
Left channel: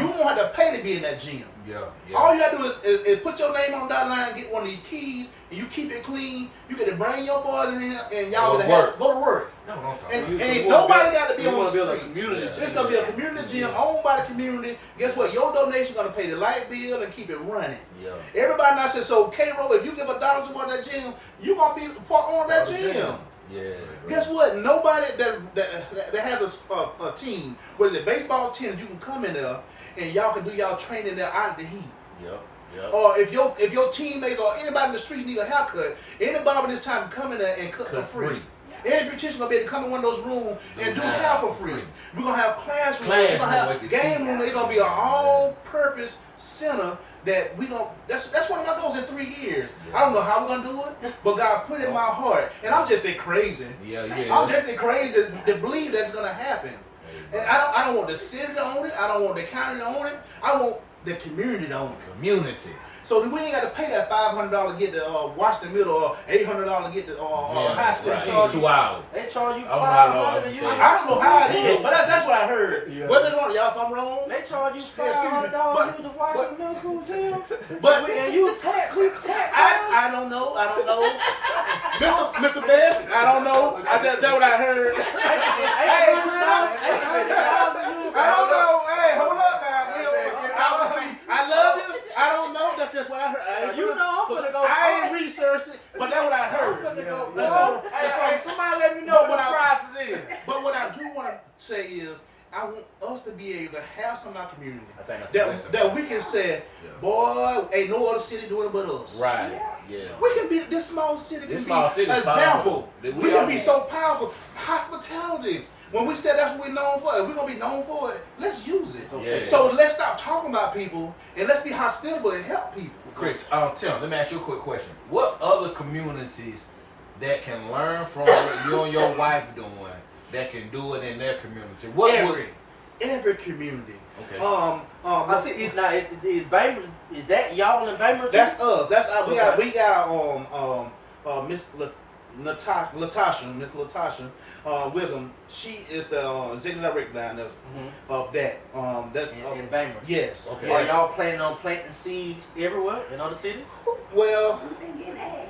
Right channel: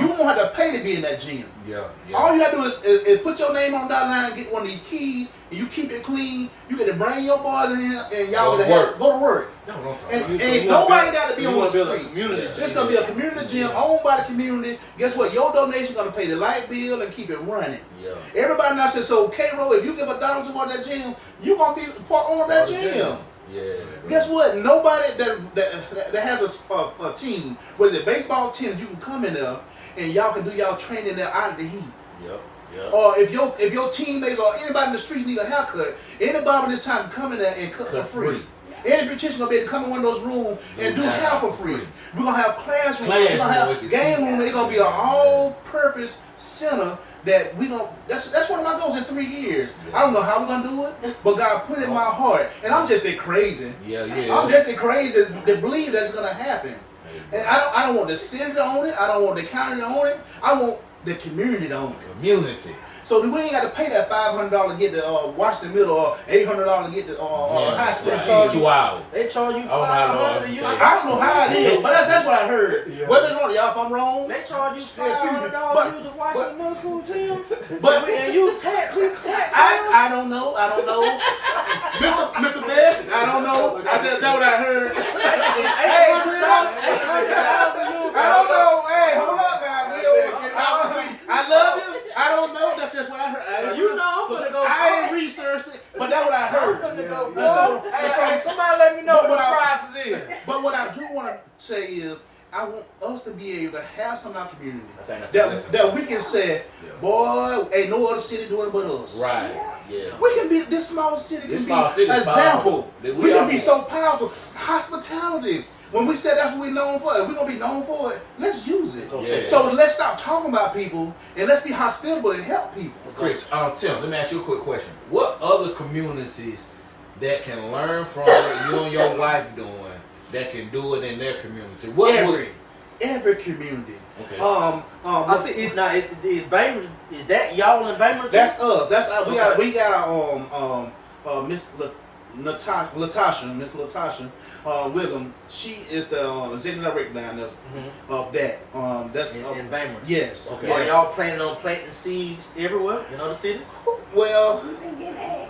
You won't have to pay to be in that gym. Yeah. All you gotta do is put your name on that line, get one of these keys, and you keep it clean. You get to bring your boys in here, and y'all Go go to work. That's what I'm talking And, about. and nobody got to be on the street. community. It's gonna be a community gym owned by the community. Guess what? Your donation gonna pay the light bill and keep it running. Yeah. Everybody now says, so K-Roll, if you give $1 toward that gym, you gonna be part on that gym. Yeah. Guess what? Nobody that has a team, whether it's baseball team, you can come in there and y'all can do y'all training there out of the heat. Yep. Yep. Or if your teammates or anybody in the streets need a haircut, anybody this time come in there and cut for free. Any beautician gonna be able to come in one of those rooms and do hair for free. We're gonna have classrooms. We're gonna have game room. It's gonna be an all-purpose center that we gonna. That's one of my goals in 3 years. I don't know how we're gonna do it, but God put it in my heart, and I'm just that crazy. Yeah. I'm just that crazy to believe that's gonna happen. And I don't want the city to own it. I don't want the county to own it. I want the community to own it. Community. So we ain't got to pay that $500 to get the Washington Middle or $800 to get the high school. Right. 2 hours. They charge you Oh, my Lord. $500. I don't know how it is, but that's what I heard. Whether it's wrong, y'all, if I'm wrong. They charge you Excuse me, $500 to watch the middle school team. But And you tax. I don't know. Mr. Best, I don't know. That's what I heard. Hey, I don't know. Hey, hold up now. I love you. I don't know. That's just what I heard. You know I'm finna go. I ain't researched it, but that's what I heard. Hey, somebody let me know what the prices is. But what I do want to say is, I want us to be able to have some in our community I think that's that we can say, boy, ain't no other city doing it but us. Right. Yeah. We can be this small city. This Can small be city is example. powerful. We can be so powerful. Hospitality. When we said that's what we're known for, if we're gonna be known for it, let's use it. Yeah. So let's stop talking about people and let's be hospitable and help people. Chris, Tim, let me ask you a quick question. What other communities that can learn from what you and your wife doing that can do it in their community? Every community. Okay. I see. Now, is Bainbridge? Is that y'all in Bainbridge? That's us. That's we got Miss Latasha Wiggum. She is the executive director down there of that. That's in Bainbridge. Yes. Okay. Are y'all planning on planting seeds everywhere in other cities? Well,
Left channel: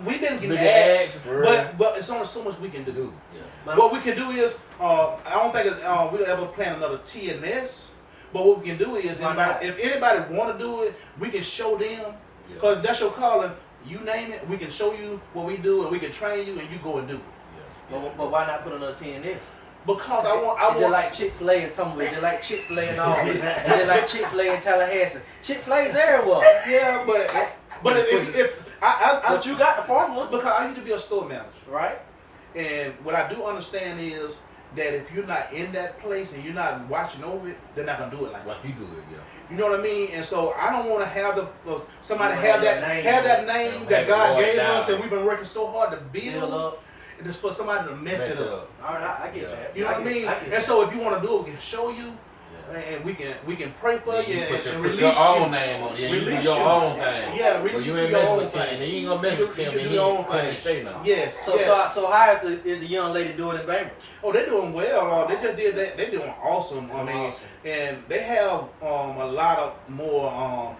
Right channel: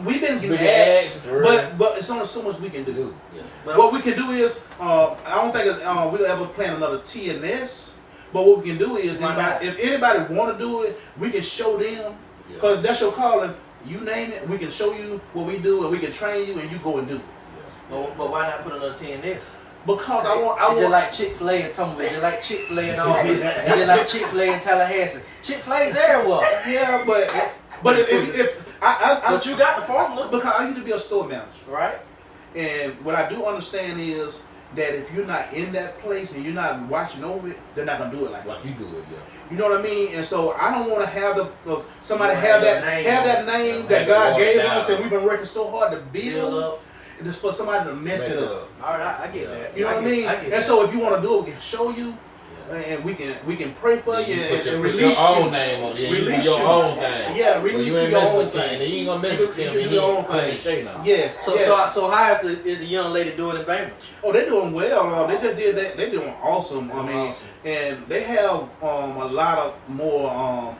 we've been getting asked, but it's only so much we can do. Yeah. What we can do is, I don't think we'll ever plan another T&S. But what we can do is, if anybody want to do it, we can show them, because that's your calling. You name it, we can show you what we do, and we can train you, and you go and do it. But why not put another T&S? Because I want. Just like Chick-fil-A and Tumblr, just like Chick-fil-A and all that. Just like Chick-fil-A and Tallahassee. Chick-fil-A's everywhere. Yeah, but if But you got the formula. because I used to be a store manager, Right? and what I do understand is that if you're not in that place and you're not watching over it, they're not gonna do it like that. Like you do it, yeah. You know what I mean? And so I don't want to have somebody You have want that that name Yeah, that God have it gave watered us, down. and we've been working so hard to Build build, up. and just for somebody to mess it up. All right, I get that. You know what I mean? get And that. so if you want to do it, we can show you, and we can pray for you and put release your own you. name on it. Yeah, you do Release your you. own thing. Yeah, But release you you ain't your messing own with Tim. thing. And you ain't gonna mess with Tim. You And do your own he Tim thing. and Shay now. Yes. So, yes. so how is the young lady doing in Bainbridge? Oh, they're doing well. They just did that. They're doing awesome. I mean, Awesome. and they have a lot of more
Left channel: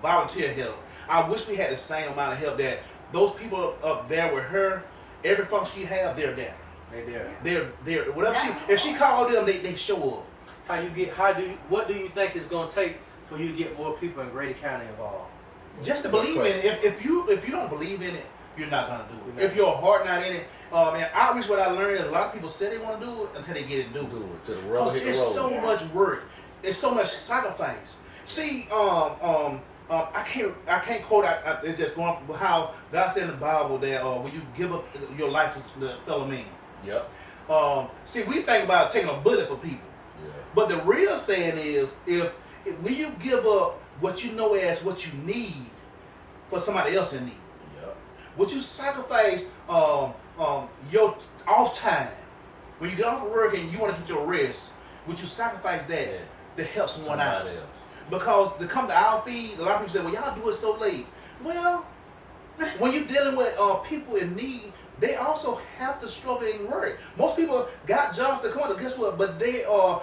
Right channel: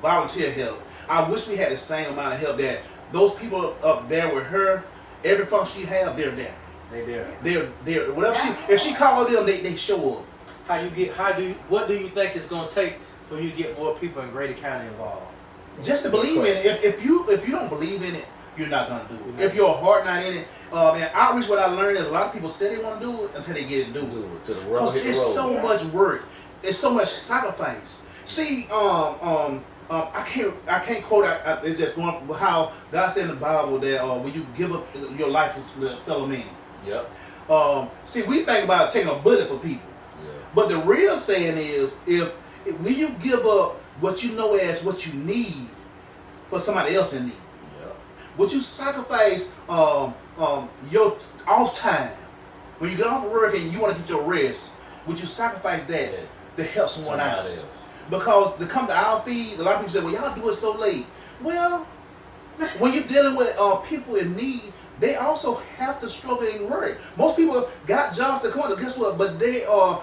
volunteer help. I wish we had the same amount of help that those people up there with her. Every function she have, they're there. They there. Whatever if she called them, they show up. What do you think it's gonna take for you to get more people in Grady County involved? Just to believe in it. If you don't believe in it, you're not gonna do it. If your heart not in it, and outreach, what I learned is a lot of people say they want to do it until they get it and do it. To the rubber Because hit the it's road. so much work. It's so much sacrifice. See, I can't quote. It's just going with how God said in the Bible that when you give up your life to the fellow man. Yep. See, we think about taking a bullet for people, but the real saying is, if when you give up what you know as what you need for somebody else in need, would you sacrifice your off time when you get off of work and you want to get your rest? Would you sacrifice that to help someone out? Else. Because to come to our feeds, a lot of people say, "Well, y'all do it so late." Well, when you're dealing with people in need, they also have to struggle and work. Most people got jobs to come to, guess what? But they are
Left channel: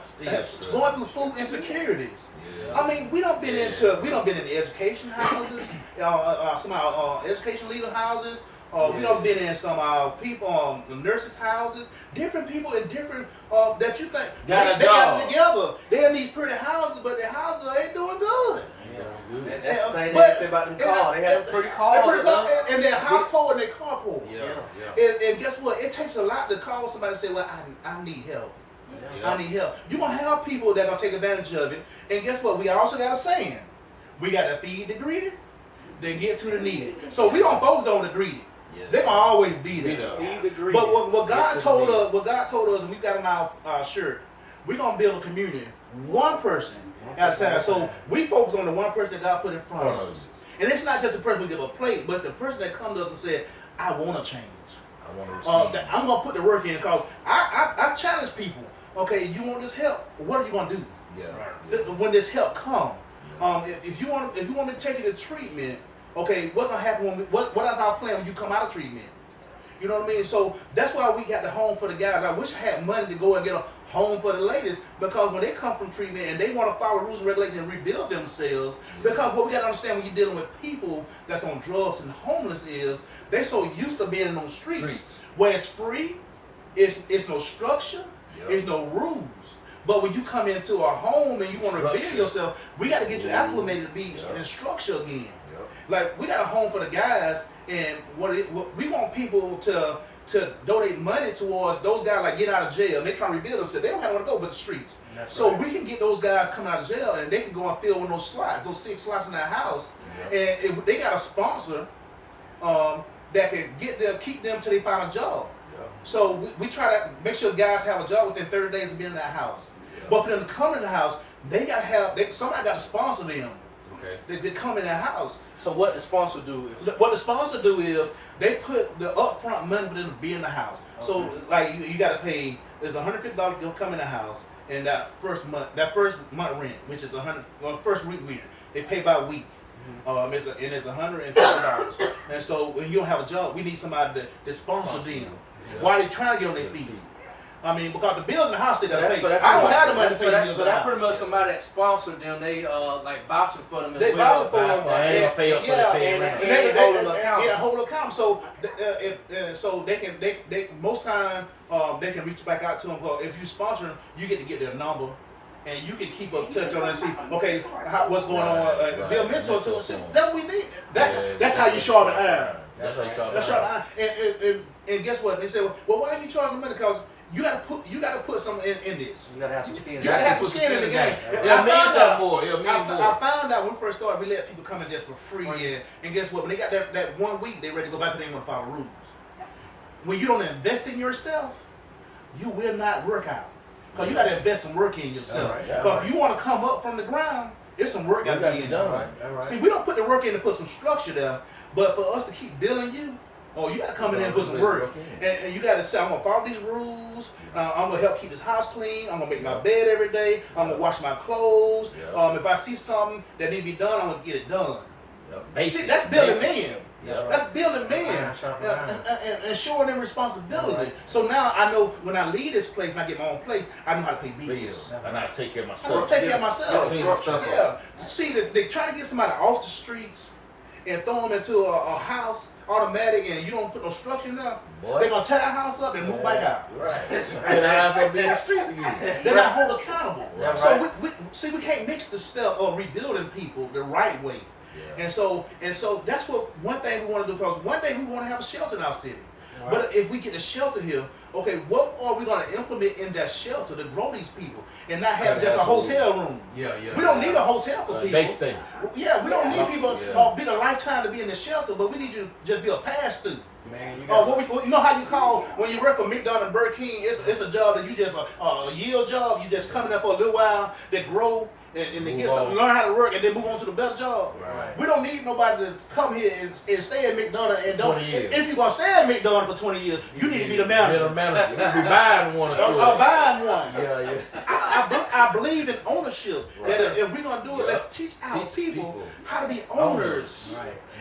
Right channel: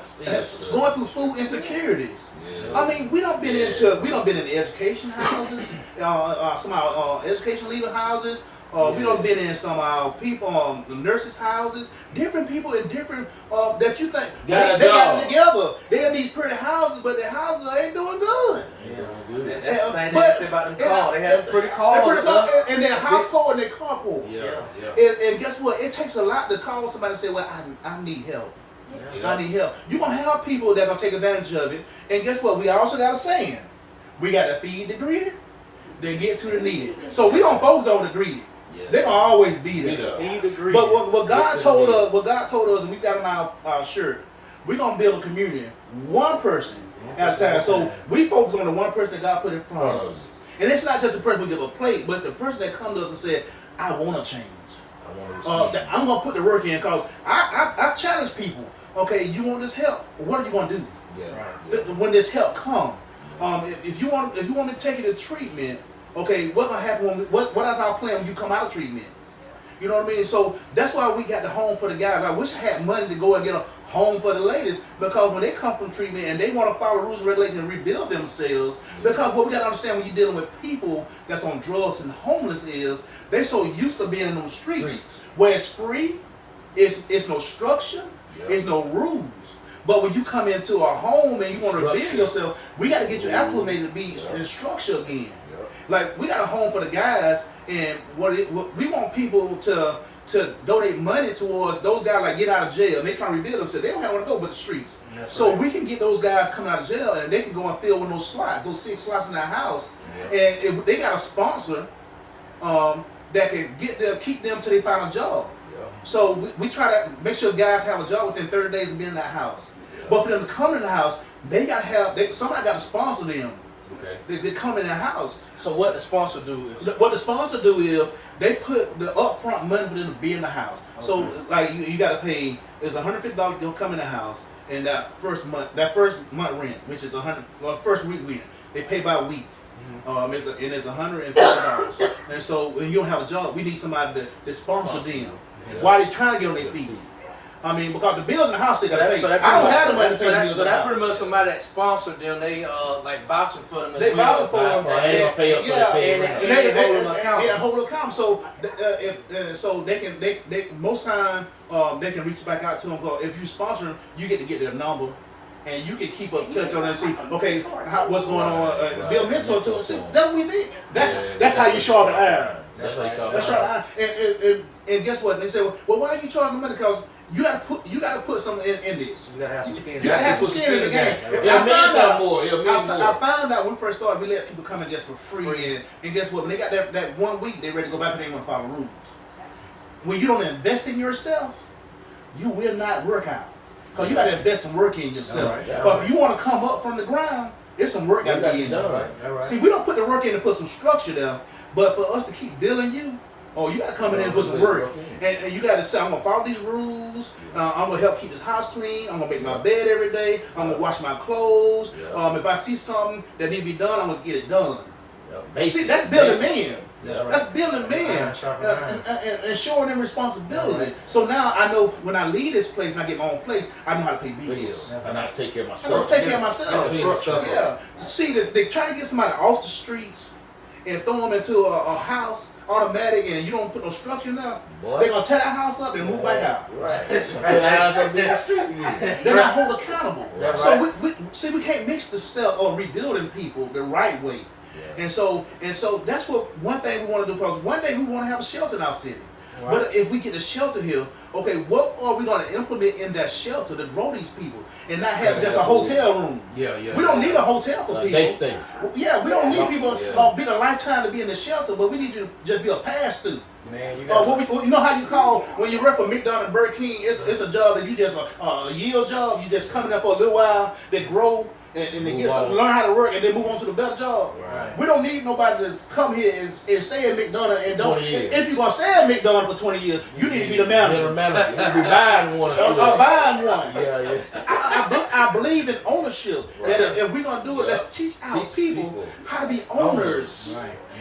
going through food insecurities. Yeah. I mean, we don't been in education houses, some of our education leader houses. We don't been in some people, nurses' houses, different people in different that you think they got together. They in these pretty houses, but their houses ain't doing good. That's the same thing they say about them cars. They have pretty cars. And their household and their carpool. And guess what? It takes a lot to call somebody and say, well, I need help. I need help. You're going to have people that are going to take advantage of it. And guess what? We also got a saying. We got to feed the greedy, then get to the needy. So we don't focus on the greedy. They're going to always be there. Feed the greedy. But what God told us, and we got on our shirt, we're going to build a community, one person at a time. So we focus on the one person that God put in front of us. And it's not just the person we give a plate, but it's the person that comes to us and said, I want to change. I want to I'm going to put the work in because I challenge people. Okay, you want this help? What are you going to do? When this help comes? If you want me to take you to treatment, okay, what's going to happen what is our plan when you come out of treatment? You know what I mean? So that's why we got the home for the guys. I wish I had money to go and get a home for the ladies, because when they come from treatment and they want to follow rules and regulations and rebuild themselves, because what we got to understand when you're dealing with people that's on drugs and homeless is they so used to being in those streets where it's free, it's no structure, there's no rules. But when you come into a home and you want to rebuild yourself, we got to get you acclimated to be in structure again. Like, we got a home for the guys, and we want people to donate money towards those guys, like, get out of jail. They trying to rebuild themselves. They don't have nowhere to go but the streets. So we can get those guys coming out of jail, and they can go and fill in those slots, those 6 slots in their house. And if they got a sponsor that can keep them till they find a job. So we try to make sure guys have a job within 30 days of being in that house. But for them to come in the house, they got to have somebody got to sponsor them. They come in their house. So what the sponsor do is? What the sponsor do is they put the upfront money for them to be in the house. So like you got to pay. It's $150 to come in the house, and that first month rent, which is first week rent, they pay by week. It's $150. And so when you don't have a job, we need somebody to sponsor them while they trying to get on their feet. I mean, because the bills in the house they got to pay. I don't have the money to pay the bills. So that pretty much somebody that sponsored them, they like vouching for them. They vouching for them. They pay up for the pay. They hold an account. Yeah, hold an account. So so they can most time they can reach back out to them. If you sponsor them, you get to get their number. And you can keep up touch on and see, okay, what's going on. Be a mentor to them. See, that's what we need. That's how you sharpen iron. That's how you sharpen That's right. And guess what? They say, well, why are you charging money? Because you gotta put something in this. You gotta have some skin. You gotta have some skin in the game. I found out when we first started, we let people come in just for free. And guess what? When they got that 1 week, they ready to go back and they want to follow rules. When you don't invest in yourself, you will not work out. Because you gotta invest some work in yourself. Because if you want to come up from the ground, there's some work gotta be in there. See, we don't put the work in to put some structure there, but for us to keep building you, you gotta come in and put some work. And you gotta say, I'm gonna follow these rules. I'm gonna help keep this house clean. I'm gonna make my bed every day. I'm gonna wash my clothes. If I see something that need to be done, I'm gonna get it done. See, that's building men. That's building men and showing them responsibility. So now I know when I leave this place and I get my own place, I know how to pay bills. And I take care of I myself. take care of myself. Yeah. See, they try to get somebody off the streets and throw them into a house automatic, and you don't put no structure in there. They're gonna tear that house up and move back out. Tear that house up in the streets again. They're not hold accountable. So we can't mix the step of rebuilding people the right way. And so that's one thing we want to do, because one day we want to have a shelter in our city. But if we get a shelter here, okay, what are we going to implement in that shelter to grow these people and not have just a hotel room? We don't need a hotel for people. Base thing. Yeah, we don't need people being a lifetime to be in the shelter, but we need you to just be a pass through. Man, you know how you call when you work for McDonald's and Burger King? It's a job that you just a yield job. You just come in there for a little while, they grow. And they get something, learn how to work, and then move on to the better job. We don't need nobody to come here and stay at McDonald's and don't. If you're gonna stay at McDonald's for 20 years, you need to be the manager. You need to be buying one. Buying one. I believe in ownership. That if we're gonna do it, let's teach our people how to be owners.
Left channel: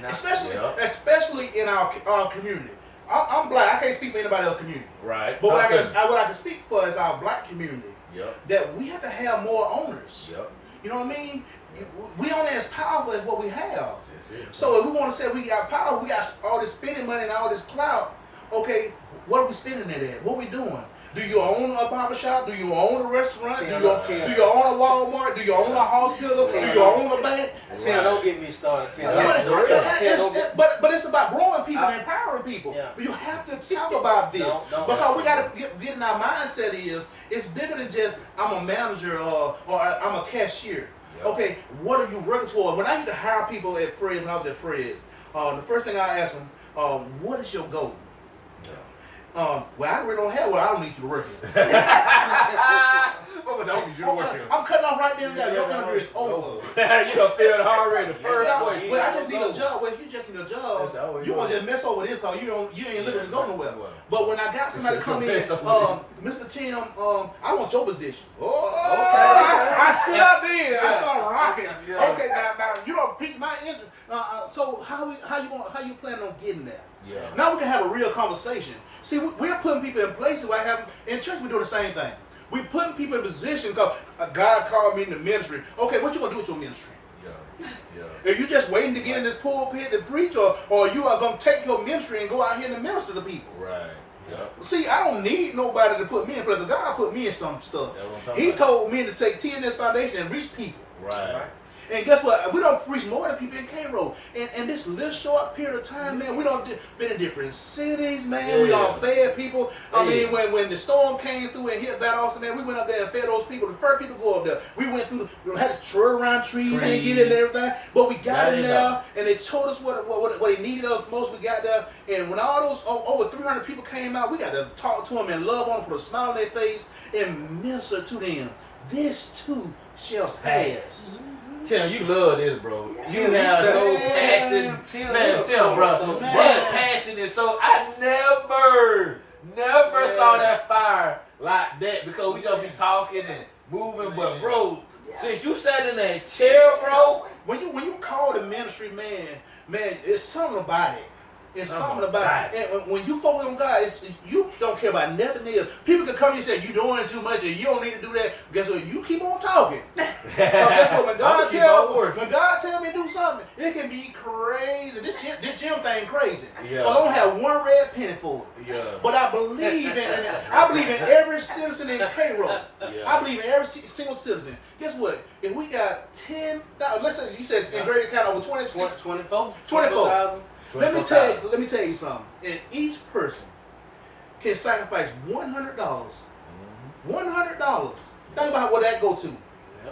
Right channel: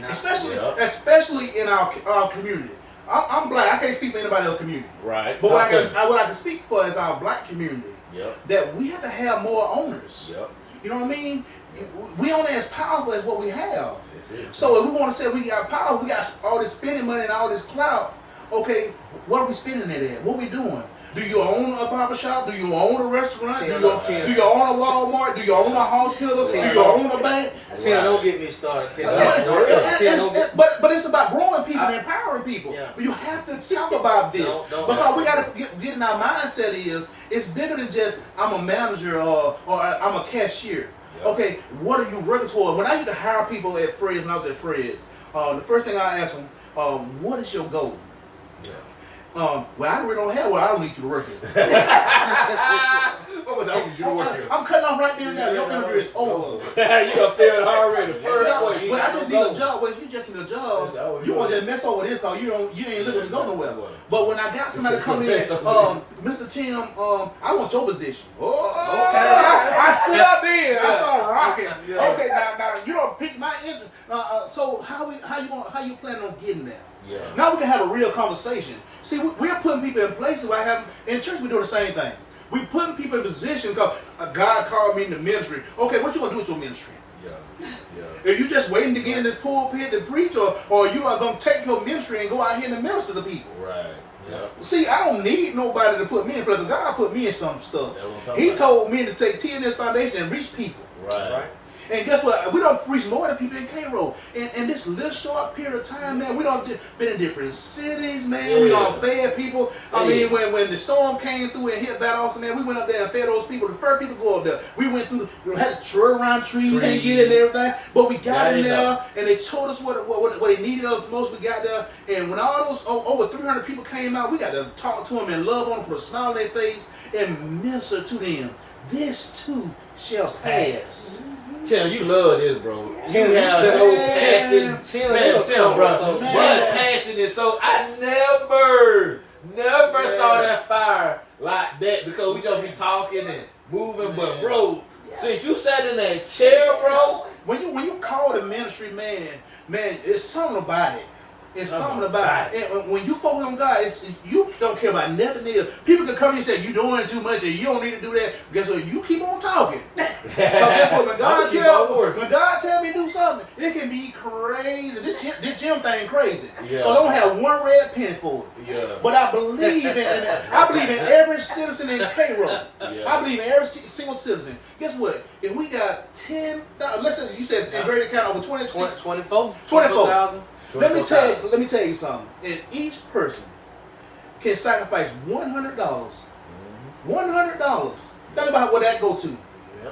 Especially in our community. I'm black. I can't speak for anybody else's community. Right. But what I can speak for is our black community. Yep. That we have to have more owners. Yep. You know what I mean? We only as powerful as what we have. That's it. So if we want to say we got power, we got all this spending money and all this clout. Okay, what are we spending it at? What are we doing? Do you own a barber shop? Do you own a restaurant? Do you own a Walmart? Do you own a hospital? Do you own a bank? Tim, don't get me started. Tim. But it's about growing people and empowering people. Yeah. You have to talk about this because we got to get in our mindset is it's bigger than just I'm a manager or I'm a cashier. Yeah. Okay, what are you working toward? When I used to hire people at Fred's, when I was at Fred's, the first thing I asked them, what is your goal? Yeah. Well, I really don't have one. I don't need you to work here. What was I need you to work here? I'm cutting off right there and there. Your interview is over. You gonna feel it already. The first way. Well, I just need a job. Well, you just need a job. You want to just mess over this because you ain't looking to go nowhere. But when I got somebody to come in, Mr. Tim, I want your position. I sit up there. I start rocking. Okay, now you don't pique my interest. So how you planning on getting there? Yeah. Now we can have a real conversation. See, we're putting people in places where I have in church. We do the same thing. We putting people in position because God called me in the ministry. Okay, what you gonna do with your ministry? Yeah. Are you just waiting to get in this pulpit to preach, or you are gonna take your ministry and go out here and minister to people? Right. Yep. See, I don't need nobody to put me in place. God put me in some stuff. That's what I'm talking He about. told me to take T&S Foundation and reach people. Right. And guess what? We don't reach more than people in Cairo. In this little short period of time, man, we don't been in different cities, man. Yeah. We don't fed people. I mean, when the storm came through and hit that Austin, man, we went up there and fed those people. The first people to go up there. We went through, had to twirl around trees and get in and everything. But we got in there, and they told us what they needed us most. We got there, and when all those over 300 people came out, we got to talk to them and love on them, put a smile on their face, and minister to them. This too shall pass. Tim, you love this, bro. You have so passion. Man, Tim, bro. That passion is so. I never saw that fire like that because we just be talking and moving. But, bro, since you sat in that chair, bro. When you call the ministry, man, it's something about it. It's something about it. And when you focus on God, you don't care about nothing else. People can come to you and say, you're doing too much and you don't need to do that. Guess what? You keep on talking. So guess what? When God tell me to do something, it can be crazy. This gym thing crazy. Yeah. I don't have one red penny for it. Yeah. But I believe in every citizen in Cairo. Yeah. I believe in every single citizen. Guess what? If we got 10,000, let's say you said in greater count over 24,000. Let me tell you something. And each person can sacrifice $100. $100. Think about what that go to. Yeah.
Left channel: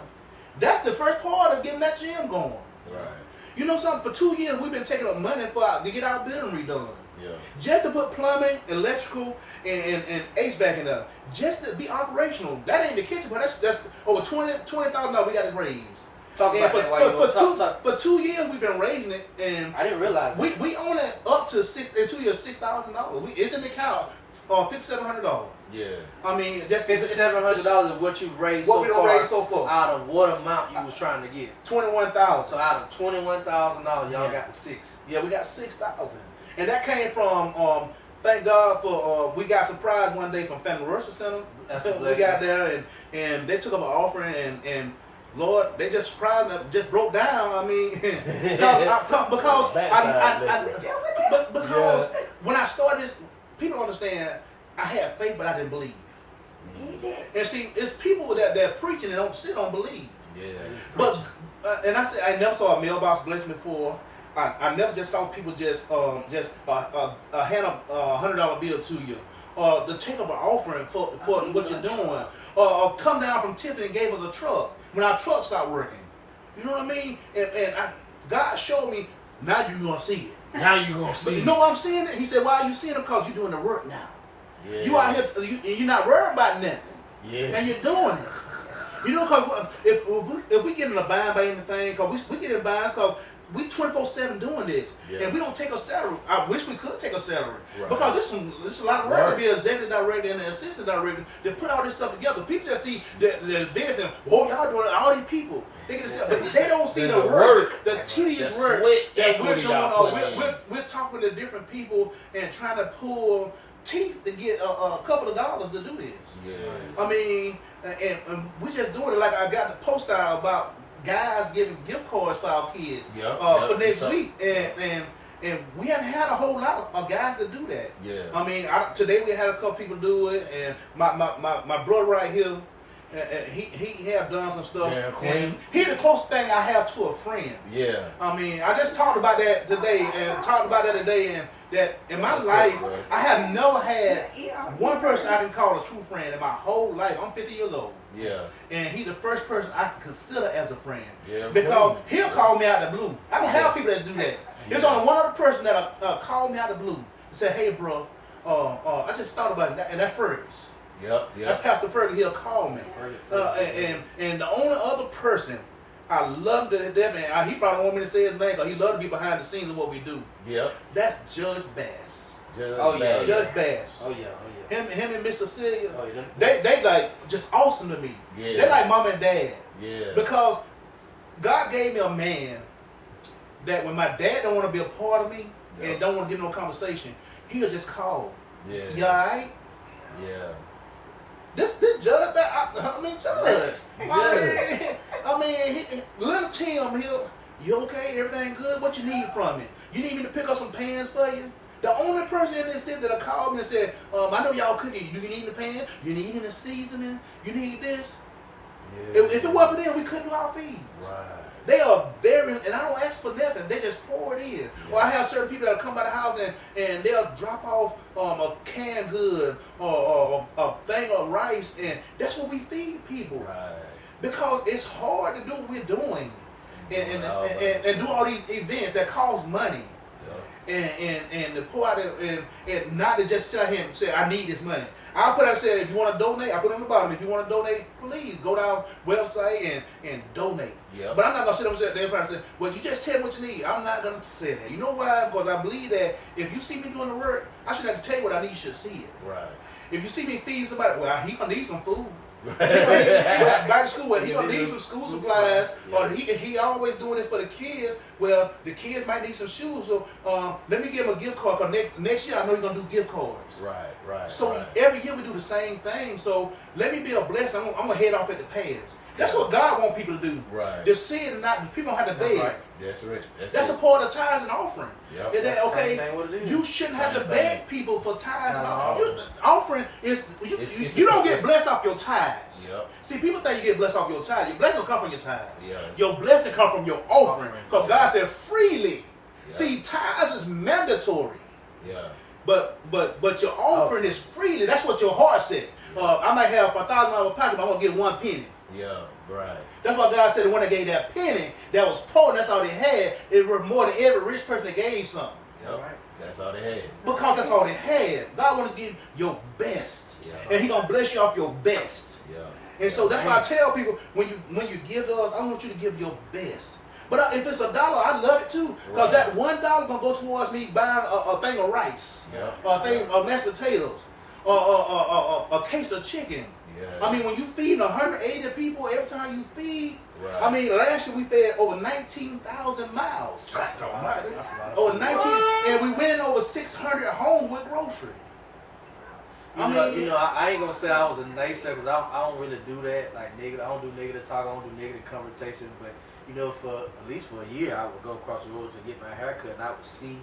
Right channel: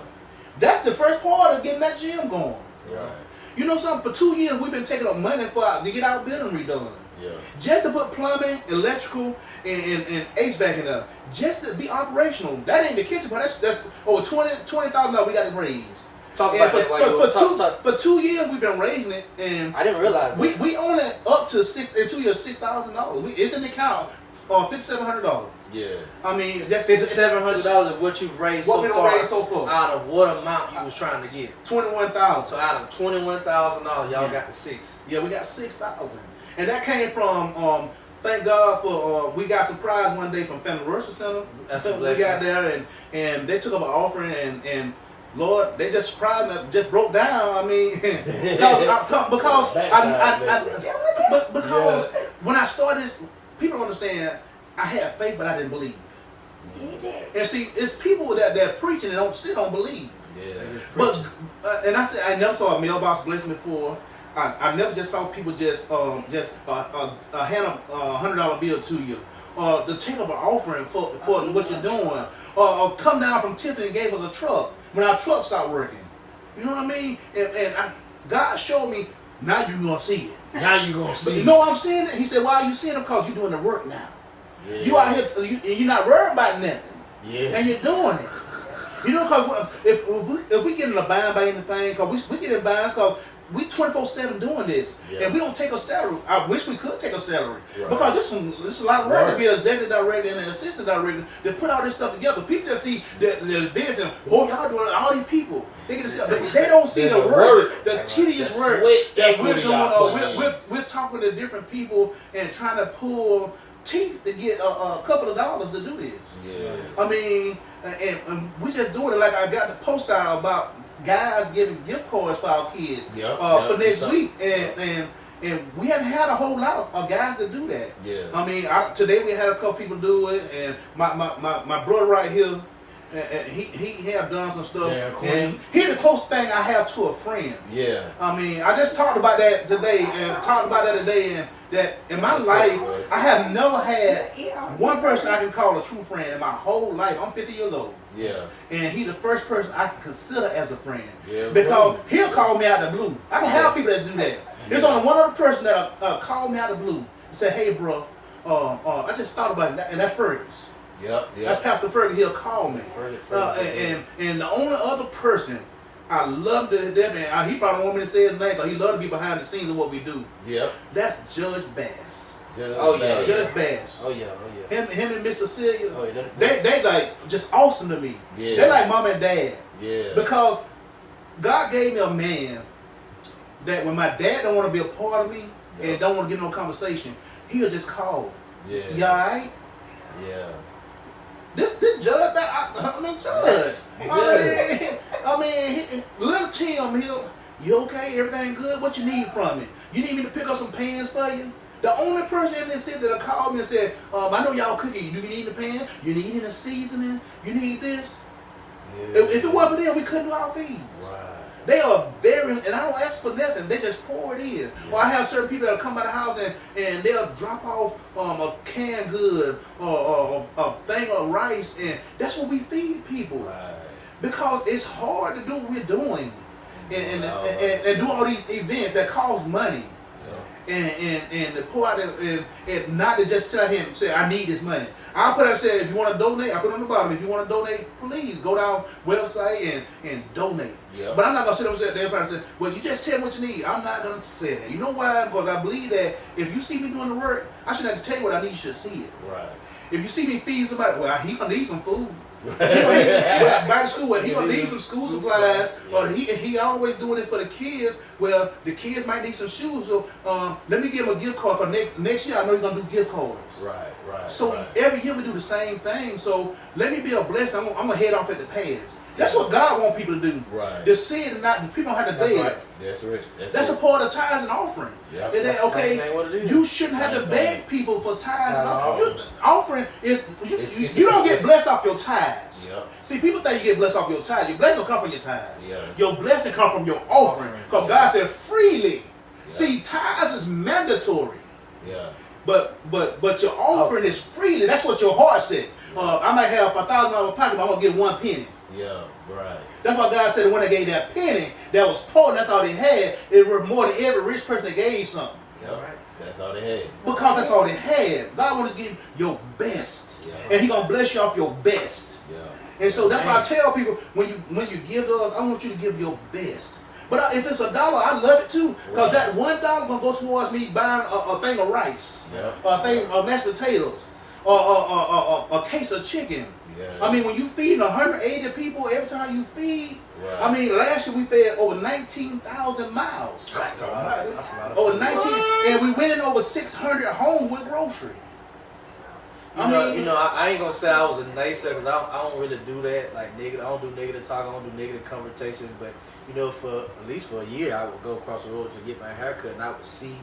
That's the first part of getting that gym going. Right. You know something? For 2 years we've been taking up money to get our building redone. Yeah. Just to put plumbing, electrical, and HVAC in there. Just to be operational. That ain't the kitchen, but that's over $20,000 we got to raise. For 2 years we've been raising it, and I didn't realize that. we own it up to $6,000. It's in the account $5,700. Yeah. I mean, that's $5,700 of what you've raised so far. Out of what amount you was trying to get? $21,000. So out of $21,000, y'all got the 6. Yeah, we got 6,000, and that came from. Thank God for we got surprised one day from Family Worship Center. That's a we blessing. got there and they took up an offering and Lord, they just surprised me, just broke down. I mean, because when I started this, people don't understand. I had faith, but I didn't believe. And see, it's people that preaching and still don't believe. Yeah. But and I said I never saw a mailbox blessing before. I never just saw people just hand a $100 bill to you, or to take up an offering for what you're doing, or come down from Tiffany and gave us a truck when our truck stopped working. You know what I mean? And God showed me, now you're gonna see it. Now you're gonna see it. You know what I'm seeing? He said, why are you seeing it? Because you're doing the work now. Yeah. You out here, you're not worried about nothing. Yeah. And you're doing it. You know, because if we get in a bind by anything, because we get in binds because we 24/7 doing this, and we don't take a salary. I wish we could take a salary because this is a lot of work to be an executive director and an assistant director to put all this stuff together. People just see the events and y'all doing all these people. They get to see, but they don't see the work, the tedious work that we're doing. We're talking to different people and trying to pull teeth to get a couple of dollars to do this. Yeah. I mean, and we just doing it like I got the post out about guys giving gift cards for our kids for next week, and we haven't had a whole lot of guys to do that. Yeah. I mean, today we had a couple people do it, and my brother right here, he have done some stuff. And here's the closest thing I have to a friend. Yeah. I mean, I just talked about that today, and that in my life, I have never had one person I can call a true friend in my whole life. I'm 50 years old. Yeah. And he's the first person I can consider as a friend. Yeah, because he'll call me out the blue. I don't have people that do that. There's only one other person that call me out the blue and say, hey, bro, I just thought about it, and that's Fergus. Yep. That's Pastor Fergus. He'll call me. And the only other person I love to death, and he probably don't want me to say his name because he love to be behind the scenes of what we do. Yep. That's Judge Bass. Judge Bass. Oh yeah. Him and Miss Cecilia. Oh, yeah. They like just awesome to me. Yeah. They like mom and dad. Yeah. Because God gave me a man that when my dad don't want to be a part of me and don't want to get no conversation, he'll just call. Yeah. You all right? Yeah. This Judge Bass, I mean Judge. I mean, little Tim, you okay? Everything good? What you need from me? You need me to pick up some pans for you? The only person in this city that called me and said, I know y'all cooking. Do you need the pan? You need any seasoning? You need this? Yeah. If it wasn't for them, we couldn't do our feeds. Right. They are very, and I don't ask for nothing. They just pour it in. Yeah. Or I have certain people that come by the house and they'll drop off a canned good or a thing of rice, and that's what we feed people. Right. Because it's hard to do what we're doing and do all these events that cost money. And to pour out and not to just sit out here and say, I need this money. I'll put out and say, if you want to donate, I put on the bottom, if you want to donate, please go down website and donate. Yeah. But I'm not going to sit up and say, everybody say, well, you just tell me what you need. I'm not going to say that. You know why? Because I believe that if you see me doing the work, I shouldn't have to tell you what I need, you should see it. Right. If you see me feed somebody, well, he going to need some food. Back to school, he gonna need some school supplies, or he always doing this for the kids. Well, the kids might need some shoes, so let me give him a gift card. Cause next year I know he's gonna do gift cards. Right. So every year we do the same thing. So let me be a blessing. I'm gonna head off at the pass. That's what God wants people to do. Right. To see it and not people don't have to beg. Right. That's right. That's a part of tithes and offering. Yep. Is that okay? You shouldn't have to beg people for tithes and offering. Offering is you don't get blessed off your tithes. Yep. See, people think you get blessed off your tithes. Your blessing don't come from your tithes. Yeah. Your blessing come from your offering. Because God said freely. Yeah. See, tithes is mandatory. Yeah. But your offering is freely. That's what your heart said. I might have $1,000 in my pocket, but I'm gonna get 1 penny. Yeah, right. That's why God said the one that gave that penny that was poor, and that's all they had, it worth more than every rich person that gave something. Yep. Right. That's all they had. Because that's all they had. God wants to give your best. Yeah. And He's gonna bless you off your best. Yeah. And so that's why I tell people, when you give to us, I want you to give your best. But if it's $1, I love it too. Because that $1 gonna go towards me buying a thing of rice, or a thing of mashed potatoes, or a case of chicken. Yeah. I mean, when you feed 180 people every time you feed, I mean, last year we fed over 19,000 miles. Over 19, and we went in over 600 homes with grocery. I mean, I ain't gonna say I was a naysayer because I don't really do that. Like negative, I don't do negative talk. I don't do negative conversations. But for at least for a year, I would go across the road to get my hair cut, and I would see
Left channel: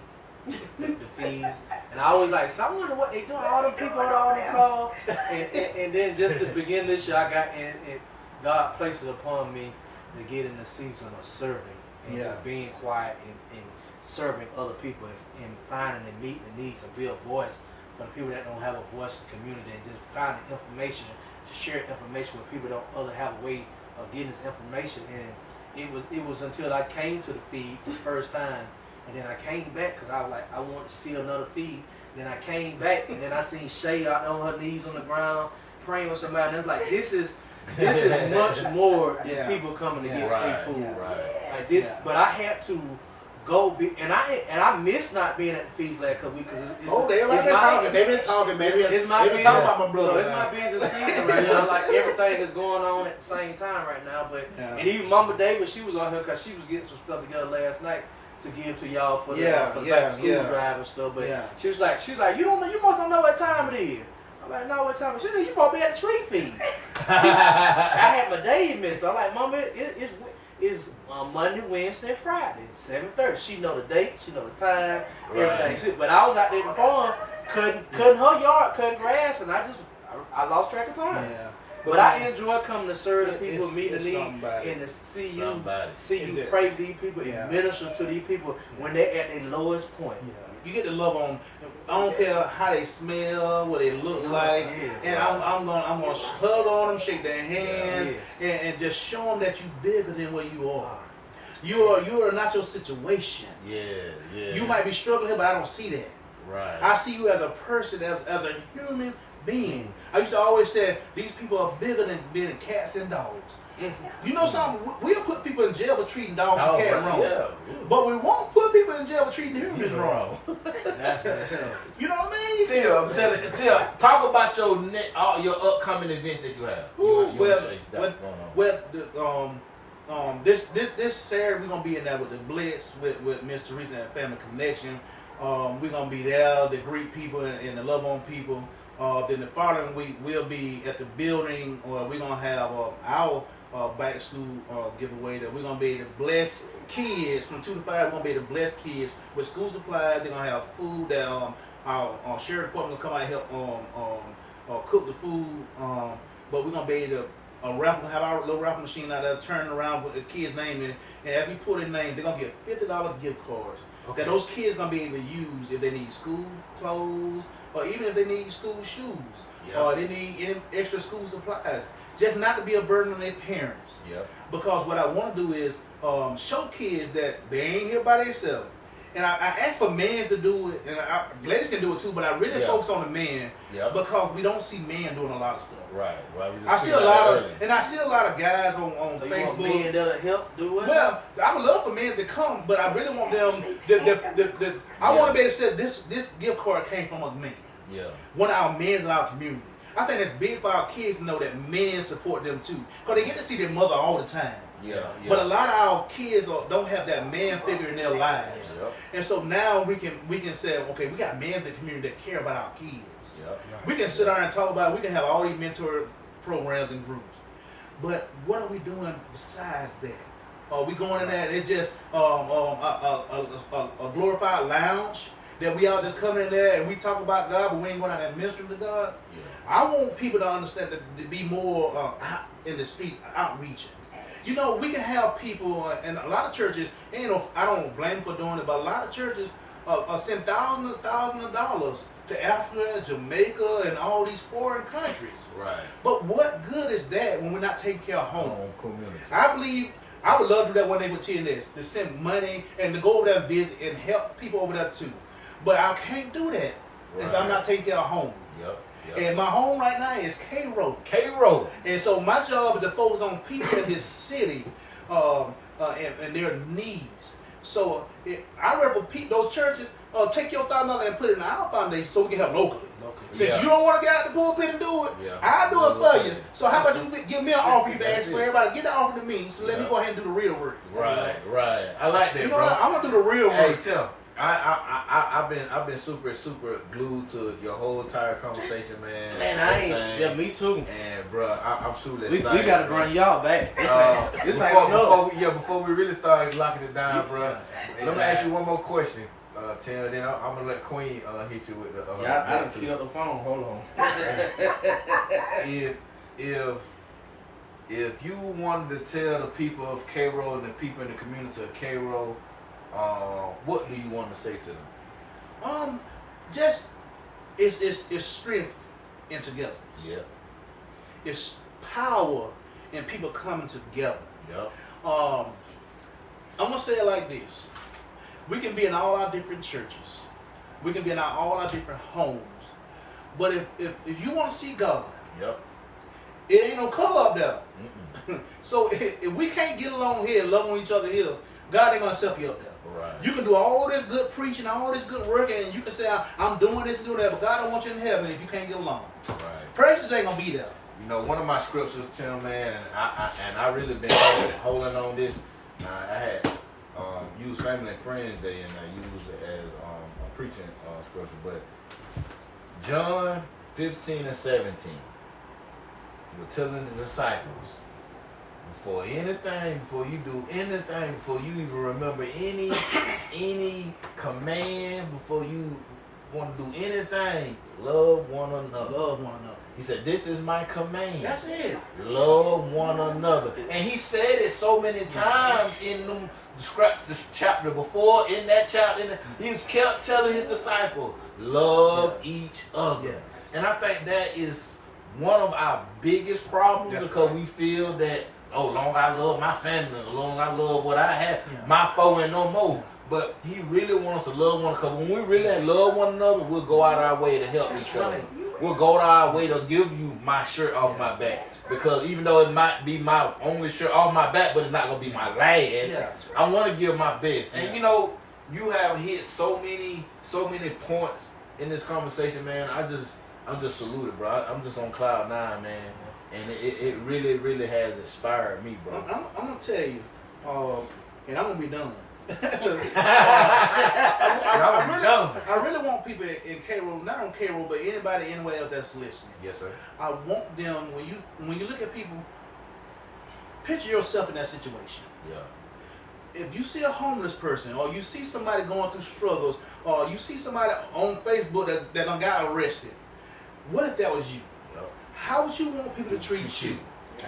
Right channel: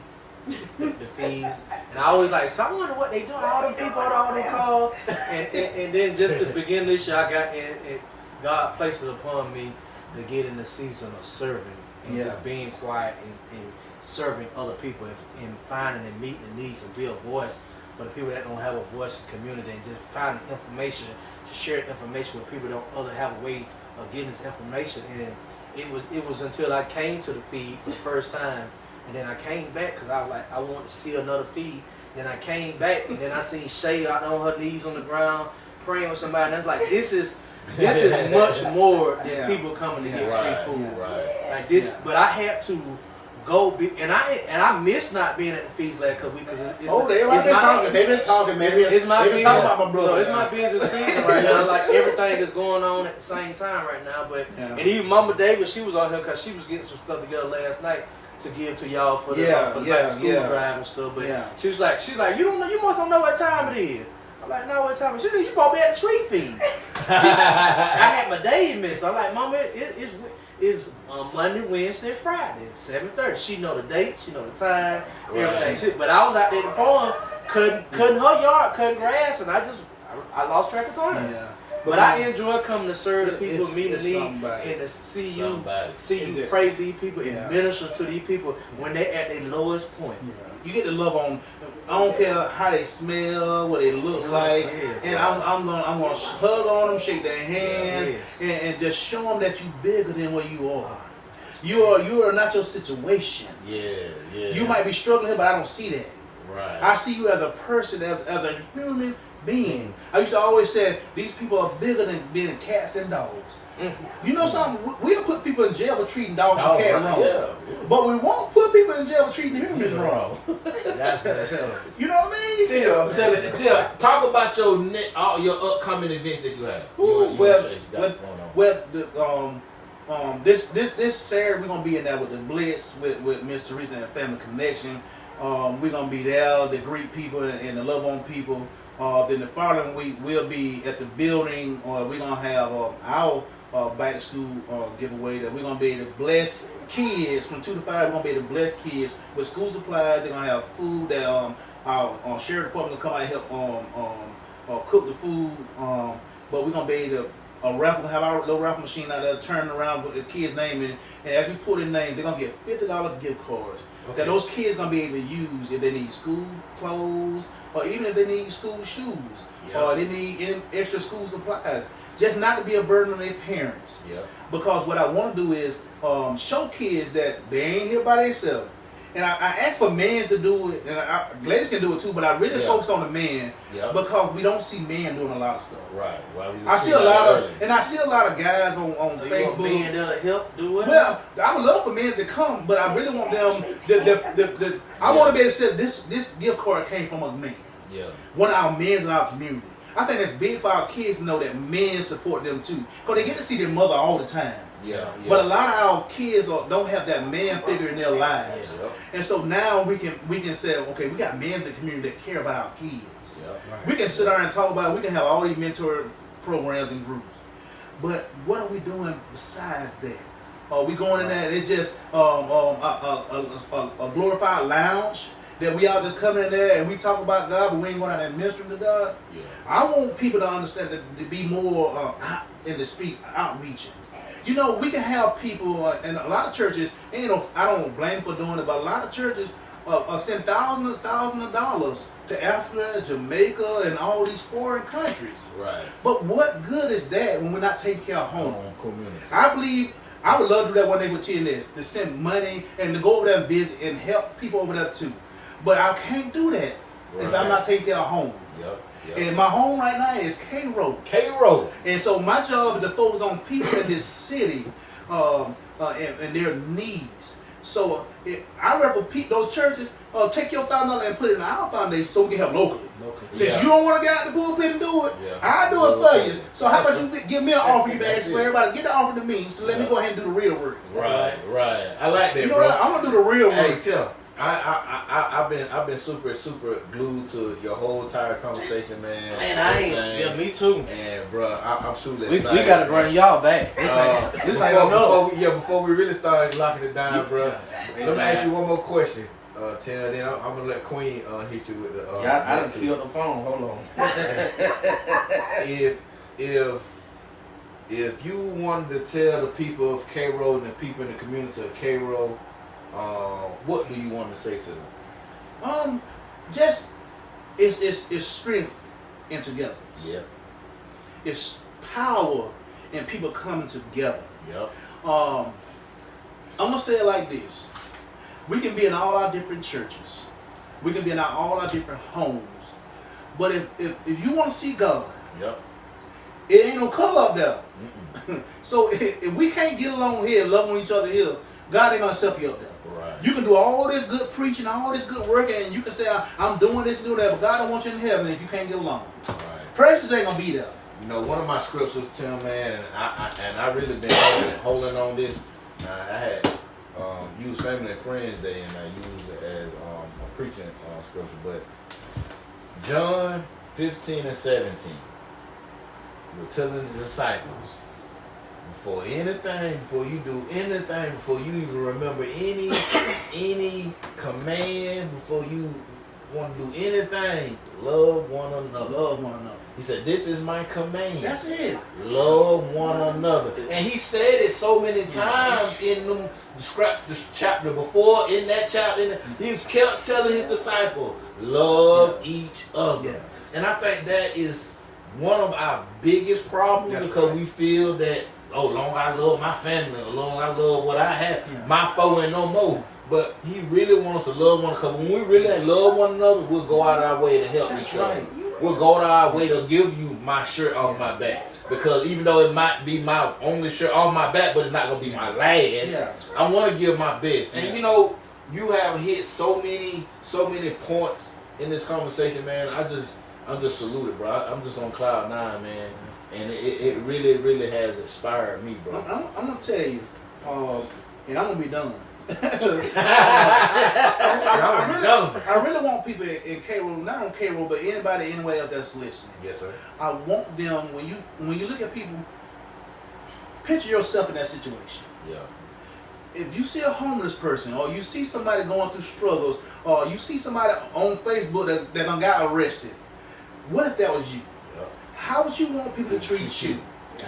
the fees, and I always like, so I wonder what they do. All them people on all them calls, and then just to begin this year, I got and God placed it upon me to get in the season of serving and just being quiet and serving other people and finding and meeting the needs and be a voice for the people that don't have a voice in the community, and just finding information to share information with people that don't have a way of getting this information. And it was until I came to the feed for the first time. And then I came back because I was like, I want to see another feed. Then I came back and then I seen Shay out on her knees on the ground praying with somebody. And I was like, this is much more than people coming to get free food. Right. Like this, but I had to go be, and I miss not being at the feast last couple weeks because it's everybody been talking. They've been talking, man. It's my They've been business. talking about my brother. It's my business season right now. Like everything is going on at the same time right now. But and even Mama Davis, she was on here because she was getting some stuff together last night to give to y'all for the back to school drive and stuff. But she was like, you don't know, you must don't know what time it is. I'm like, no, what time? She said, you probably at the street feed. I had my days missed. I'm like, Mama, it's Monday, Wednesday, Friday, 7:30. She know the date, she know the time, everything. But I was out there at the farm, cutting her yard, cutting grass, and I lost track of time. Yeah. But I enjoy coming to serve the people, meeting me, and to see you pray for these people and minister to these people when they're at their lowest point. Yeah. You get to love on. I don't care how they smell, what they look like, and I'm gonna hug on them, shake their hand, and just show them that you bigger than what you are. You are not your situation. You might be struggling here, but I don't see that. Right. I see you as a person, as a human being. I used to always say these people are bigger than being cats and dogs. You know something? We'll put people in jail for treating dogs and cats wrong. Yeah. But we won't put people in jail for treating humans wrong. You know what I mean? Tim, talk about your upcoming events that you have. This Saturday we're gonna be in there with the Blitz with Miss Teresa and Family Connection. We're gonna be there to greet people and to love on people. Then the following week we'll be at the building. We're gonna have our back to school giveaway. That we're gonna be able to bless kids from 2 to 5. We're gonna be able to bless kids with school supplies. They're gonna have food that our sheriff department will come out and help cook the food. But we're gonna be able to have our little raffle machine out there, turn around with the kids' name in, and as we put in name, they're gonna get $50 gift cards. Okay. That those kids gonna be able to use if they need school clothes, or even if they need school shoes, or they need any extra school supplies. Just not to be a burden on their parents. Because what I want to do is show kids that they ain't here by themselves. And I ask for men to do it, and ladies can do it too, but I really focus on the men because we don't see men doing a lot of stuff. Right. I see a lot of guys on Facebook. Men that'll help do it. Well, I would love for men to come, but I really want them. I want to be able to say this gift card came from a man. One of our men in our community. I think that's big for our kids to know that men support them too, because they get to see their mother all the time. But a lot of our kids don't have that man figure in their lives, and so now we can say, okay, we got men in the community that care about our kids. We can sit down and talk about it. We can have all these mentor programs and groups. But what are we doing besides that? Are we going in there and it's just a glorified lounge that we all just come in there and we talk about God, but we ain't going out there and minister to God? I want people to understand that to be more out in the streets, outreaching. You know, we can have people, and a lot of churches, I don't blame for doing it, but a lot of churches send thousands of dollars to Africa, Jamaica, and all these foreign countries. But what good is that when we're not taking care of home? Community. I believe I would love to do that one day with T&S, to send money and to go over there and visit and help people over there too. But I can't do that if I'm not taking care of home. And my home right now is K-Road. And so my job is to focus on people in this city and their needs. So I rather those churches take your $1,000 and put it in our foundation so we can help locally. Since you don't want to get out the pulpit and do it, I'll do it for you. So how about you give me an offer? You ask for everybody, get the offer to me, so let me go ahead and do the real work. Right. I like that, you know bro. what? I'm gonna do the real work. Hey, Tim. I've been super glued to your whole entire conversation, man. Man, I ain't. Yeah, me too. And bro, I'm super excited. We gotta bring y'all back. Before we really start locking it down, bro. Let me ask you one more question, Tim. Then I'm gonna let Queen hit you with the. I done killed the phone. Hold on. If you wanted to tell the people of K-Road and the people in the community of K-Road, what do you want to say to them? Just it's strength in togetherness. It's power in people coming together. I'm gonna say it like this: we can be in all our different churches, we can be in all our different homes, but if you want to see God, it ain't no color up there. So if we can't get along here and love on each other here, God ain't gonna accept you up there. Right. You can do all this good preaching, all this good work, and you can say, I'm doing this and doing that, but God don't want you in heaven if you can't get along. Right. Precious ain't gonna be there. You know, one of my scriptures, Tim, man, and I really been holding on this. I had used Family and Friends Day, and I used it as a preaching scripture. But John 15 and 17, we're telling the disciples, before you do anything, before you even remember any command, before you want to do anything, love one another. Love one another. He said, this is my command. That's it. Love one another. And he said it so many times in this chapter before, in that chapter. He kept telling his disciples, love each other. Yeah. And I think that is one of our biggest problems. That's because right. we feel that, long I love my family, long I love what I have, Yeah. my foe and no more. But he really wants us to love one another. Because when we really love one another, we'll go out our way to help That's each other. right. We'll go out our way to give you my shirt off my back. Because even though it might be my only shirt off my back, but it's not going to be my last, Yeah. I want to give my best. Yeah. And you know, you have hit so many points in this conversation, man. I'm just saluted, bro. I'm just on cloud 9, man. And it really, really has inspired me, bro. I'm gonna tell you, and I'm gonna be done. I really want people in K-Roll, not on K-Roll, but anybody anywhere else that's listening. Yes, sir. I want them, when you look at people, picture yourself in that situation. Yeah. If you see a homeless person, or you see somebody going through struggles, or you see somebody on Facebook that done got arrested, what if that was you? Yep. How would you want people to treat you?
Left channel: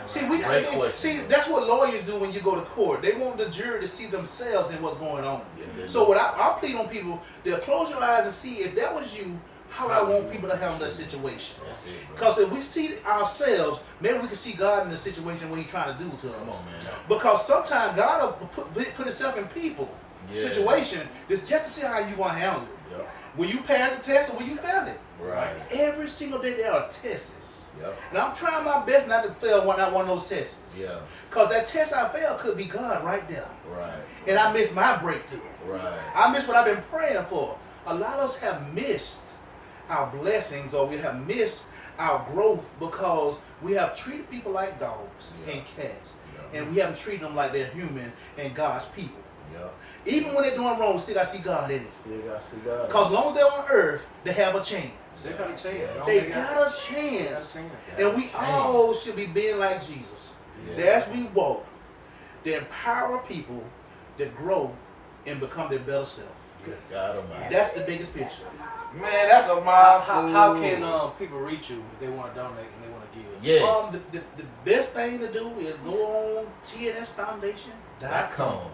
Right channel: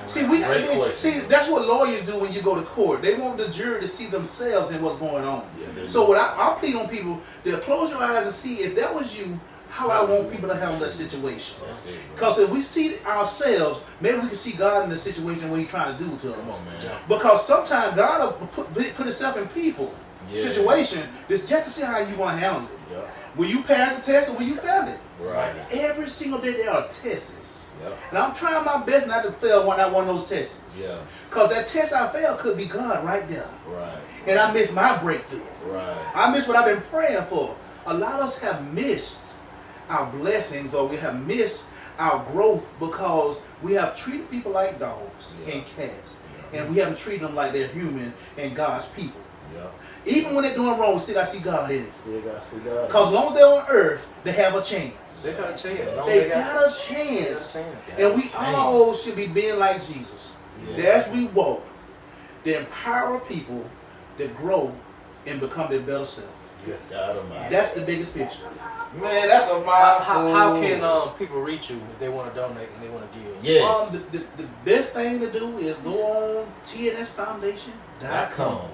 See, Great question. that's what lawyers do when you go to court. They want the jury to see themselves in what's going on. Yeah, So what I plead on people, they'll close your eyes and see if that was you, how I want people to handle that situation. That's it, bro. Because if we see ourselves, maybe we can see God in the situation what He's trying to do to us. Come on, man. Because sometimes God will put Himself in people situation just to see how you want to handle it. Yeah. Will you pass the test or will you fail it? Right. Every single day there are tests. Yep. And I'm trying my best not to fail one of those tests. Yeah. Because that test I failed could be God right there. Right. And I missed my breakthrough. Right. I missed what I've been praying for. A lot of us have missed our blessings, or we have missed our growth because we have treated people like dogs and cats. Yeah. And we haven't treated them like they're human and God's people. Yeah. Even when they're doing wrong, we still got to see God in it. Still got to see God. Because as long as they're on earth, they have a chance. They got a chance. They got a chance. And we all should be being like Jesus. Yeah. That as we walk, to empower people that grow and become their better self. Yes. God Almighty. That's the biggest picture. Man, that's a mouthful. How can people reach you if they want to donate and they want to give? Yes. The best thing to do is go on T&S Foundation.com.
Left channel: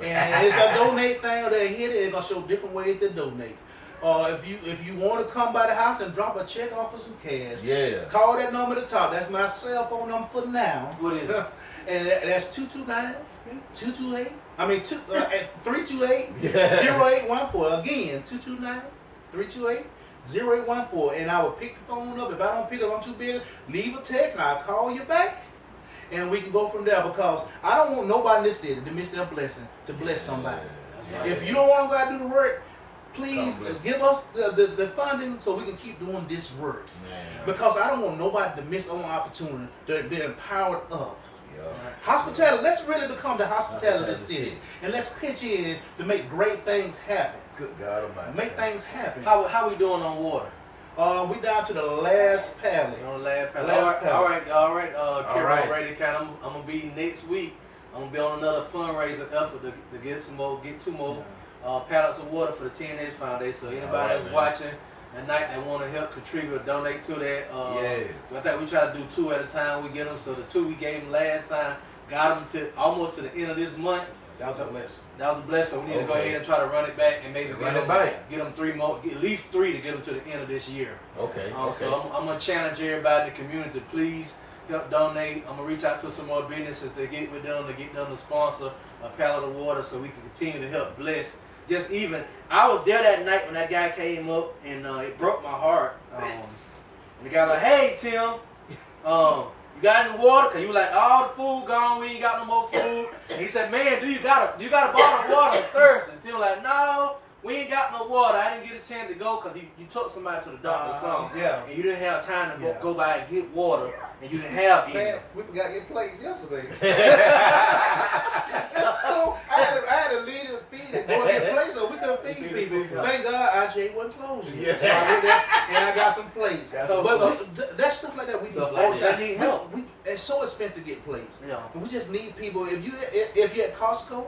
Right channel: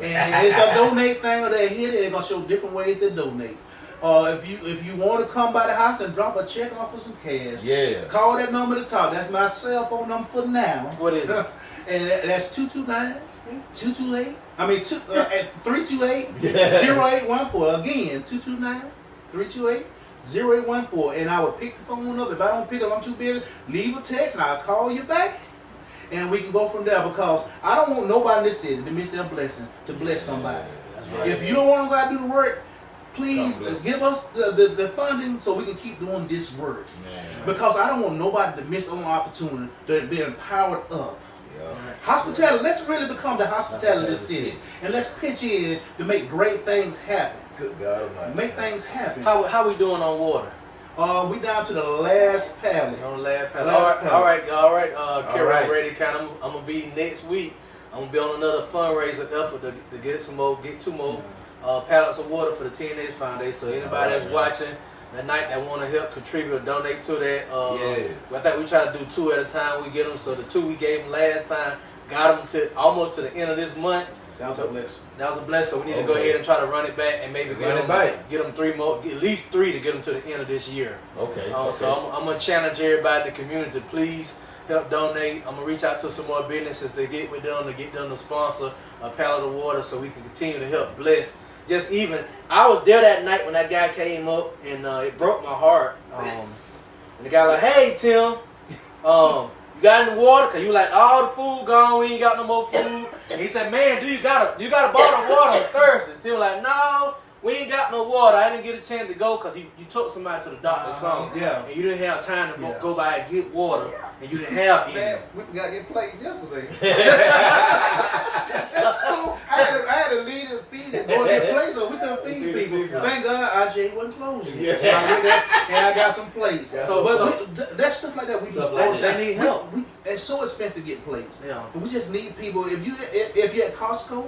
And it's a donate thing, or they hit it. It's gonna show different ways to donate. If you want to come by the house and drop a check off for some cash, call that number at the top. That's my cell phone number for now. What is it? And that's 229-228. I mean, 328-0814. Again, 229-328-0814. And I will pick the phone up. If I don't pick up, I'm too busy. Leave a text, and I'll call you back. And we can go from there, because I don't want nobody in this city to miss their blessing to bless somebody. Right. If you don't want to go out and do the work, please give us the funding so we can keep doing this work. Man. Because I don't want nobody to miss an opportunity to be empowered up. Yeah. Hospitality, let's really become the hospitality of the city. And let's pitch in to make great things happen. Good God Almighty. Make things happen. How we doing on water? We down to the last pallet. On the last panel. Last All right. Carol right. Brady, I'm gonna be next week. I'm gonna be on another fundraiser effort to get two more pallets of water for the T&S Foundation. So anybody that's watching that night that want to help contribute or donate to that, I think we try to do 2 at a time. We get them. So the 2 we gave them last time got them to almost to the end of this month. That was a blessing. That was a blessing. So we need to go ahead and try to run it back and maybe get them 3 more, at least 3 to get them to the end of this year. Okay. So I'm gonna challenge everybody in the community to please help donate. I'm gonna reach out to some more businesses to get with them to sponsor a pallet of water so we can continue to help bless. Just even, I was there that night when that guy came up and it broke my heart. And the guy was like, "Hey Tim, You got any water? Cause you like all the food gone. We ain't got no more food. And he said, man, you got a bottle of water? I'm thirsty. And Tim was like, no, we ain't got no water. I didn't get a chance to go because you took somebody to the doctor or something. Yeah. And you didn't have time to Yeah. go by and get water. And you didn't have any. Man, we forgot to get plates yesterday. So I had to leave the feed and go and get plates so we couldn't feed people. Thank God IJ wasn't closing. Yeah. So I went there and I got some plates. So- That stuff like that we Stuff do like all the that. time. Need help. It's so expensive to get plates. Yeah. But we just need people. If you at Costco,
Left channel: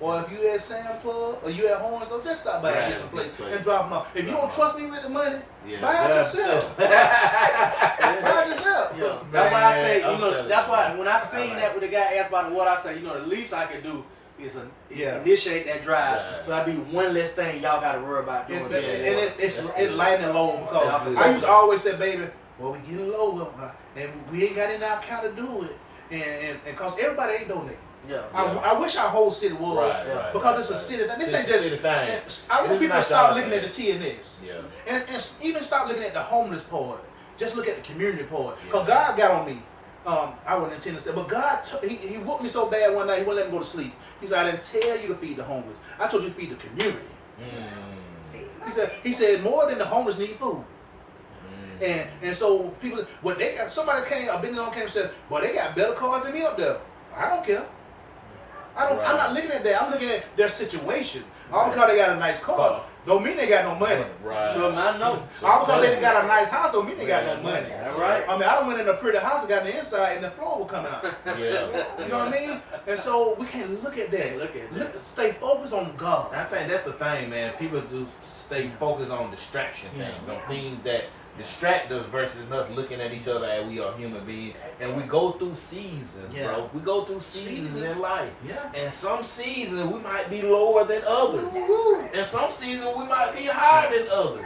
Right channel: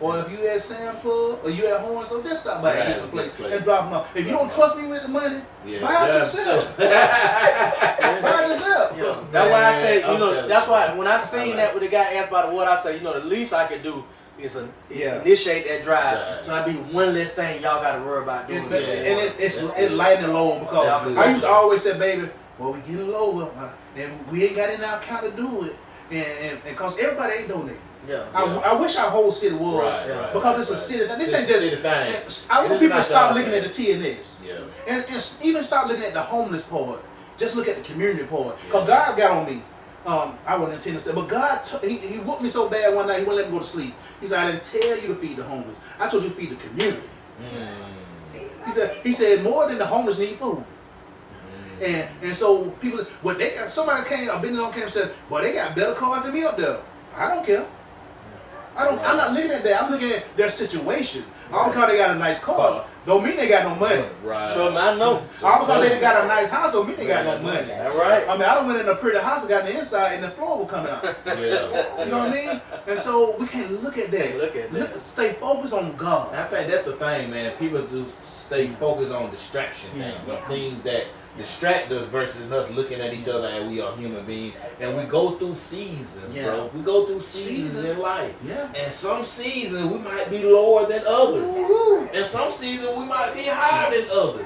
or if you at Sam Club, or you at Horns, just stop by and get some plates and drop them off. If you don't trust me with the money, buy it yourself. Buy it yourself. Yeah. That's why I say, I'm telling that's you. why when I seen that when the guy asked about the water, I said, the least I can do is Yeah. initiate that drive. Right. So I do one less thing y'all got to worry about doing. It's light and low because Yeah. I used to always say, baby, well, we getting low, and we ain't got in our account to do it, and because everybody ain't donating. Yeah. I wish our whole city was Right, because right, it's a right. city thing. This It's ain't a just. city thing. I It want is people to not stop y'all looking at thing. the T&S. Yeah. And even stop looking at the homeless part. Just look at the community part. Because Yeah. God got on me. I wasn't intending to say, but God, he whooped me so bad one night, he wouldn't let me go to sleep. He said, I didn't tell you to feed the homeless. I told you to feed the community. He said, more than the homeless need food. And so people, well, they got, somebody came, a business owner came and said, well, they got better cars than me up there. I don't care. I'm not looking at that. I'm looking at their situation. All because they got a nice car, don't mean they got no money. Right. So I know. All because they got a nice house, don't mean they got no money. That's right. I mean, I done went in a pretty house and got in the inside and the floor will come out. Yeah. You know what I mean? And so we can't look at that. Can't look at that. Stay focused on God. I think that's the thing, man. People do stay focused on distraction things, on things that distract us versus us looking at each other as we are human beings. And we go through seasons, bro. We go through seasons in life. Yeah. And some seasons we might be lower than others. And some seasons we might be higher than others.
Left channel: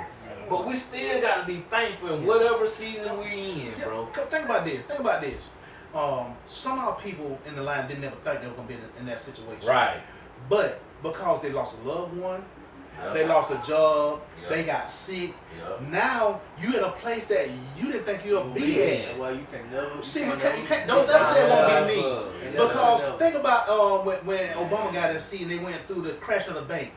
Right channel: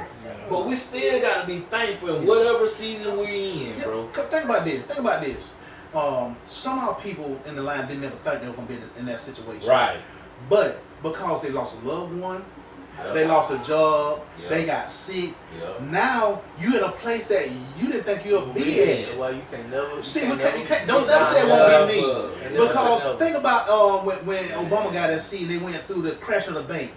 But we still got to be thankful in whatever season we're in, bro. Think about this. Some of our people in the line didn't ever think they were going to be in that situation. Right. But because they lost a loved one, they lost a job, Yeah. they got sick. Yeah. Now you in a place that you didn't think you'd be at. That's why you can never. See, you can't. Don't never say it won't be me. Yeah. Because think about when Obama got that seat and they went through the crash of the bank,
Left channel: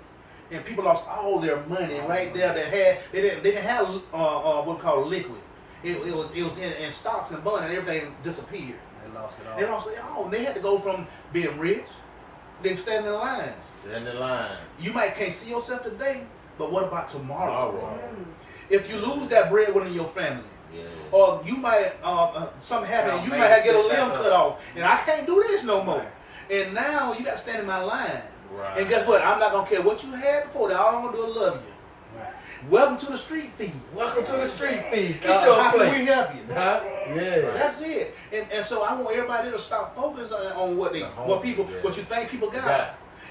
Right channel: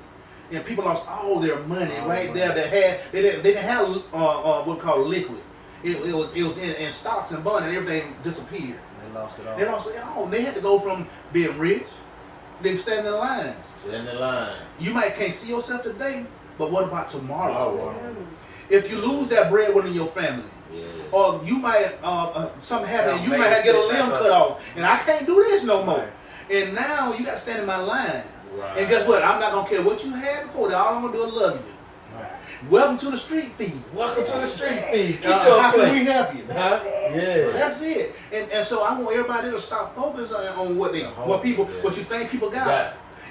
and people lost all their money right there. They didn't have what we call liquid. It was in stocks and bonds and everything disappeared. They lost it all. They lost it all. They had to go from being rich. They stand in the lines. Stand in line. You might can't see yourself today, but what about tomorrow? Tomorrow. If you lose that breadwinner in your family, or you might something happen, you might have to get a limb cut off, and I can't do this no more. And now you got to stand in my line. Right. And guess what? I'm not gonna care what you had before. All I'm gonna do is love you. Welcome to the street feed. Welcome to the street feed. How can we help you? Huh? Yeah. That's it. And so I want everybody to stop focusing on what you think people got, Right.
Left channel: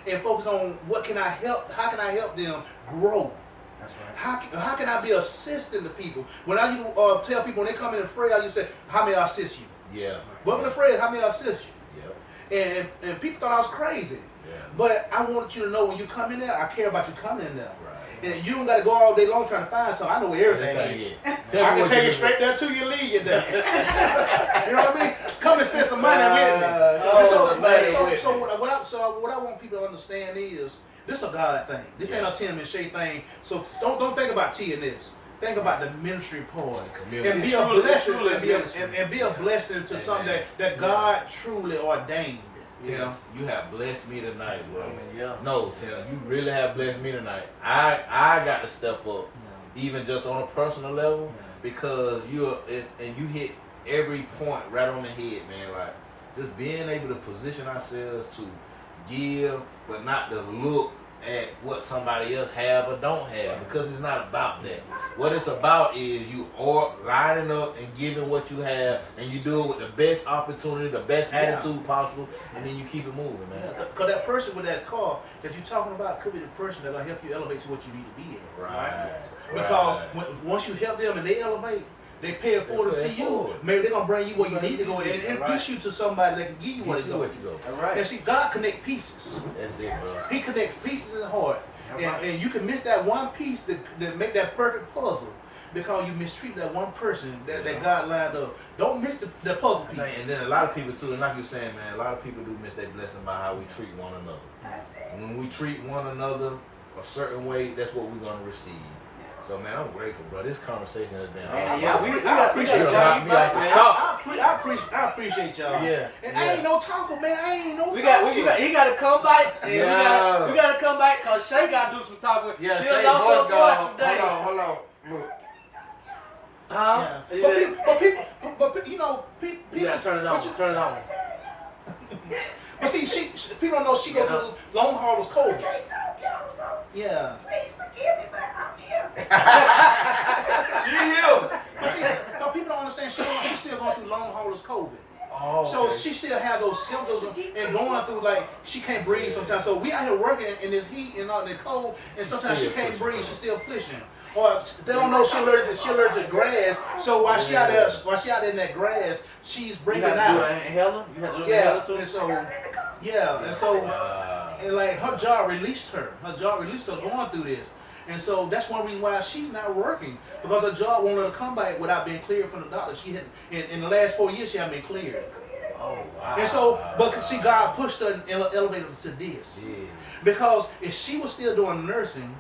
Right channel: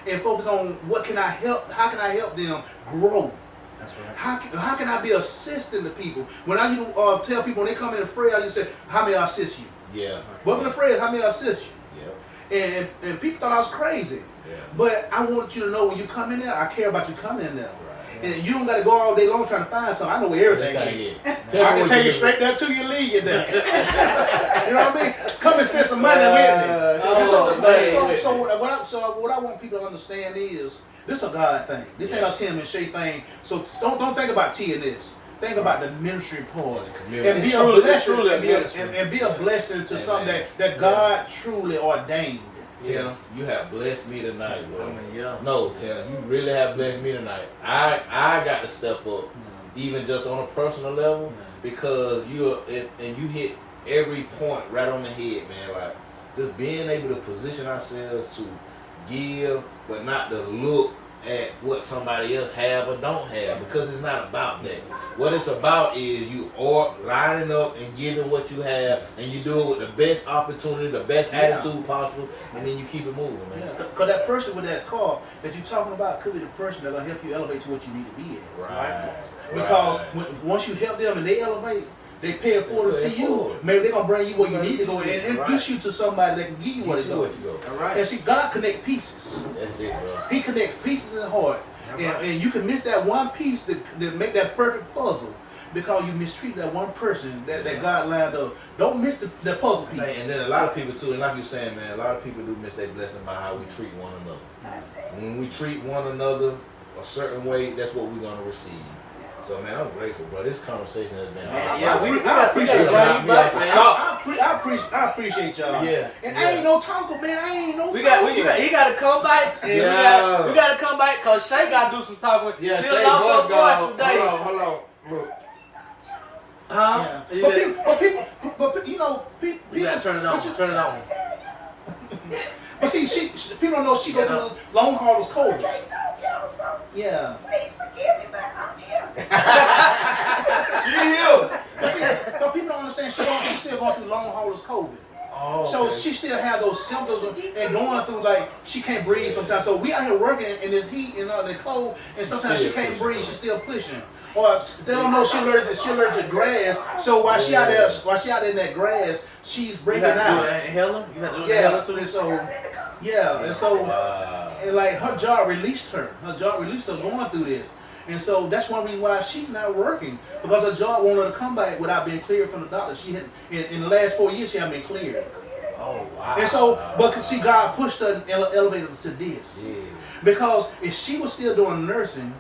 and focus on what can I help? How can I help them grow? That's right. How can I be assisting to people? When I tell people when they come in afraid, I just say, how may I assist you? Yeah. Welcome to afraid, how may I assist you? Yep. And people thought I was crazy. Yeah. But I want you to know when you come in there, I care about you coming in there. Right. And you don't got to go all day long trying to find something. I know where everything is. I can take you straight there to your lead you there. You know what I mean? Come and spend some money with me. So what I want people to understand is this is a God thing. This ain't a Tim and Shay thing. So don't think about T&S. Think about the ministry part and be a blessing and be a blessing to something that God truly ordained. Tim, you have blessed me tonight, bro. Yeah. No, Tim, you really have blessed me tonight. I got to step up, even just on a personal level, because you hit every point right on the head, man. Like just being able to position ourselves to give, but not to look at what somebody else have or don't have, because it's not about that. What it's about is you are lining up and giving what you have, and you do it with the best opportunity, the best attitude possible, and then you keep it moving, man. Because that person with that car that you're talking about could be the person that's gonna help you elevate to what you need to be at. Right. Because once you help them and they elevate, they pay it forward to see you. Maybe they're gonna bring you where you need to go and introduce you to somebody that can give you what to go. All right. And see, God connect pieces. That's it, bro. He connects pieces in the heart. And you can miss that one piece that make that perfect puzzle. because you mistreated that one person that God lined up. Don't miss the puzzle piece. And then a lot of people too, and like you're saying, man, a lot of people do miss their blessing by how we treat one another. That's it. When we treat one another a certain way, that's what we're gonna receive. So man, I'm grateful, bro. This conversation has been awesome. I appreciate y'all. back, man. I appreciate y'all. Yeah. And I ain't no talker, man. I ain't no He talker. got to come back. And Yeah. we got to come back because Shay got to do some talking. Yeah, She Shay lost her voice gone. voice today. Hold on. Look. Huh? Yeah. But you know, people. You got to turn it on. Turn it on. But see, people don't know she go through long haulers I COVID. can't talk, y'all, so Yeah. please forgive me, but I'm here. She here. But see, but people don't understand she's still going through long haulers COVID. Oh, So she still have those symptoms and going through like she can't breathe sometimes. So we out here working in this heat and all the cold, and sometimes she can't breathe. She's still pushing. Or they don't know she allergic to grass. So while she out there in that grass, she's breathing You have to do out. an inhaler? You have to do an Yeah, inhaler too? and so and like her job released her. Her job released her going through this. And so that's one reason why she's not working, because her job won't let her come back without being cleared from the doctor. She had in the last 4 years she hasn't been cleared. Oh, wow. And so, but see, God pushed her and elevated her to this. Yeah. Because if she was still doing nursing,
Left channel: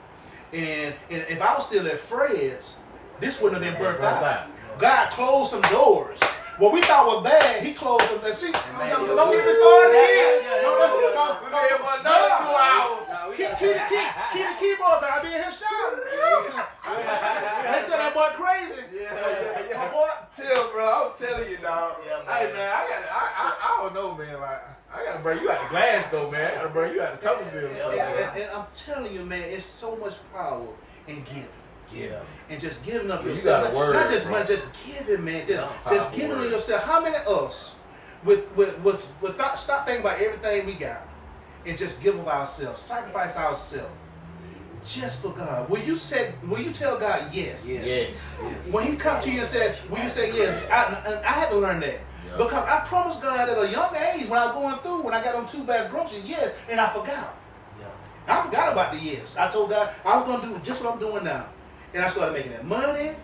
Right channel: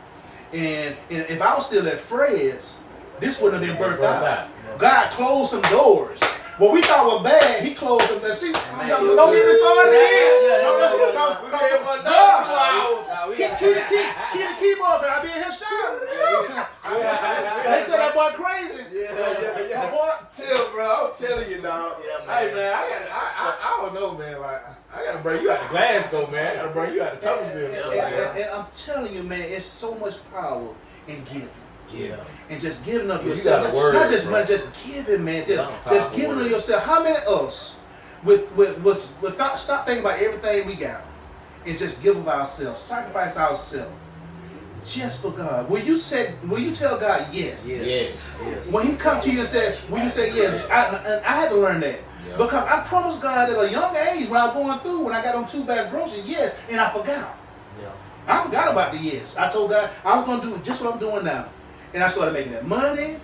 and if I was still at Fred's, this wouldn't have been birthed out. God closed some doors. What we thought was bad, He closed them. See, don't get me started again. We're here for another 2 hours. Keep the keyboard, man. I be in here shouting. They said that boy crazy. Yeah. Boy, bro, I'm telling you, dog. Hey, man, I don't know, man. Like, I gotta bring you out to Glasgow, man. I gotta bring you out to Tuckerville or something. And I'm telling you, man, it's so much power in giving. Yeah. And just giving up You yourself. got a word, Not just bro. money, just giving, man. Just Powerful giving of word. yourself. How many of us stop thinking about everything we got and just give of ourselves, sacrifice ourselves just for God? Will you tell God yes? Yeah. When He come to you and say, will you say yes? I had to learn that. Yeah. Because I promised God at a young age when I was going through, when I got on 2 bags groceries, yes, and I forgot. Yeah. I forgot about the yes. I told God I was going to do just what I'm doing now. And I started making that money.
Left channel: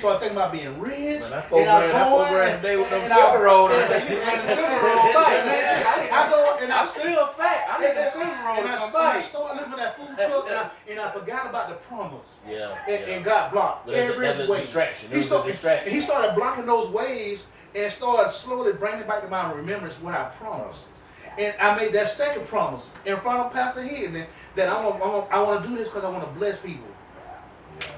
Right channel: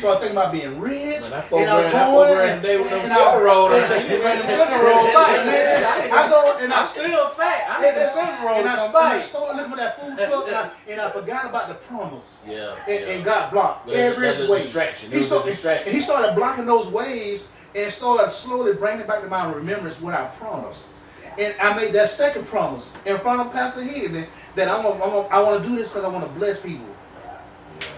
So I think about being rich. Man, that 4 grand, they with them silver rolls. I go and I I'm still fat. I need them silver rolls. and I started looking at that food truck and I forgot about the promise. Yeah. And got blocked every That's a way. distraction. He started blocking those ways and started slowly bringing back to my remembrance what I promised. And I made that second promise in front of Pastor Hidden that I want to do this because I want to bless people.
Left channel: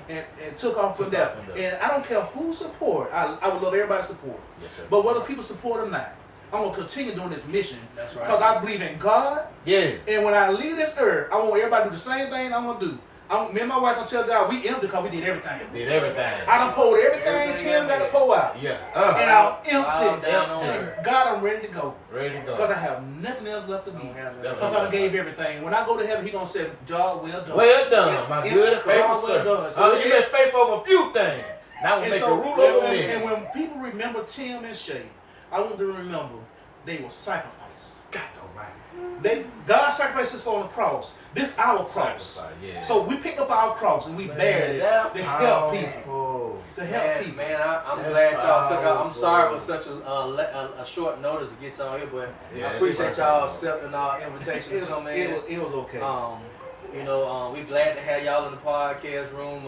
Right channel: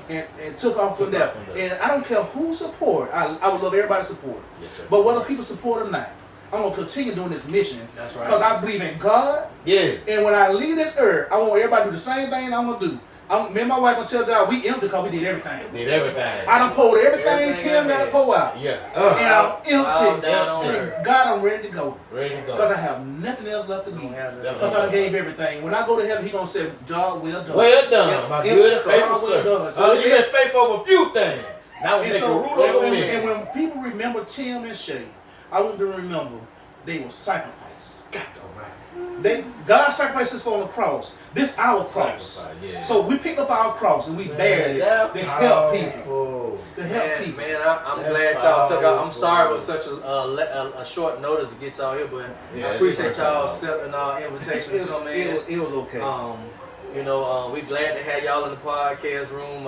And took off from there. And I don't care who support. I would love everybody's support. Yes, sir. But whether people support or not, I'm going to continue doing this mission. That's right. Because I believe in God. Yeah. And when I leave this earth, I want everybody to do the same thing I'm going to do. Me and my wife going to tell God we empty because we did everything. Did everything. I done poured everything Tim got to pour out. Yeah. And I'm empty. Down on And God, I'm ready to go. Ready to Because go. I have nothing else left to give. Yeah. Because I done gave everything. When I go to heaven, He going to say, job well done. Well done, my good and faithful Well sir. done. So You've been faithful over a few things. Now we And make so, a rule over and men. when people remember Tim and Shay, I want them to remember they were sacrificed. God sacrificed us on the cross. This our cross. Sacrifice, yeah. So we picked up our cross and we bared it to help people. Powerful. To help people. Man, I'm That's glad y'all took out. I'm powerful. sorry it was such a short notice to get y'all here, but Yeah, I it's appreciate okay. y'all accepting our invitation to come in. It was okay. We glad to have y'all in the podcast room.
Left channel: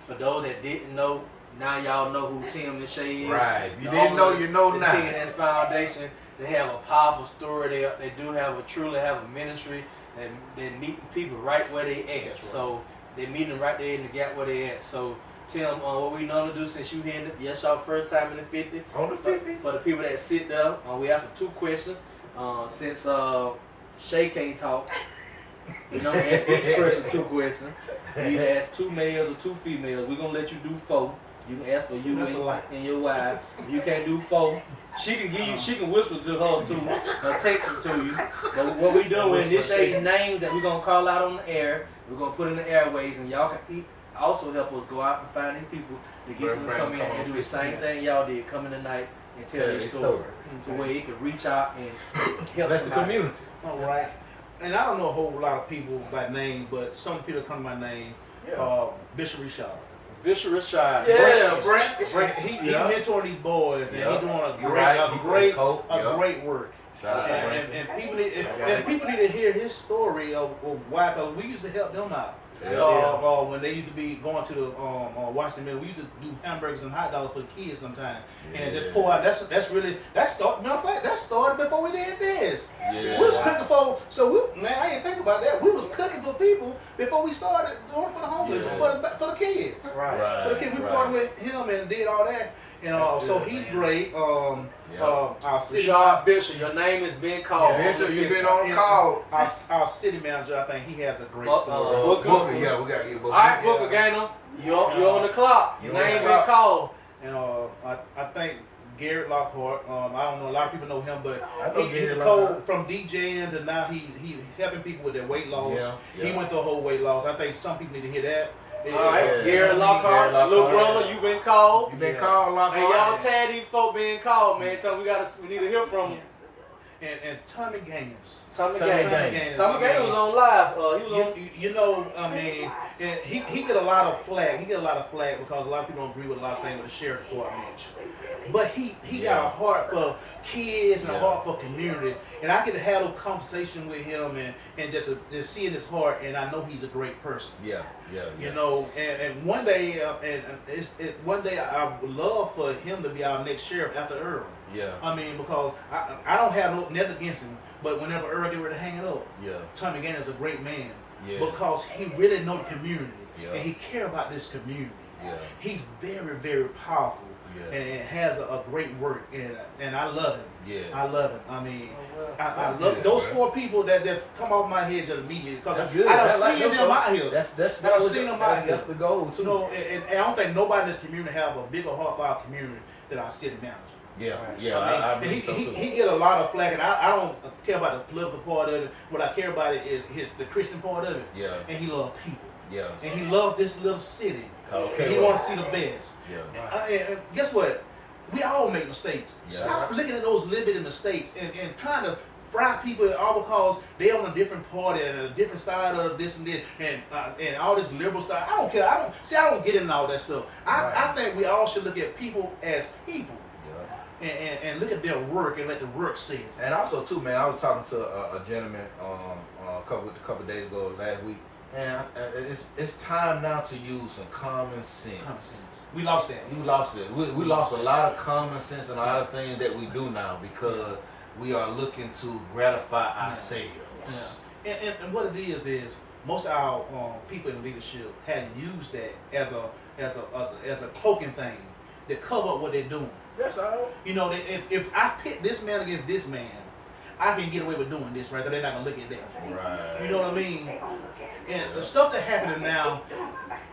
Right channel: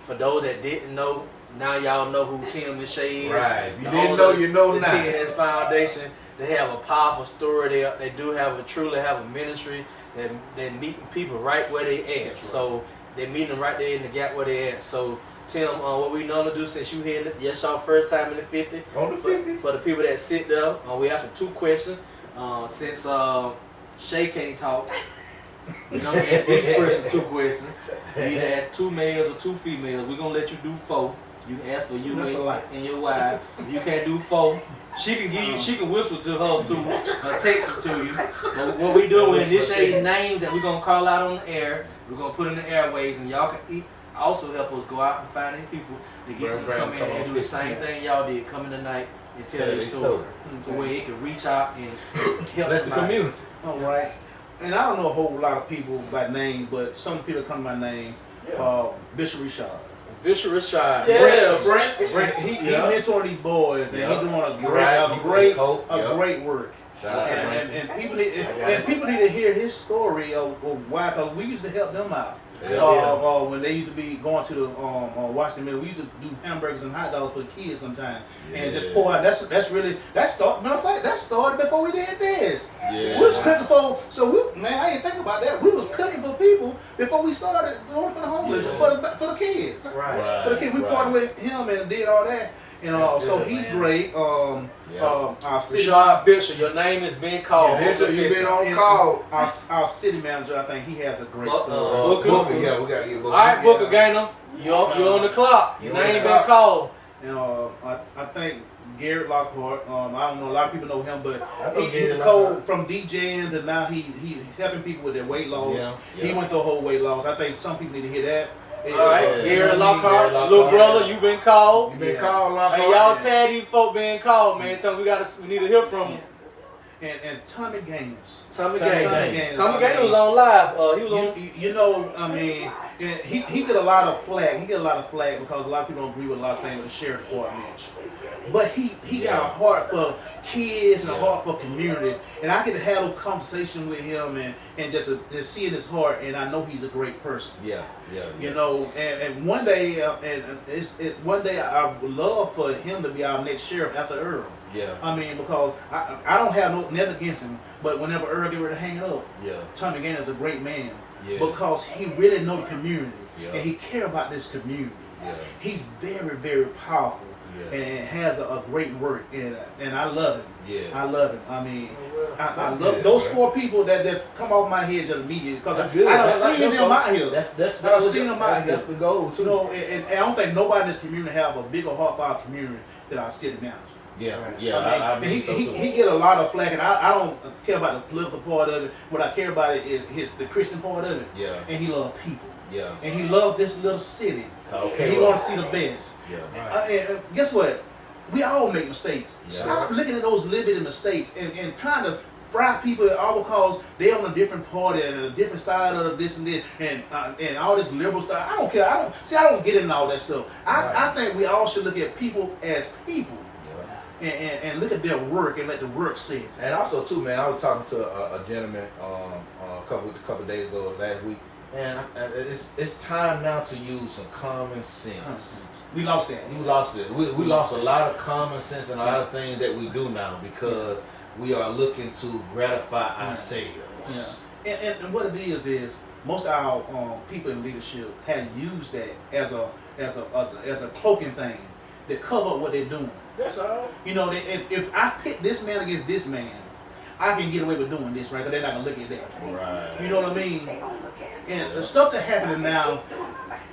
For those that didn't know, now y'all know who Tim and Shay is. Right. If you The didn't know, owners you know of the now. T&S Foundation. They have a powerful story. They truly have a ministry that meeting people right where they at. That's right. So they meeting them right there in the gap where they at. So Tim, what we normally do since you here, yes, y'all first time in the 50. On the 50. For the people that sit there, we ask them 2 questions. Since Shay can't talk, we don't ask each person 2 questions. You either ask 2 males or 2 females. We're gonna let you do 4. You can ask for you That's a lot. and your wife. You can't do 4. She can give you. She can whisper to her too, or text it to you. But what we doing is this Shay's names that we're gonna call out on the air. We're gonna put in the airways, and y'all can also help us go out and find these people to get them to come in and do the same thing y'all did. Come in tonight and tell their story, to where it can reach out and help That's the somebody. community. All right. And I don't know a whole lot of people by name, but some people come to my name. Yeah. Bishop Richard. Bishop Rashad. Yeah, Brent. Brent, he mentoring these boys, and he doing a great work. Shout out to Brent. And people need to hear his story of why, because we used to help them out. When they used to be going to the Washington Mill, we used to do hamburgers and hot dogs for the kids sometimes, and just pour out. That started. Matter of fact, that started before we did this. Yeah. We was cooking for. I didn't think about that. We was cooking for people before we started doing for the homeless, for the kids. Right. For the kids, we partnered with him and did all that. So he's great. Our city Bishop, your name has been called. Yeah, Bishop, you've been on call. Our city manager, I think he has a great story. Booker. Yeah, we gotta get Booker. All right, Booker Gainer, you're on the clock. Your name been called. And I think Garrett Lockhart. I don't know, a lot of people know him, but he's Garrett cold from DJing to now he helping people with their weight loss. Yeah. He went through a whole weight loss. I think some people need to hear that. All right, Garrett Lockhart, Garrett Lockhart. little brother, you been called. You been called, Lockhart. Hey, y'all tag these folk being called, man. Tell them we need to hear from them. And Tommy Gaines. Tommy Gaines. Tommy Gaines was on live. He was on. And he get a lot of flack. He get a lot of flack because a lot of people don't agree with a lot of things with the sheriff department. But he got a heart for kids and a heart for community. And I get to have a conversation with him and just seeing his heart, and I know he's a great person. Yeah. And one day, one day I would love for him to be our next sheriff after Earl. Yeah. I mean, because I don't have nothing against him, but whenever Earl get ready to hang it up, Tommy Gaines is a great man because he really know the community and he care about this community. Yeah. He's very, very powerful and has a great work, and I love him. Yeah. I love him. I mean, I love those 4 people that come off my head just immediately because I done seen them out here. That's I done seen them out here. That's the goal too. And I don't think nobody in this community have a bigger heart for our community than our city manager. I mean, he get a lot of flack, and I don't care about the political part of it. What I care about it is the Christian part of it. Yeah. And he loves people. Yeah. And he loves this little city. Okay. And he wants to see the best. Yeah. And guess what? We all make mistakes. Yeah. Stop looking at those limited mistakes and trying to fry people all because they on a different party and a different side of this and this and all this liberal stuff. I don't care. I don't get into all that stuff. I think we all should look at people as people. And look at their work and let the work say it. And also too, man, I was talking to a gentleman a couple days ago last week, and it's time now to use some common sense. We lost that. We lost it. We lost a lot of common sense and a lot of things that we do now because we are looking to gratify ourselves. Yeah. And what it is most of our people in leadership have used that as a cloaking thing to cover up what they're doing. That's all. If I pit this man against this man, I can get away with doing this, right? Because they're not gonna look at that. Right. You know what I mean? And the stuff that's happening now,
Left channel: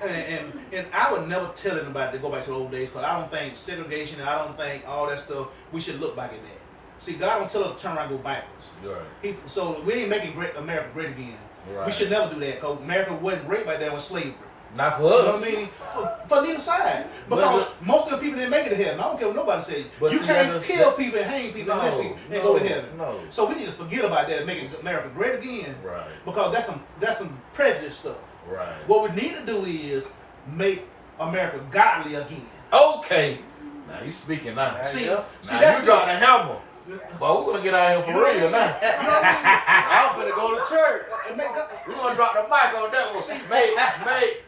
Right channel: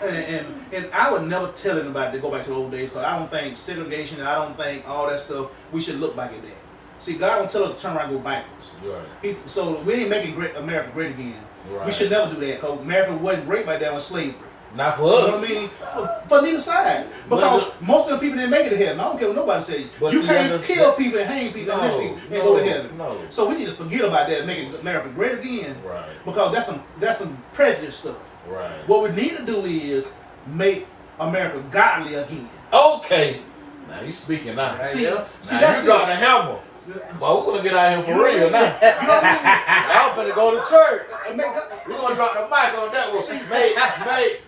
and I would never tell anybody to go back to the old days because I don't think segregation and I don't think all that stuff. We should look back at that. See, God don't tell us to turn around and go backwards. Right. So we ain't making America great again. Right. We should never do that because America wasn't great back then with slavery. Not for us. You know what I mean? For neither side. Because most of the people didn't make it to heaven. I don't care what nobody says. You can't kill people and hang people and lynch people and go to heaven. No. So we need to forget about that and make America great again. Right. Because that's some prejudice stuff. Right. What we need to do is make America godly again. Okay. Now you speaking now. See, that's got the hammer. Well, we're gonna get out here for real now. You know what I mean? I'm finna go to church. We're gonna drop the mic on that one.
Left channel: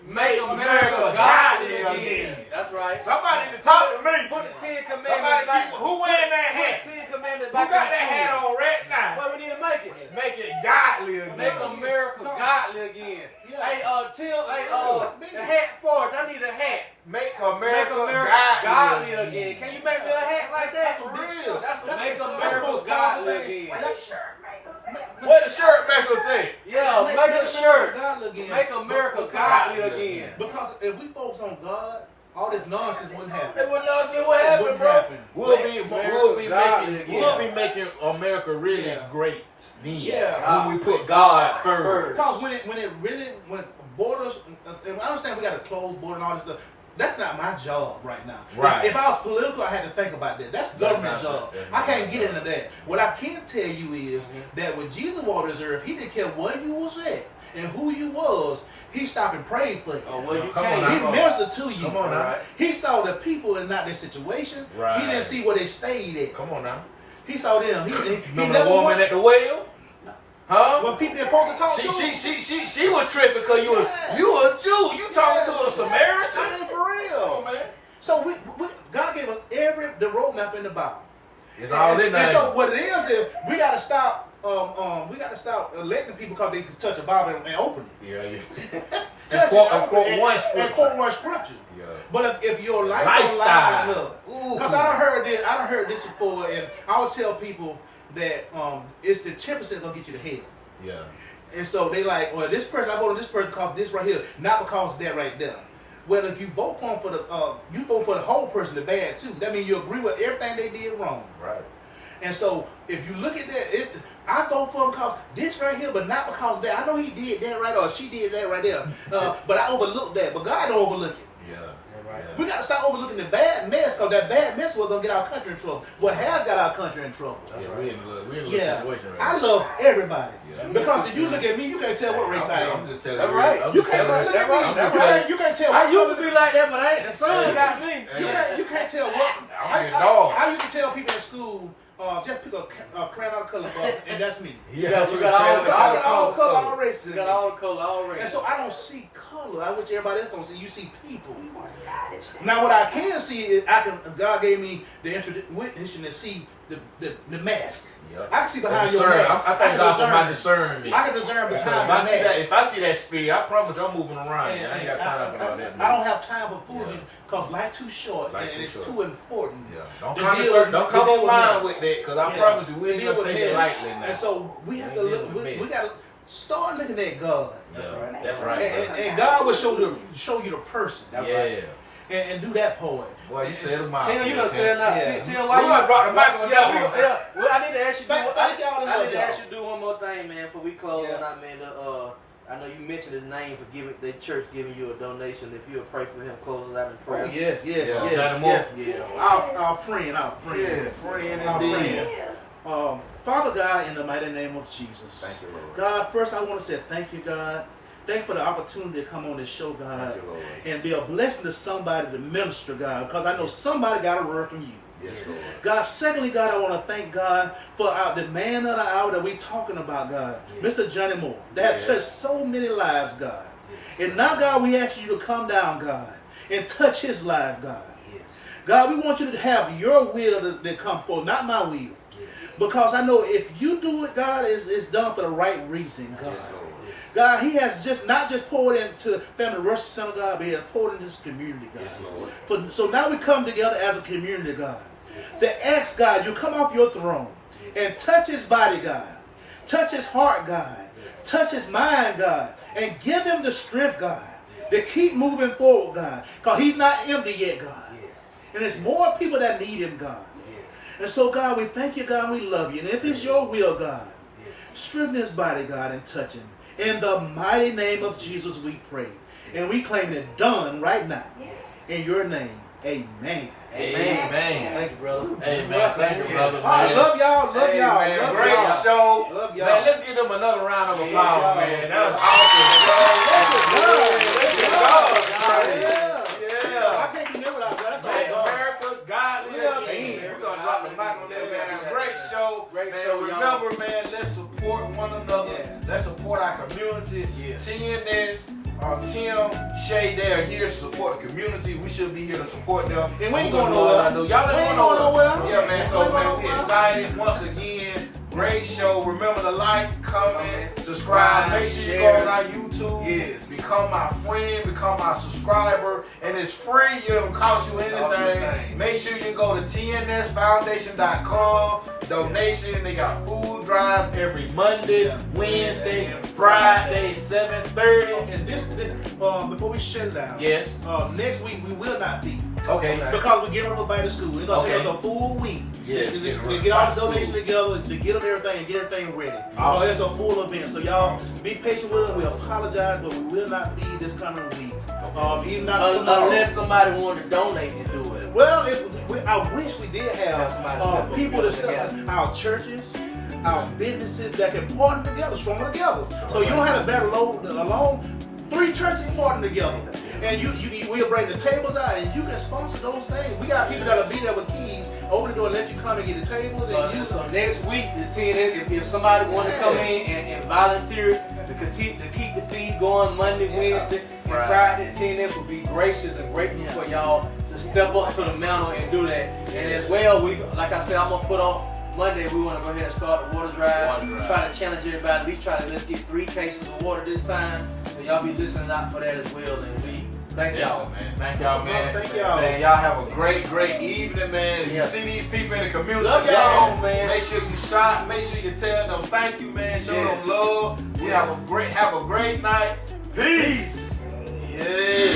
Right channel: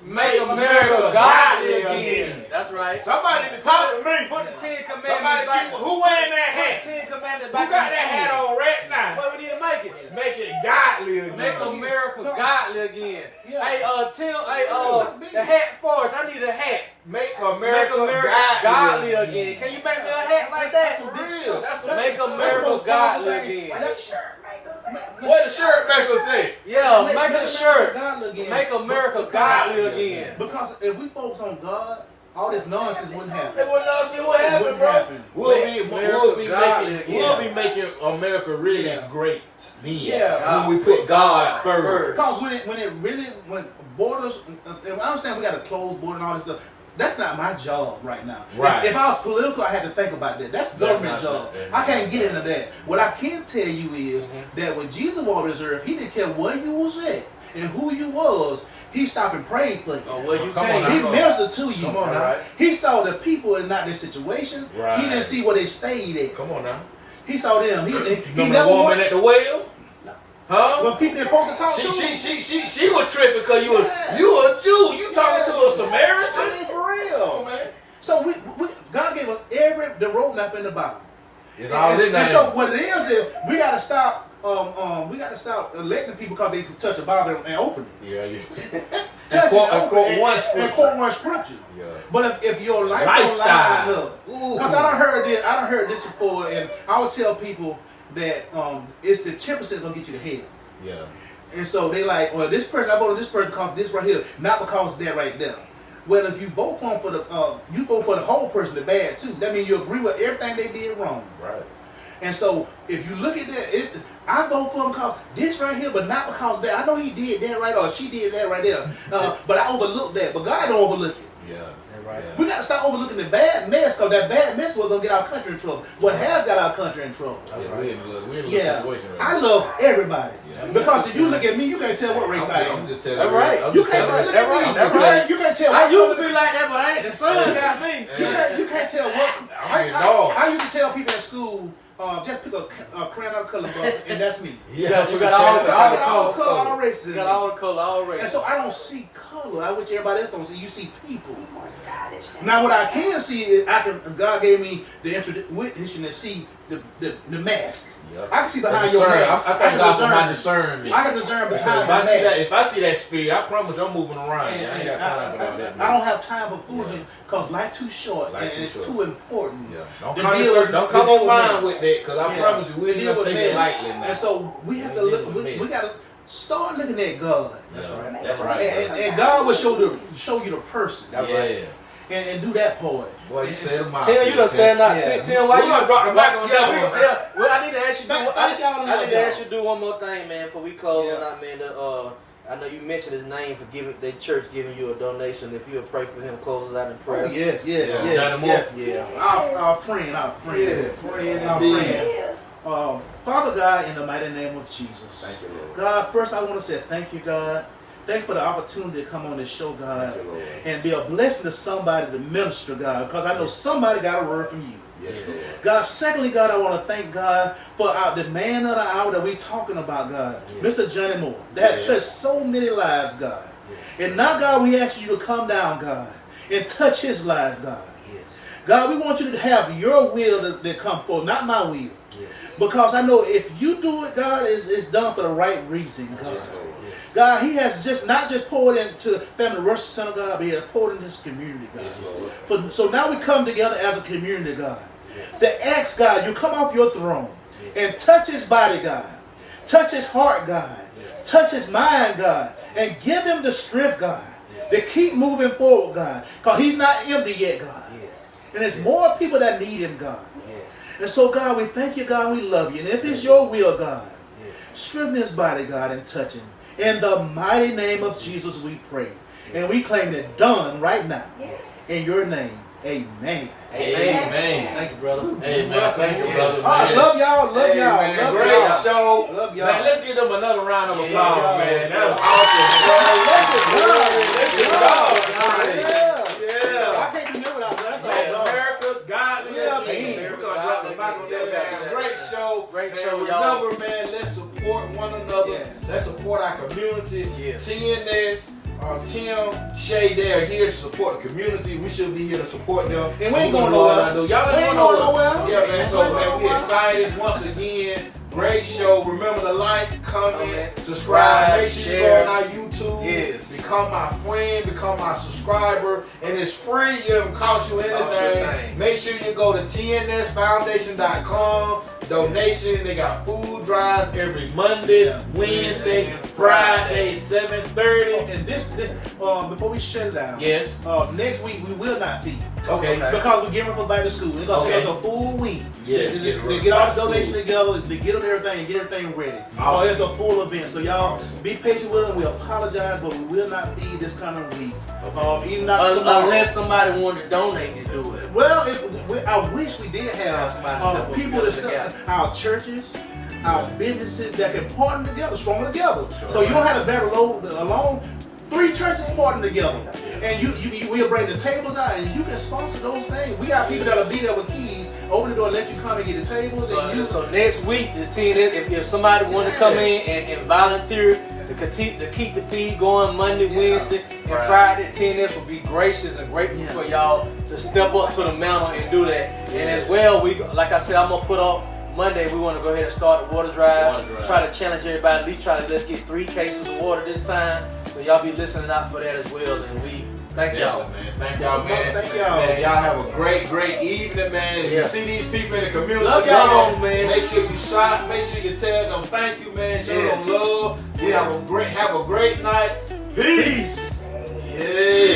Make America godly again. That's right. Somebody need to talk to me. Put the 10 Commandments Somebody back. who wearing that hat? 10 Commandments Who back. got that hat on right now? Well, we need to make it. Make it godly again. Make America godly again. Yeah. Hey, Tim, the hat for us. I need a hat. Make Make America America godly again. again. Can you make me a hat like that? For real. Make America godly again. What the shirt makes us say? Yeah, make a shirt. Godly again. Make America godly again. Because if we focus on God, all this nonsense wouldn't happen. They wouldn't know see what happened, bro. We'll be making America really great then. Yeah. When we put God first. Because when borders, and I understand we got to close border and all this stuff. That's not my job right now. Right. If I was political, I had to think about that. That's government job. I can't get into that. What I can tell you is that when Jesus walked this earth, he didn't care where you was at and who you was. He stopped and prayed for you. Oh, well, you Come came. on He now. ministered to you. Come on now. He saw the people and not their situation. Right. He didn't see where they stayed at. Come on now. He saw them. He Remember never the woman went. at the well? Huh? When people didn't supposed to talk to him. She was tripping because you a Jew. You talking to a Samaritan? I mean, for real. Man. So God gave us the roadmap in the Bible. It's all in And there. so what it is we got to stop. We got to stop electing people because they can touch a Bible and open it. Yeah. Touch quote- it, and open quote it, one and scripture. quote one scripture. Yeah. But if your life Lifestyle. don't line up, because I done heard this before, and I always tell people that it's the 10% gonna get you to hell. Yeah. And so they like, well, this person, I voted this person because this right here, not because that right there. Well, if you vote for them you vote for the whole person, the bad too. That means you agree with everything they did wrong. Right. And so if you look at that, I vote for him because this right here, but not because that. I know he did that right or she did that right there, but I overlooked that. But God don't overlook it. Yeah. Right. We got to stop overlooking the bad mess because that bad mess was gonna get our country in trouble. What has got our country in trouble? Yeah, we're in a little Yeah, situation right I now. love everybody Yeah. because if you look at me, you can't tell what race I I'm am. just telling That's you. right. I'm You just can't tell. telling Look you. at me. I'm just telling You can't tell. I what used to color- be like that, but I ain't. The sun got me. You can't tell what. I used to tell people in school, just pick a crayon out of color book, and that's me. Yeah, You got all All color, all races. You got all the color, all race. And so I don't see color. I wish everybody else don't see. You see people. More Scottish. Now what I can see is God gave me the intuition to see the mask. Yep. I can see behind your mask. I thank God for my discernment. I can discern behind If the I see that, mask. if I see that spirit, I promise I'm moving around. I ain't got time for all that. I don't have time for foolishness because life's too short Life and too it's short. too important. Yeah. Don't To come, deal with- don't to come deal on with mine mess. with that, because I Yeah. promise you, we To ain't deal gonna with take it mess. lightly now. And so we have to We look. dealing with We mess. got to start looking at God, Yeah, that's right. and God will show you the person, Yeah. and do that part. Boy, you said a mouth. Tim, you done said not. Yeah. Tim, why We you gonna drop the mic on that one, man. Yeah. Well, I need to ask you. Thank y'all I enough, need to y'all. ask you to do one more thing, man, before we close. Yeah. And I mean, I know you mentioned his name for giving the church giving you a donation. If you'll pray for him, close us out in Oh prayer. yes, Yeah. Yeah. Our friend, our friend. Father God, in the mighty name of Jesus. Thank you, Lord. God, first I want to say thank you, God. Thank you for the opportunity to come on this show, God, Thank you, Lord. and be a blessing to somebody to minister, God, because I know somebody got a word from you. Yes, Lord. God, secondly, God, I want to thank God for the man of the hour that we're talking about, God, Mr. Johnny Moore, that Yeah. touched so many lives, God. And now, God, we ask you to come down, God, and touch his life, God. God, we want you to have your will to come forth, not my will. Because I know if you do it, God, it's done for the right reason, God. God, he has not just poured into Family Worship Center, God, but he has poured into this community, God. Yes, Lord. So now we come together as a community, God, to ask, God, you come off your throne and touch his body, God. Touch his heart, God. Touch his mind, God. And give him the strength, God, to keep moving forward, God. Because he's not empty yet, God. And there's more people that need him, God. And so, God, we thank you, God, and we love you. And if it's your will, God, strengthen his body, God, and touch him. In the mighty name of Jesus, we pray. And we claim it done right now. In your name, amen. Amen. Thank you, brother. Hey, man, thank you, brother. All right, man. love y'all, love Hey, y'all. man, Love great y'all. show. Love y'all. Man, let's give them another round of applause, y'all. man. That was awesome. Yeah. I can't do nothing without that. That's Man, all God. America, God, Yeah, man. man. We're gonna drop the mic on that, man. Great show. Great Man, show, y'all. remember, man, let's support one another. Yeah. Let's support our community. Yeah. T&S, Tim Shea, they are here to support the community. We should be here to support them. And we ain't We're going gonna do what nowhere. I do. Y'all We ain't ain't going going nowhere. nowhere. Yeah, man. So, We ain't man, going we nowhere. excited once again. Great show. Remember to like, comment, subscribe. Subscribe, Make sure you share. go on our YouTube. Yes. Become my friend. Become my subscriber. And it's free. It don't cost you Cost you anything. anything. Make sure you go to TNSFoundation.com. Donation. They got food drives every Monday, Wednesday, Friday, 7:30. And this before we shut it down. Yes. Next week we will not be Okay. Because we get them for back to school. It's gonna take us a full week. Yeah, to get all the donations together, to get them everything, and get everything ready. Awesome. It's a full event. So y'all be patient with them. We apologize, but we will not feed this coming week. Even not unless somebody wanted to donate and do it. Well, I wish we did have people our churches, our businesses that can partner together, stronger together. So you don't have to battle alone. 3 churches partner together, and we'll bring the tables out, and you can sponsor those things. We got people that'll be there with keys, open the door, and let you come and get the tables. And so next week, the T&S, if somebody want to come in and volunteer to keep the feed going Monday, Wednesday, and Friday, T&S will be gracious and grateful for y'all to step up to the mountain and do that. And as well, like I said, I'm gonna put on Monday, we want to go ahead and start the water drive. Try to challenge everybody, at least let's get 3 cases of water this time. So y'all be listening out for that as well. And we thank y'all. Man. Thank y'all, man. Thank y'all. Man, y'all have a great evening, man. You see these people in the community. Love y'all, man. Make sure you shop. Make sure you tell them thank you, man. Show them love. We have a great night. Peace. Yeah.